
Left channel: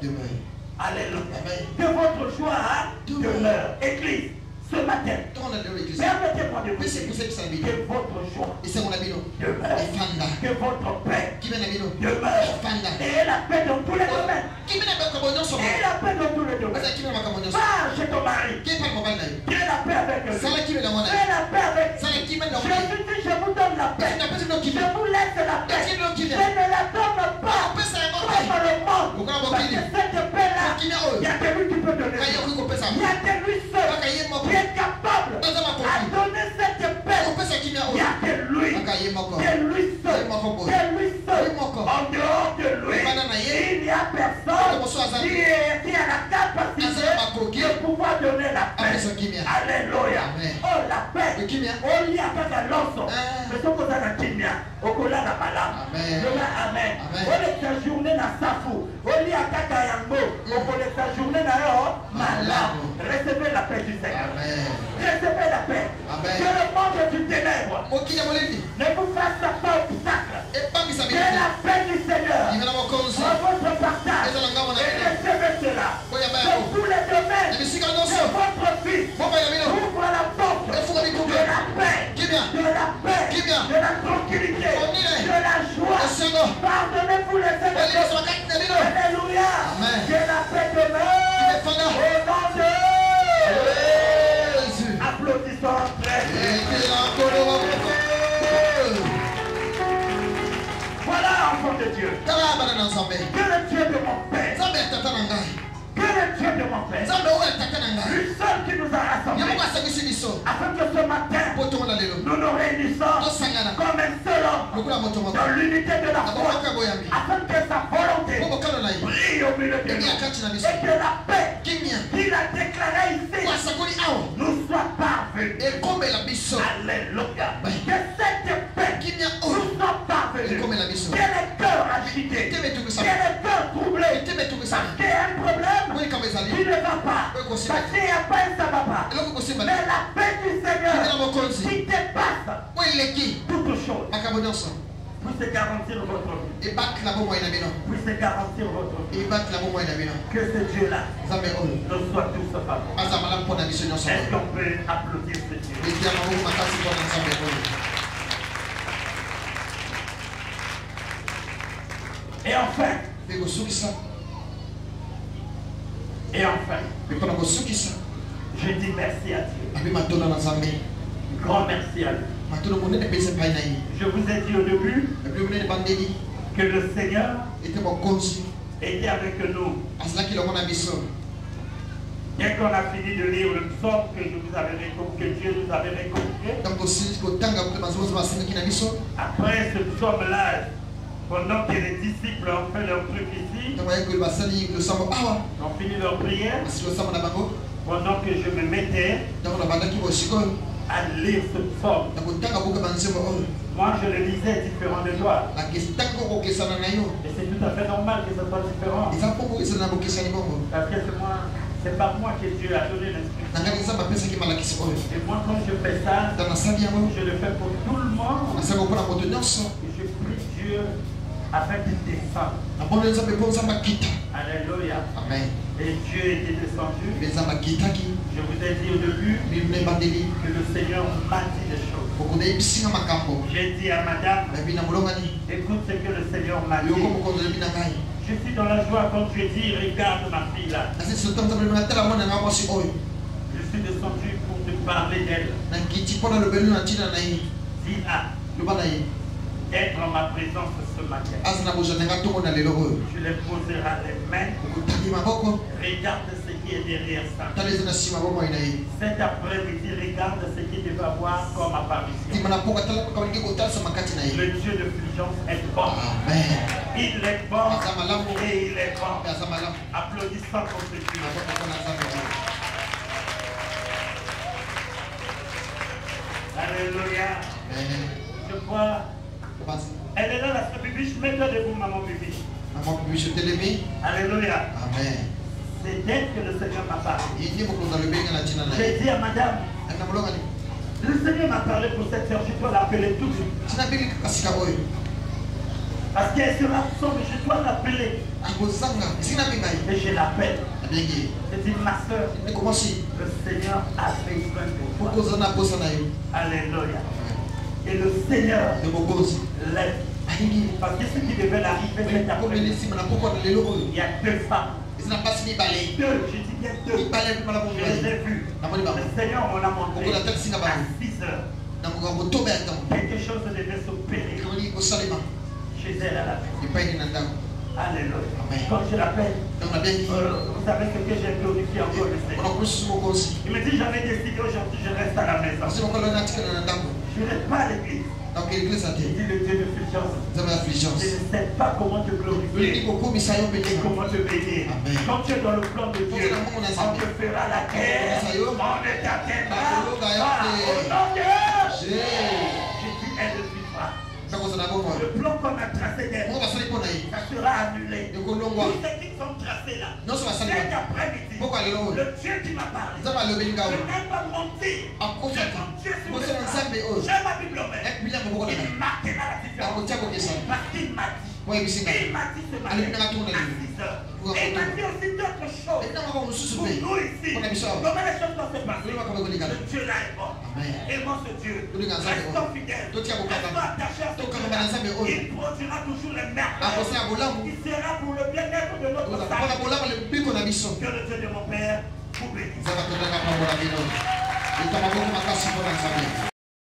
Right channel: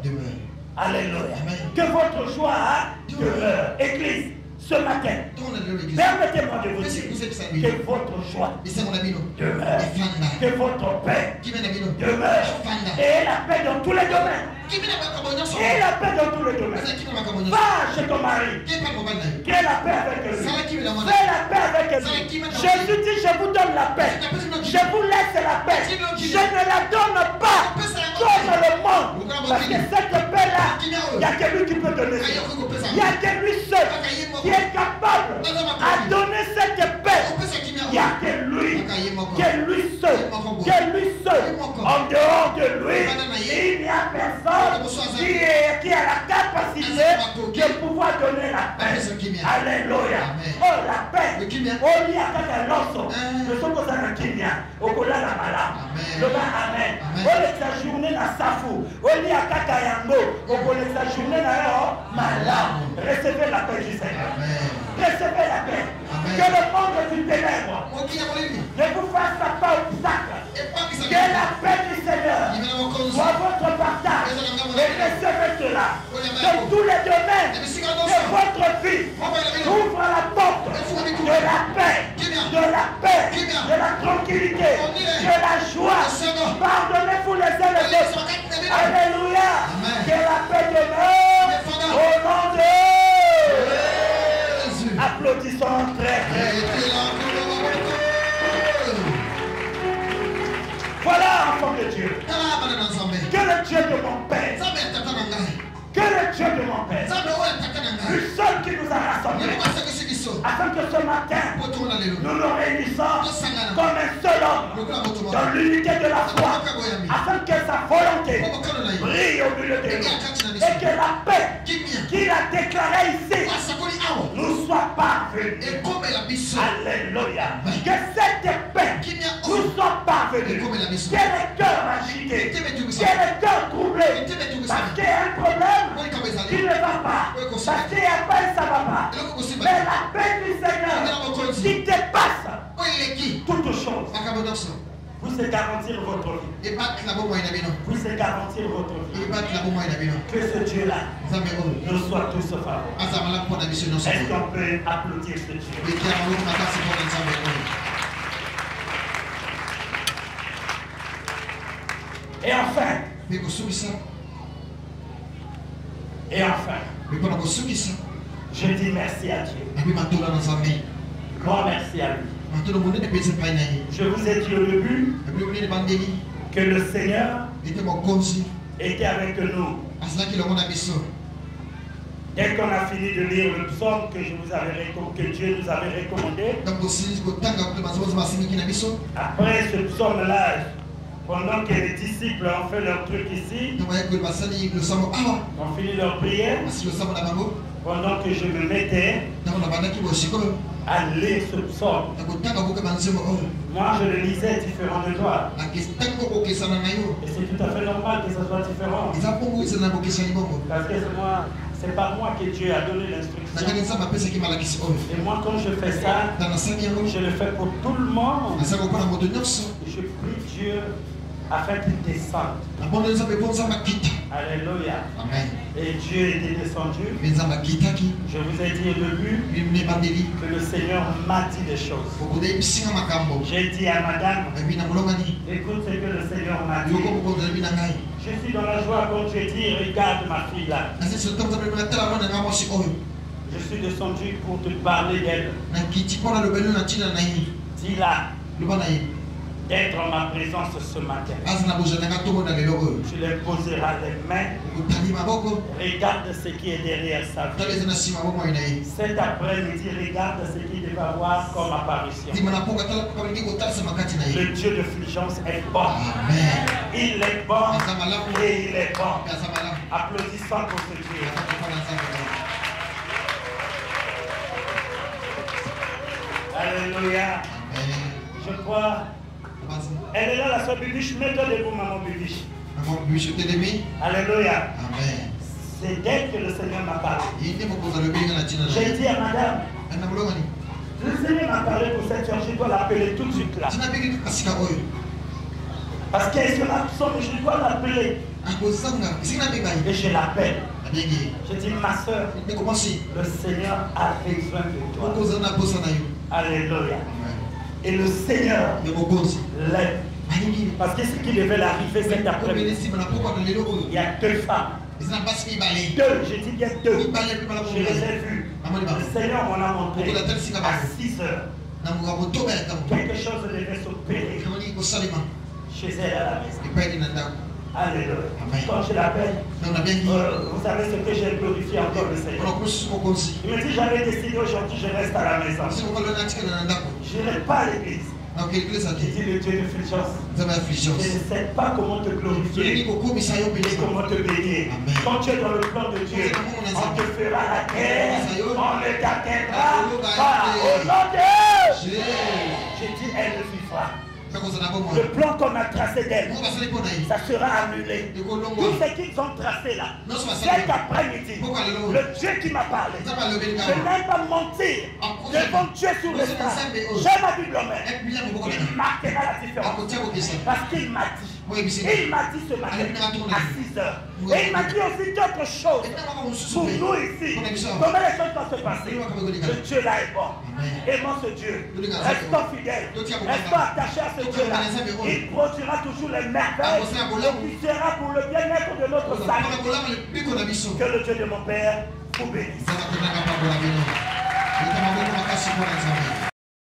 Alléluia. Que votre joie demeure. Église, ce matin, permettez-moi de vous dire que votre joie demeure. Que votre paix demeure. Et la paix dans tous les domaines. Et la paix dans tous les domaines. Va chez ton mari. Quelle est la paix avec lui? Fais la paix avec lui. Jésus dit, je vous donne la paix. Je vous laisse la paix. Je ne la donne pas comme le monde. Parce que cette paix-là, il n'y a que lui qui peut donner. Il n'y a que lui seul qui est capable de donner cette paix. Il n'y a que lui. Que lui seul. Que lui seul. En dehors de lui, il n'y a personne qui a la capacité de pouvoir donner la paix. Alléluia. Oh, la paix. Oh, il y a pas de l'ensemble. Je suis posé à la Kenya. Au Kola la Mala. Amen. Oh, la journée na Safou. Oh, il y a Kaka Yango. Au Kola la journée na Mala. Recevez la paix du Seigneur. Recevez la paix. Que le monde du ténèbre ne vous fasse pas obstacle. Que la paix du Seigneur soit votre partage. Et recevez cela. Dans tous les domaines de votre vie. Ouvre la porte de la paix. De la paix. De la tranquillité. De la joie. Pardonnez-vous les uns les autres. Alléluia. Que la paix demeure au nom de Jésus. Applaudissons très. Voilà, enfant de Dieu. Que le Dieu de mon Père, que le Dieu de mon Père, le seul qui nous a rassemblés, afin que ce matin, nous nous réunissons comme un seul homme, dans l'unité de la foi, afin que sa volonté brille au milieu de nous, et que la paix qu'il a déclarée ici nous soit parvenue. Alléluia. Que cette paix nous soit parvenue. Que les cœurs agités, que les cœurs troublés, parce qu'il y a un problème qui ne va pas, parce qu'il n'y a pas et ça ne va pas. Mais la paix du Seigneur qui dépasse toutes choses. Vous c'est garantir votre vie. Vous c'est garantir votre vie. Que ce Dieu-là nous soit tous favorables. Est-ce qu'on peut applaudir ce Dieu? Et enfin, je dis merci à Dieu. Grand merci à lui. Je vous ai dit au début que le Seigneur était avec nous. Dès qu'on a fini de lire le psaume que Dieu nous avait recommandé, après ce psaume-là, pendant que les disciples ont fait leur truc ici, ont fini leur prière, pendant que je me mettais à lire ce psaume, moi je le lisais différent de toi. Et c'est tout à fait normal que ça soit différent. Parce que c'est pas moi que Dieu a donné l'instruction. Et moi quand je fais ça, je le fais pour tout le monde. Et je prie Dieu afin qu'il descende. Alléluia. Amen. Et Dieu était descendu. Je vous ai dit au début que le Seigneur m'a dit des choses. J'ai dit à madame, écoute ce que le Seigneur m'a dit. Je suis dans la joie quand tu dis, regarde ma fille là. Je suis descendu pour te parler d'elle. Dis-la d'être en ma présence ce matin. Tu les poseras les mains Regarde ce qui est derrière sa vie. Cet après-midi, regarde ce qu'il devait avoir comme apparition. Le Dieu de Fulgence est bon. Il est bon et il est bon. Applaudissons pour ce Dieu. Alléluia. Je crois. Elle est là, la soeur Bibiche. Mets-toi debout, maman Bibiche. Maman Bibiche, je t'ai aimé. Alléluia. Amen. C'est d'elle que le Seigneur m'a parlé. J'ai dit à madame, le Seigneur m'a parlé pour cette heure, je dois l'appeler tout de suite là. Parce qu'elle sera absente, je dois l'appeler. Et je l'appelle. Je dis, ma soeur, le Seigneur a besoin de toi. Alléluia. Et le Seigneur l'aide. Parce que ce qui devait l'arriver cet après-midi, il y a deux femmes. Deux, j'ai dit bien deux. Je les ai vues. Le Seigneur m'en a montré à 6 heures. Quelque chose devait s'opérer chez elle à la maison. Alléluia. Quand je l'appelle, vous savez ce que j'ai glorifié encore le Seigneur. Il me dit, j'avais décidé aujourd'hui, je reste à la maison. Je n'ai pas à l'église. J'ai dit le Dieu de Fulgence. Je ne sais pas comment te glorifier, comment te bénir. Quand tu es dans le plan de Dieu, on te fera la guerre, on ne t'atteindra pas. Au nom de Dieu, j'ai dit, elle le suivra. Le plan qu'on a tracé d'elle, ça sera annulé. Tout ce qu'ils ont tracé là, cet après-midi, le Dieu qui m'a parlé, je ne vais même pas mentir devant Dieu sur le stade. J'ai ma Bible en main. Il marquera la différence. Parce qu'il m'a dit. Il m'a dit ce matin à 6 heures. Et il m'a dit aussi d'autres choses pour nous ici. Comment les choses vont se passer? Ce Dieu-là est bon. Aimons ce Dieu. Restons fidèles. Restons attachés à ce Dieu-là. Il produira toujours les merveilles. Il sera pour le bien-être de notre salut. Que le Dieu de mon Père vous bénisse.